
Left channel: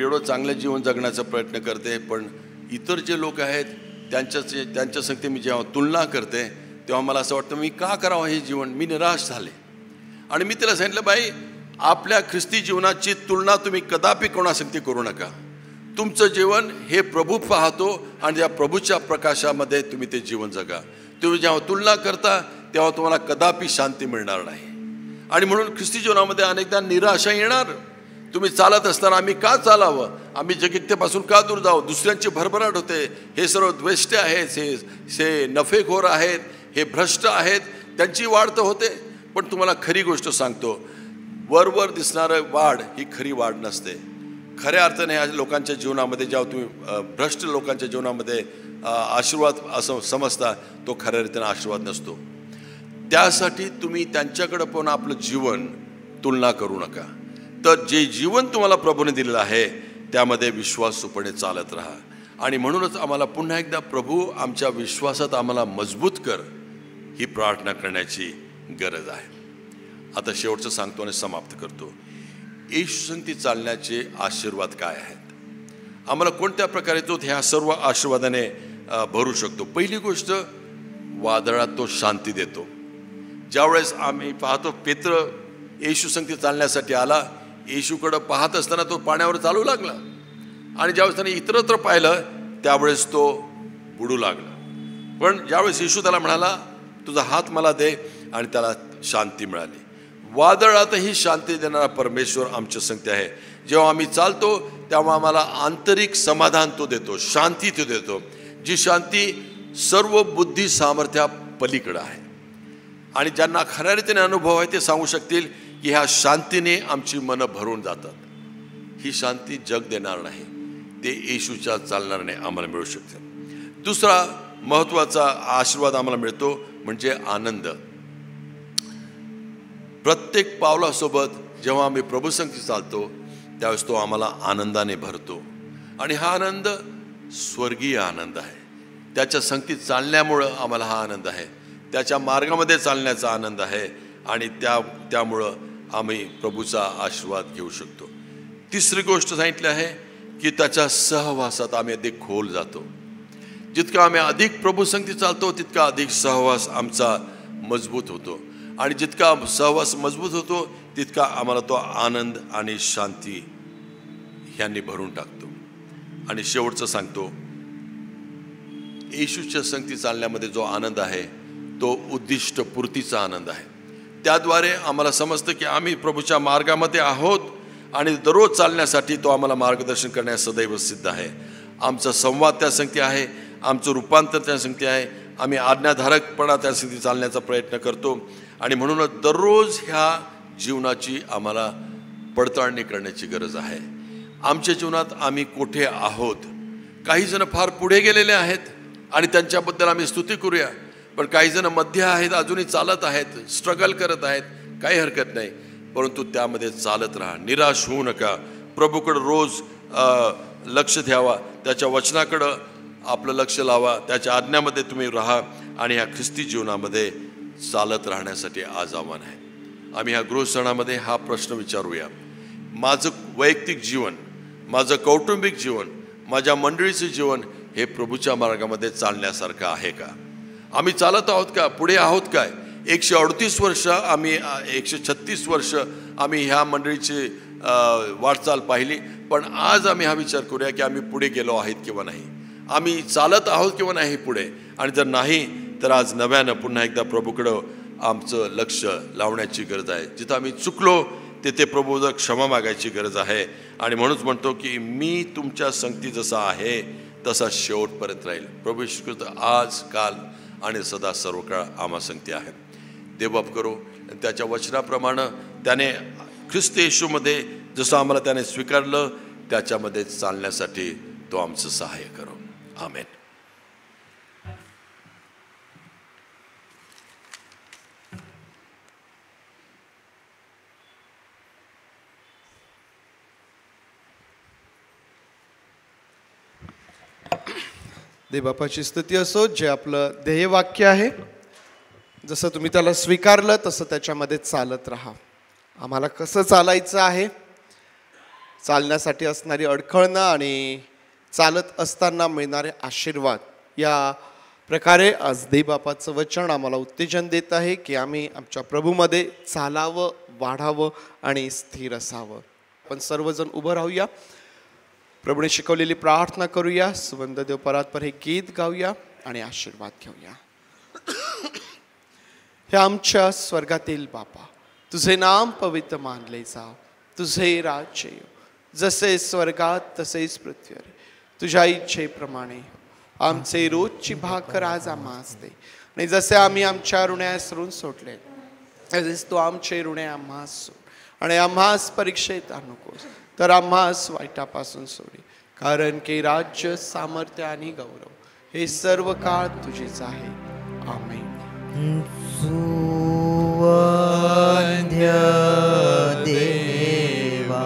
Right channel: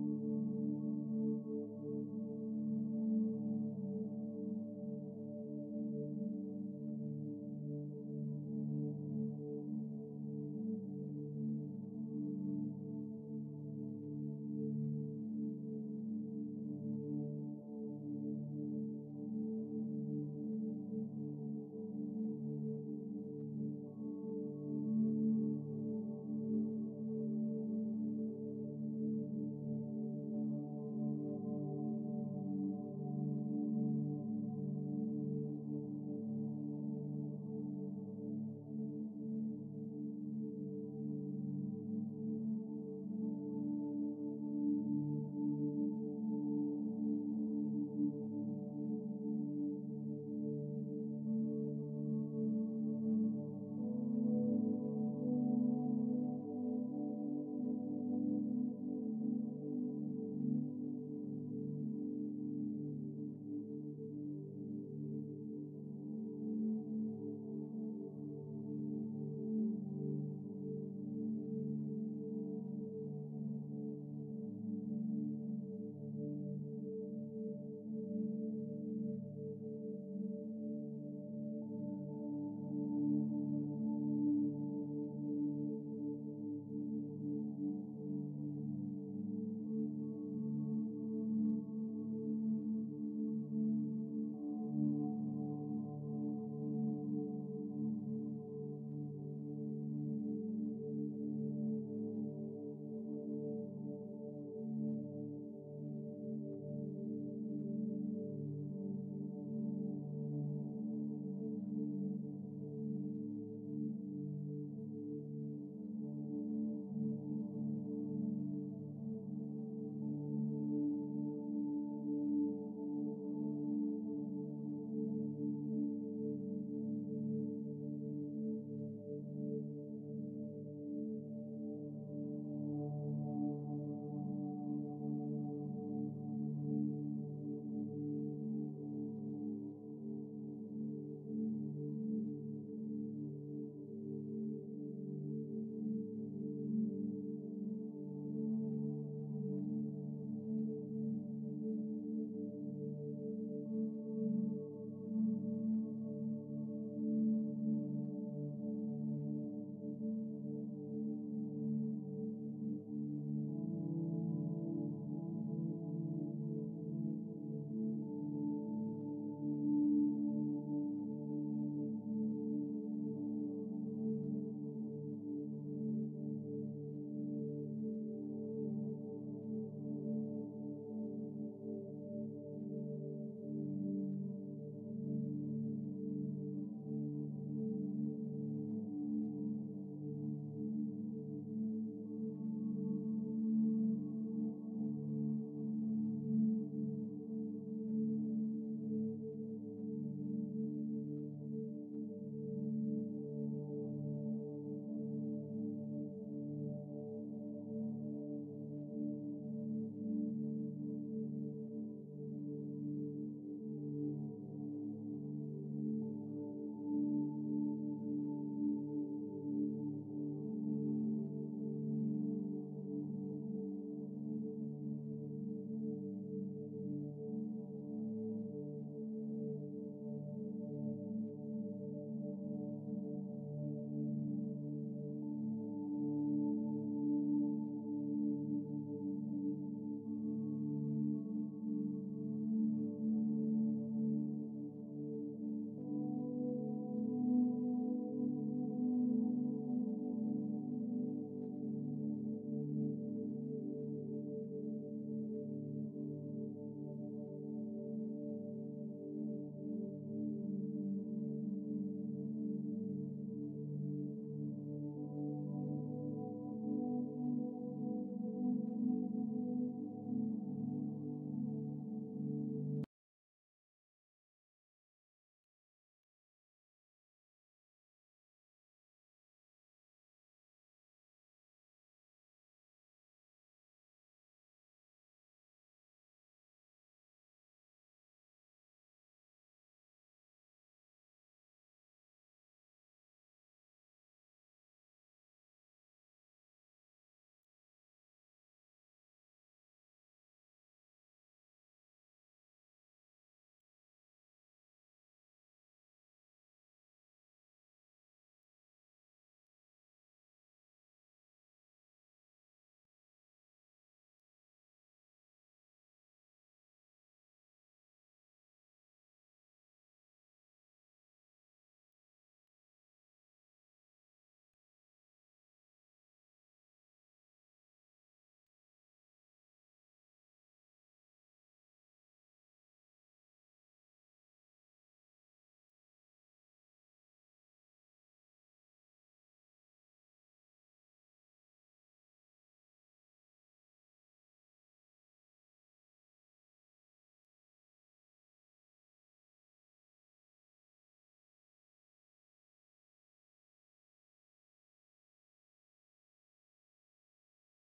एवढं चांगलं जीवन जगण्याचा प्रयत्न करते, पण इतर जे लोक आहेत त्यांच्या संगती मी जेव्हा तुलना करते तेव्हा मला असं वाटतं मी का करावं हे जीवन, मी निराश झाले. आणि मी तिला सांगितलं, बाई आपल्या ख्रिस्ती जीवनाची तुलना तुम्ही कदापि कोणासंगती करू नका. तुमचं जीवन हे प्रभू पाहतो आणि त्या प्रभूच्या प्रकाशामध्ये तुम्ही ते जीवन जगा. तुम्ही जेव्हा तुलना करता तेव्हा तुम्हाला कदापि शांती मिळणार नाही. आणि म्हणून ख्रिस्ती जीवनामध्ये अनेकदा निराशा येणार. तुम्ही चालत असताना आम्ही का चालावं, आम्ही जगित्येपासून का दूर जावं, दुसऱ्यांची भरभराट होते, हे सर्व द्वेष्टे आहेत, हे नफेखोर आहेत, हे भ्रष्ट आहेत, त्यांची वाढ तर होते. पण तुम्हाला खरी गोष्ट सांगतो, वरवर दिसणारं वाढ ही खरी वाढ नसते. खऱ्या अर्थाने ह्या लोकांच्या जीवनामध्ये जेव्हा तुम्ही भ्रष्ट लोकांच्या जीवनामध्ये आशीर्वाद असं समजता, तो खऱ्या रीतीने आशीर्वाद नसतो. त्यासाठी तुम्ही त्यांच्याकडे पाहून आपलं जीवन तुलना करू नका. तर जे जीवन तुम्हाला प्रभूने दिलेलं आहे त्यामध्ये विश्वासूपणे चालत राहा. आणि म्हणूनच आम्हाला पुन्हा एकदा प्रभू आमच्या विश्वासात आम्हाला मजबूत कर ही प्रार्थना करण्याची गरज आहे. आता शेवटचं सांगतो आणि समाप्त करतो. येशू संगती चालण्याचे आशीर्वाद काय आहेत, आम्हाला कोणत्या प्रकारे तो ह्या सर्व आशीर्वादाने भरू शकतो. पहिली गोष्ट, वादळात तो शांती देतो. ज्यावेळेस आम्ही पाहतो पेत्र येशू संगती चालण्यासाठी आला, येशूकडं पाहत असताना तो पाण्यावर चालू लागला. आणि ज्यावेळेस त्याने इतरत्र पाहिलं त्यावेळेस तो बुडू लागला. पण ज्यावेळेस येशू त्याला म्हणाला, तुझा हात मला दे, आणि त्याला शांती मिळाली. वादळातही शांती देणारा परमेश्वर आमच्या संगती आहे. जेव्हा आम्ही चालतो तेव्हा आम्हाला आंतरिक समाधान तो देतो, शांती तो देतो, जी शांती सर्व बुद्धी सामर्थ्या पलीकडे आहे. आणि ज्यांना खऱ्या रीतीने अनुभव आहे ते सांगू शकतील की ह्या शांतीने आमची मनं भरून जातात. ही शांती जग देणार नाही, ते येशूच्या चालणाऱ्याने आम्हाला मिळू शकते. दुसरा महत्त्वाचा आशीर्वाद आम्हाला मिळतो म्हणजे आनंद. प्रत्येक पावलासोबत जेव्हा आम्ही प्रभू संगती चालतो त्यावेळेस तो आम्हाला आनंदाने भरतो. आणि हा आनंद स्वर्गीय आनंद आहे. त्याच्या संगतीत चालण्यामुळं आम्हाला हा आनंद आहे, त्याच्या मार्गामध्ये चालण्याचा आनंद आहे. आणि त्यामुळं आम्ही प्रभूचा आशीर्वाद घेऊ शकतो. तिसरी गोष्ट सांगितली आहे की त्याच्या सहवासात आम्ही अधिक खोल जातो. जितका आम्ही अधिक प्रभू संगती चालतो तितका अधिक सहवास आमचा मजबूत होतो. आणि जितका सहवास मजबूत होतो तितका आम्हाला तो आनंद आणि शांती ह्यांनी भरून टाकतो. आणि शेवटचं सांगतो, येशूच्या संगती चालण्यामध्ये जो आनंद आहे तो उद्दिष्टपूर्तीचा आनंद आहे. त्याद्वारे आम्हाला समजतं की आम्ही प्रभूच्या मार्गामध्ये आहोत आणि दररोज चालण्यासाठी तो आम्हाला मार्गदर्शन करण्यास सदैव सिद्ध आहे. आमचा संवाद त्या संगती आहे, आमचं रूपांतर त्या संगती आहे, आम्ही आज्ञाधारकपणा त्या संगती चालण्याचा प्रयत्न करतो. आणि म्हणूनच दररोज ह्या जीवनाची आम्हाला पडताळणी करण्याची गरज आहे. आमच्या जीवनात आम्ही कुठे आहोत. काही जण फार पुढे गेलेले आहेत आणि त्यांच्याबद्दल आम्ही स्तुती करूया, पण काही जण मध्ये आहेत, अजूनही चालत आहेत, स्ट्रगल करत आहेत, काही हरकत नाही. परंतु त्यामध्ये चालत राहा, निराश होऊ नका. प्रभूकडं रोज लक्ष द्यावा, त्याच्या वचनाकडं आपलं लक्ष लावा, त्याच्या आज्ञामध्ये तुम्ही राहा. आणि ह्या ख्रिस्ती जीवनामध्ये चालत राहण्यासाठी आज आव्हान आहे. आम्ही ह्या गृहसणामध्ये हा प्रश्न विचारूया, माझं वैयक्तिक जीवन, माझं कौटुंबिक जीवन, माझ्या मंडळीचं जीवन हे प्रभूच्या मार्गामध्ये चालण्यासारखं आहे का? आम्ही चालत आहोत का? पुढे आहोत काय? 138 वर्ष आम्ही 136 वर्ष आम्ही ह्या मंडळीची वाटचाल पाहिली, पण आज आम्ही हा विचार करूया की आम्ही पुढे गेलो आहेत किंवा नाही, आम्ही चालत आहोत किंवा नाही पुढे. आणि जर नाही तर आज नव्यानं पुन्हा एकदा प्रभूकडं आमचं लक्ष लावण्याची गरज आहे. जिथं आम्ही चुकलो तिथे प्रभूचं क्षमा मागायची गरज आहे. आणि म्हणूनच म्हणतो की मी तुमच्या संगती जसा आहे तसा शेवटपर्यंत राहील. प्रभू येशू ख्रिस्त आज, काल आणि सदा सर्व काळ आम्हा संगती आहे. देवबाप करो त्याच्या वचनाप्रमाणे त्याने ख्रिस्त येशूमध्ये जसं आम्हाला त्याने स्वीकारलं त्याच्यामध्ये चालण्यासाठी तो आमचं सहाय्य करो. आमेन. देवबापाची स्तुती असो. जे आपलं ध्येयवाक्य आहे, जसं तुम्ही त्याला स्वीकारलं तसं त्याच्यामध्ये चालत राहा. आम्हाला कसं चालायचं आहे, चालण्यासाठी असणारी अडखळणं आणि चालत असताना मिळणारे आशीर्वाद, या प्रकारे आज देवबापाचं वचन आम्हाला उत्तेजन देत आहे की आम्ही आमच्या प्रभूमध्ये चालावं, वाढावं आणि स्थिर असावं. आपण सर्वजण उभं राहूया, प्रभूने शिकवलेली प्रार्थना करूया, सुवंद देव परात्पर हे गीत गाऊया आणि आशीर्वाद घेऊया. हे आमच्या स्वर्गातील बापा, तुझे नाम पवित्र मानले जाव, तुझे राज्य येऊ, जसे स्वर्गात तसेच पृथ्वीवर. तुझ्या इच्छेप्रमाणे आमचे रोजची भाकर आज आम्हास दे, आणि जसे आम्ही आमच्या ऋण्यास ऋण सोडले तसेच तू आमचे ऋणे आम्हास सोड, आणि आम्हास परीक्षेत आणू नकोस, तर आम्हास वाईटापासून सोडी. कारण की राज्य, सामर्थ्य आणि गौरव हे सर्व काळ तुझेच आहे. आमेन. सुवंद्य देवा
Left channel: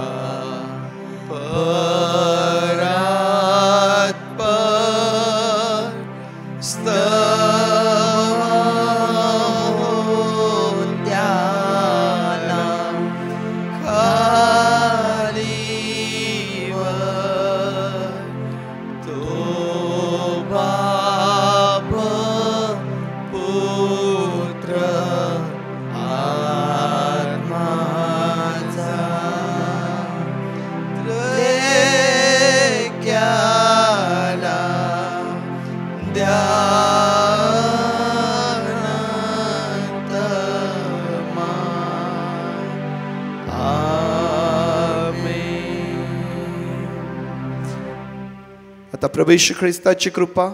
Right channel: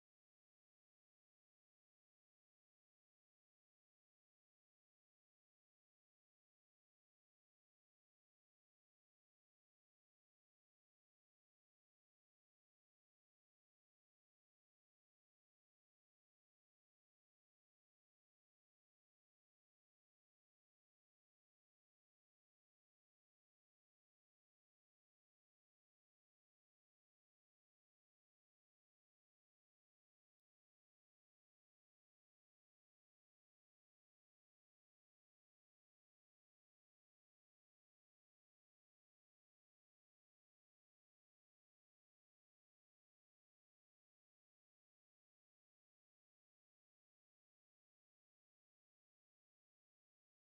आता प्रभू येशू ख्रिस्ताची कृपा,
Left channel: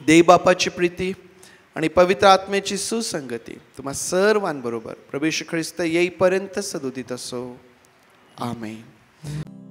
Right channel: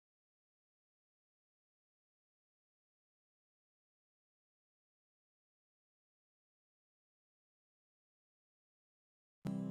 देवबापाची प्रीती आणि पवित्र आत्म्याची सुसंगती तुम्हा सर्वांबरोबर प्रभू येशू ख्रिस्त येईपर्यंत सदोदित असो. आमेन.